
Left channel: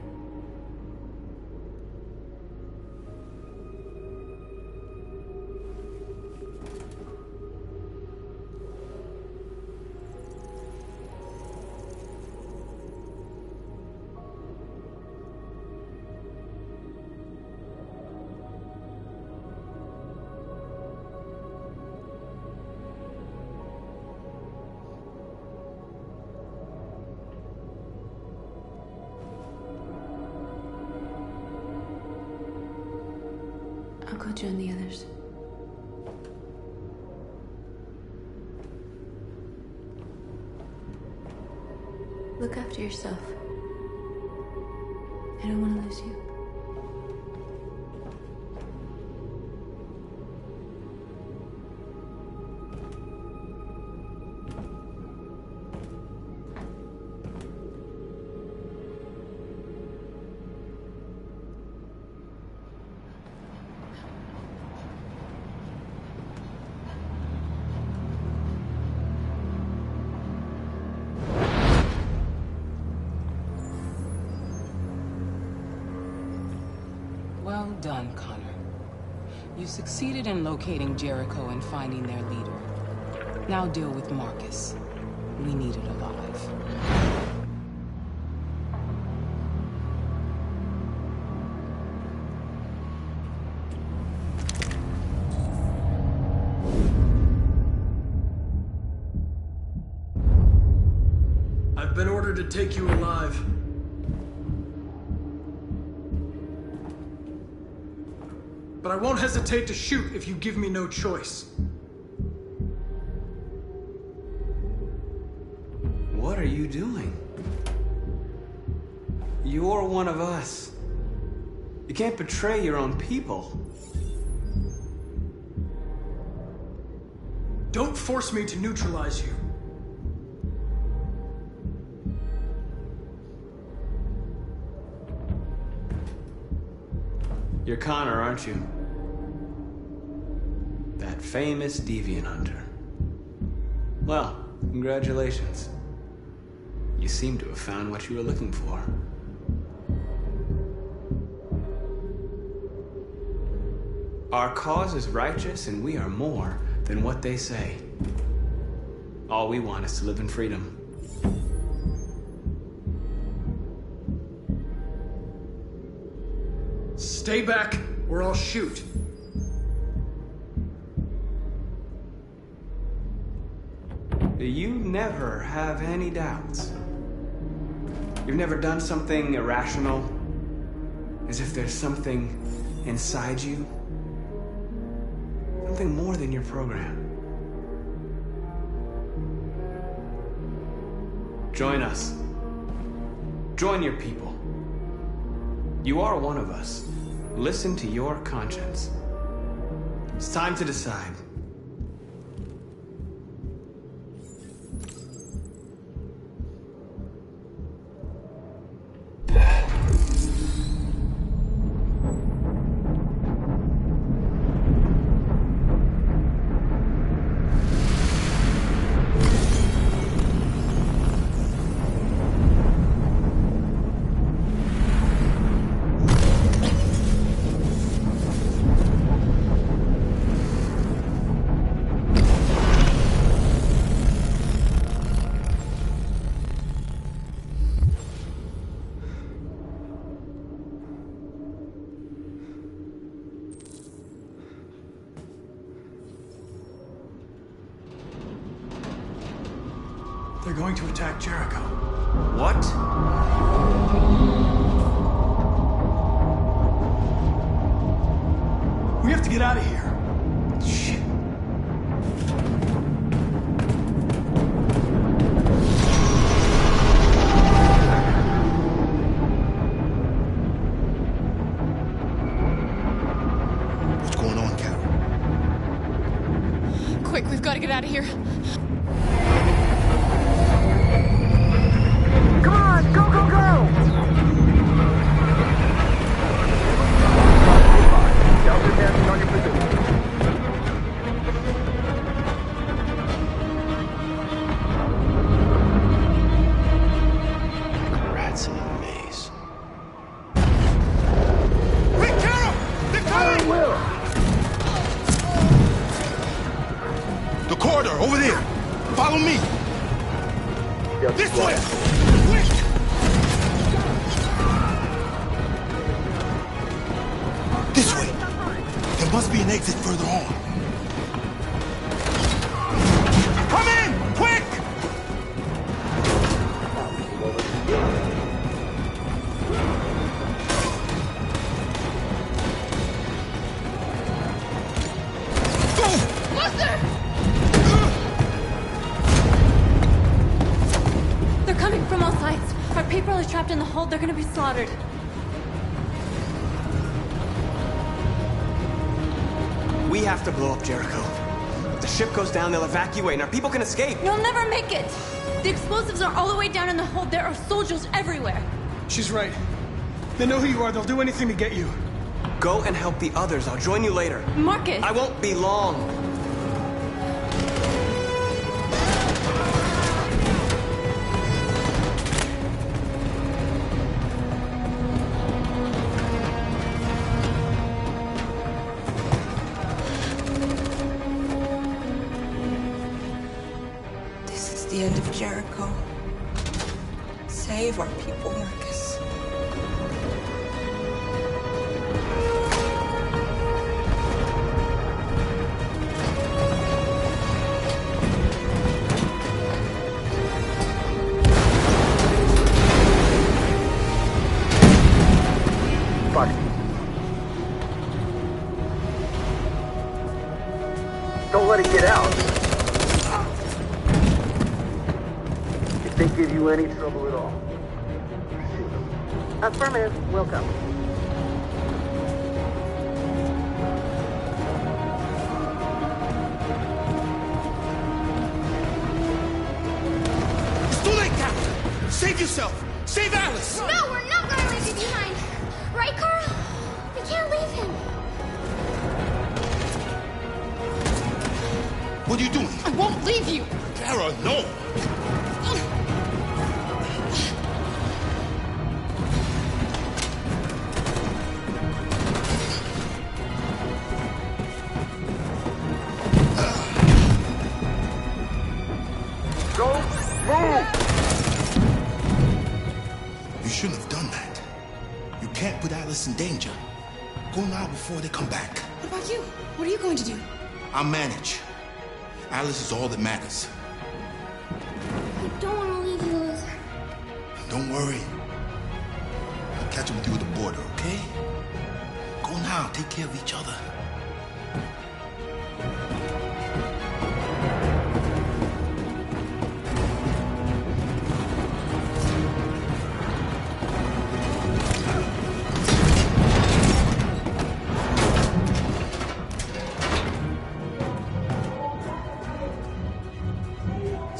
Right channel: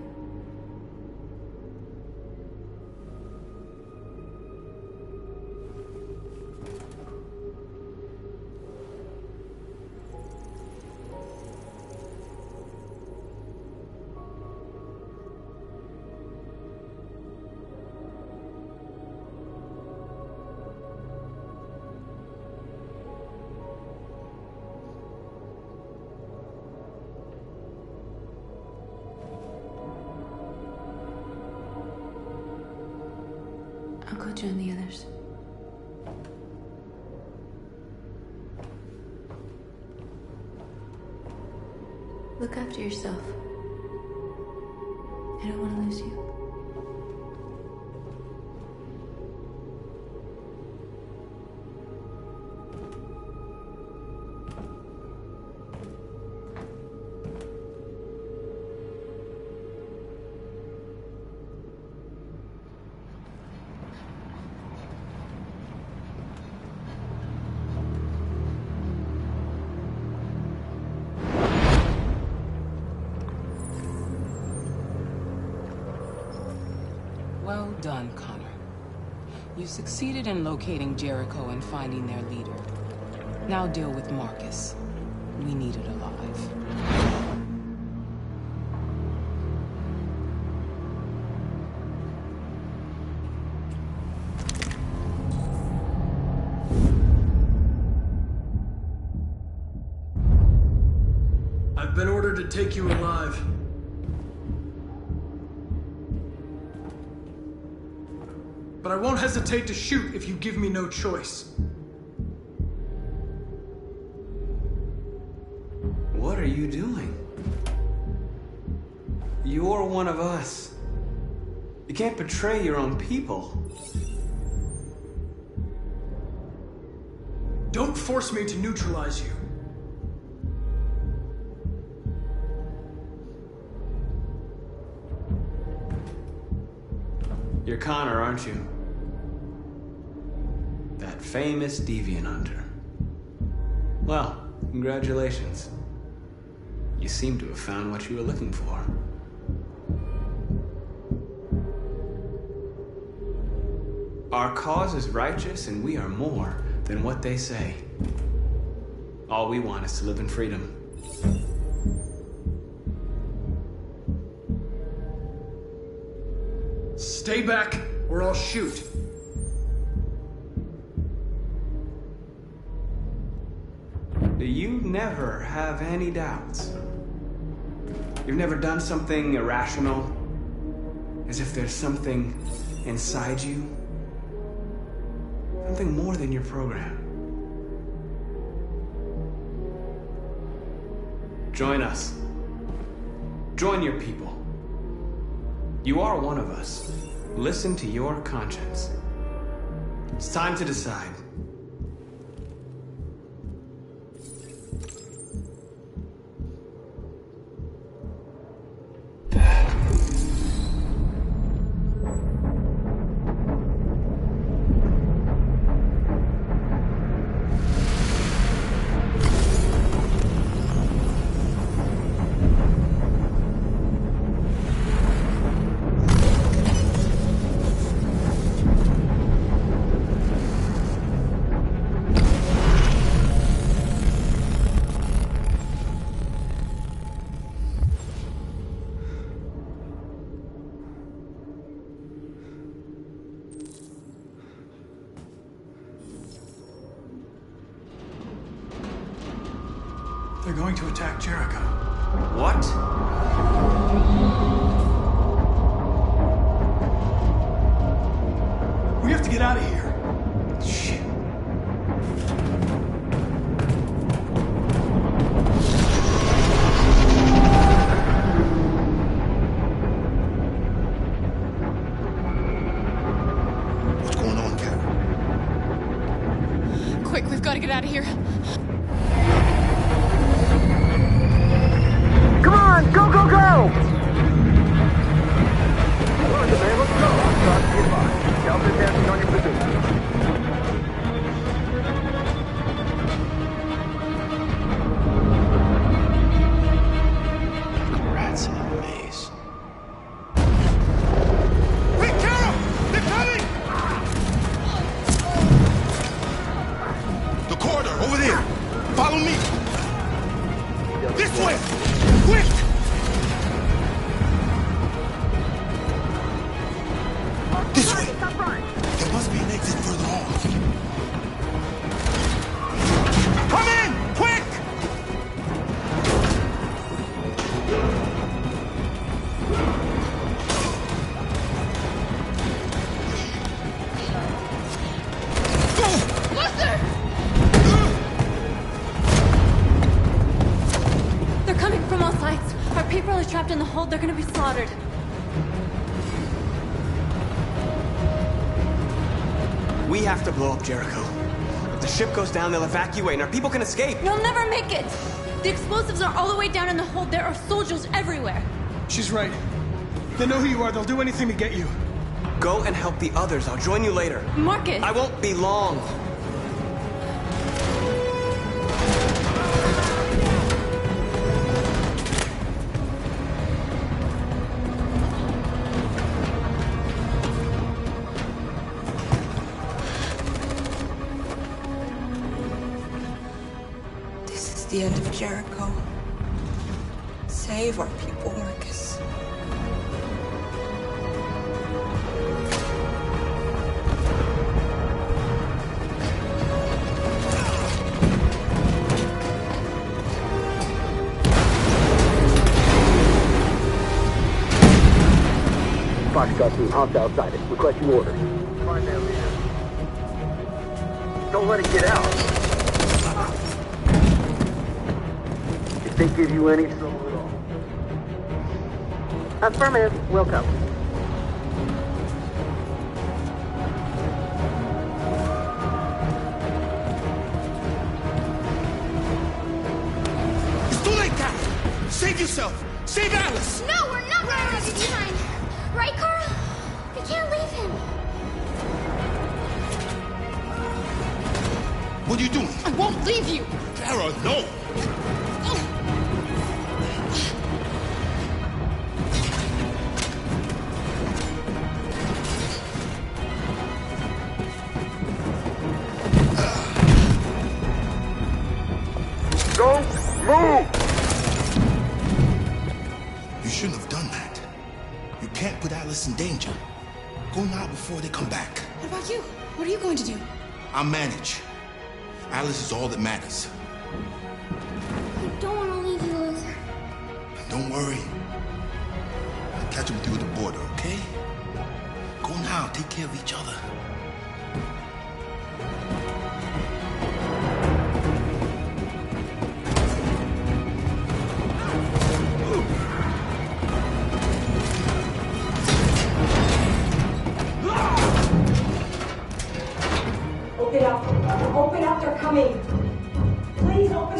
I'll go join the others. Look after yourself. I don't want to lose you. Well done, Connor. You succeeded in locating Jericho and finding their leader. Now deal with Marcus. We need it alive. I've been ordered to take you alive. But I won't hesitate to shoot if you give me no choice. What are you doing? You're one of us. You can't betray your own people. Don't force me to neutralize you. You're Connor, aren't you? That famous deviant hunter. Well, congratulations. You seem to have found what you were looking for. Our cause is righteous, and we are more than what they say. All we want is to live in freedom. Stay back, or I'll shoot. You never have any doubts. You've never done something irrational, as if there's something inside you. Something more than your program. Join us. Join your people. You are one of us. Listen to your conscience. It's time to decide. They're going to attack Jericho. What? We have to get out of here. Shit. What's going on, Carol? Quick, we've got to get out of here. Come on, go, go, go! Delta passing on your position. Rats in a maze. Hey, Carol! They're coming! The corridor, over there. Follow me. This way! Quick! This way! There must be an exit further on. Come in! Quick! Buster! They're coming from all sides. Our people are trapped in the hold. They're gonna be slaughtered. We have to blow up Jericho. If the ship goes down, they'll evacuate and our people can escape. You'll never make it! The explosives are all the way down in the hold. There are soldiers everywhere. She's right. They know who you are. They'll do anything to get you. Go and help the others. I'll join you later. Marcus! I won't be long. This is the end of Jericho. Save our people, Marcus. Foxtrot team, hopped outside. Requesting orders. Don't let it get out. If they give you any trouble at all. Affirmative. Welcome. It's too late, Carol! Save yourself! Save Alice! No, we're not going to leave you behind. Right, Carl? We can't leave him. What are you doing? I won't leave you. Kara, no! Go! Move! You shouldn't have done that. You can't put Alice in danger. Go now before they come back. What about you? What are you going to do? I'll manage. Alice is all that matters. I don't want to leave you, Luther. Don't worry. I'll catch up with you at the border, okay? Go now. Take care of each other.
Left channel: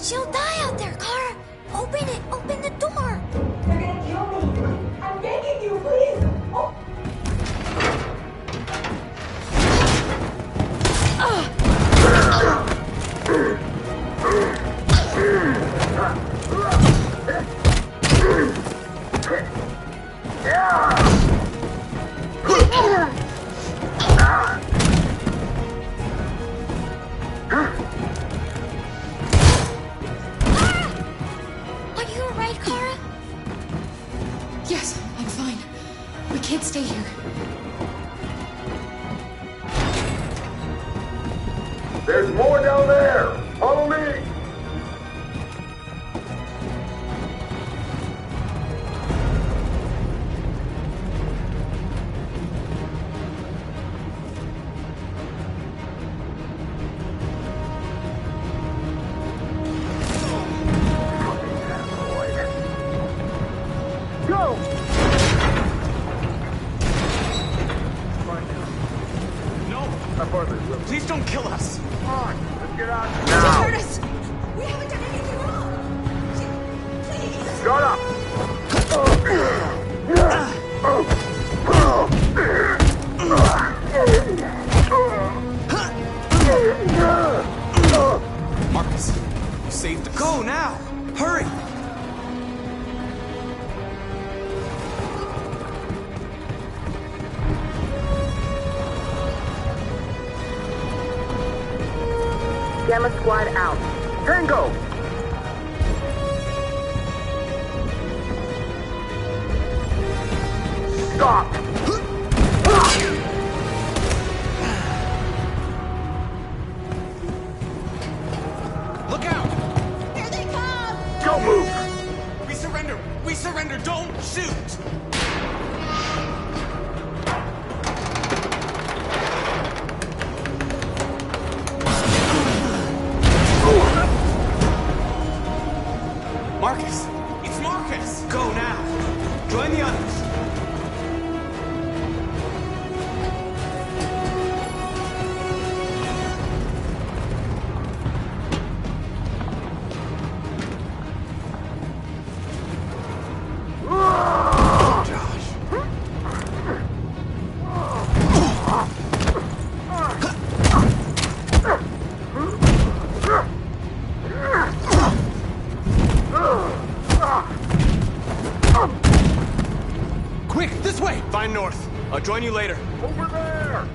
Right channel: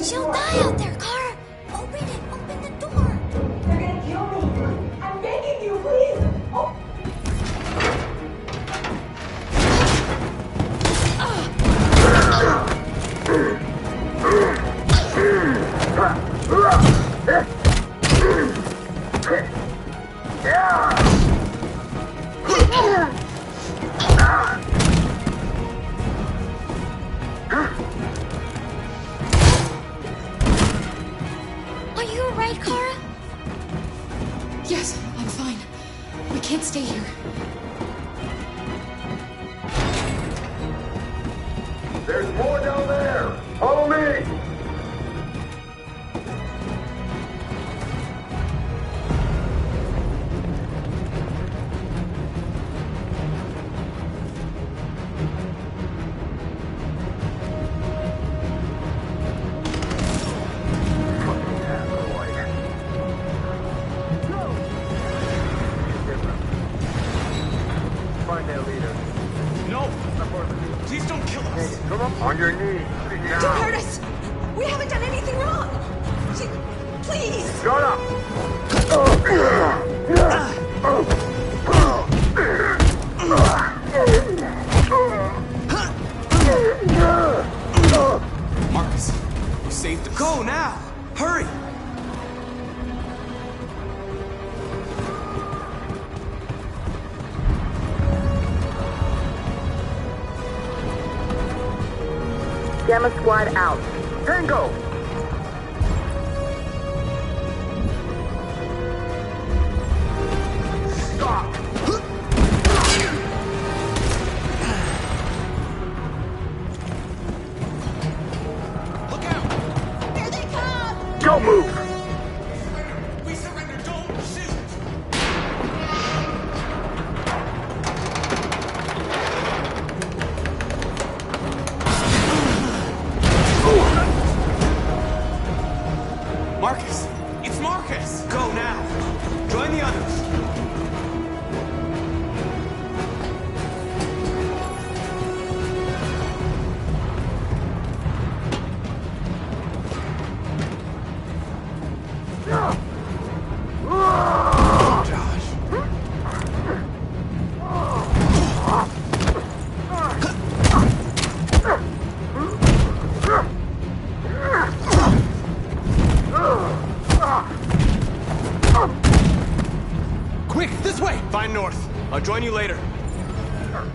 She'll die out there, Kara. Open it. Open the door. They're gonna kill me. I'm begging you, please. Oh. Are you alright, Kara? Yes, I'm fine. We can't stay here. There's more down there! Follow me! Please don't kill us. Come on your knees. Don't hurt us! We haven't done anything wrong! Please! Shut up! Marcus, you saved us. Go now! Hurry! Gamma Squad out. Tango! Stop! Look out! Here they come! Don't move! We surrender! We surrender! Don't shoot! Marcus! It's Marcus! Go now! Join the others! Quick, this way! Find North. I'll join you later. Over there!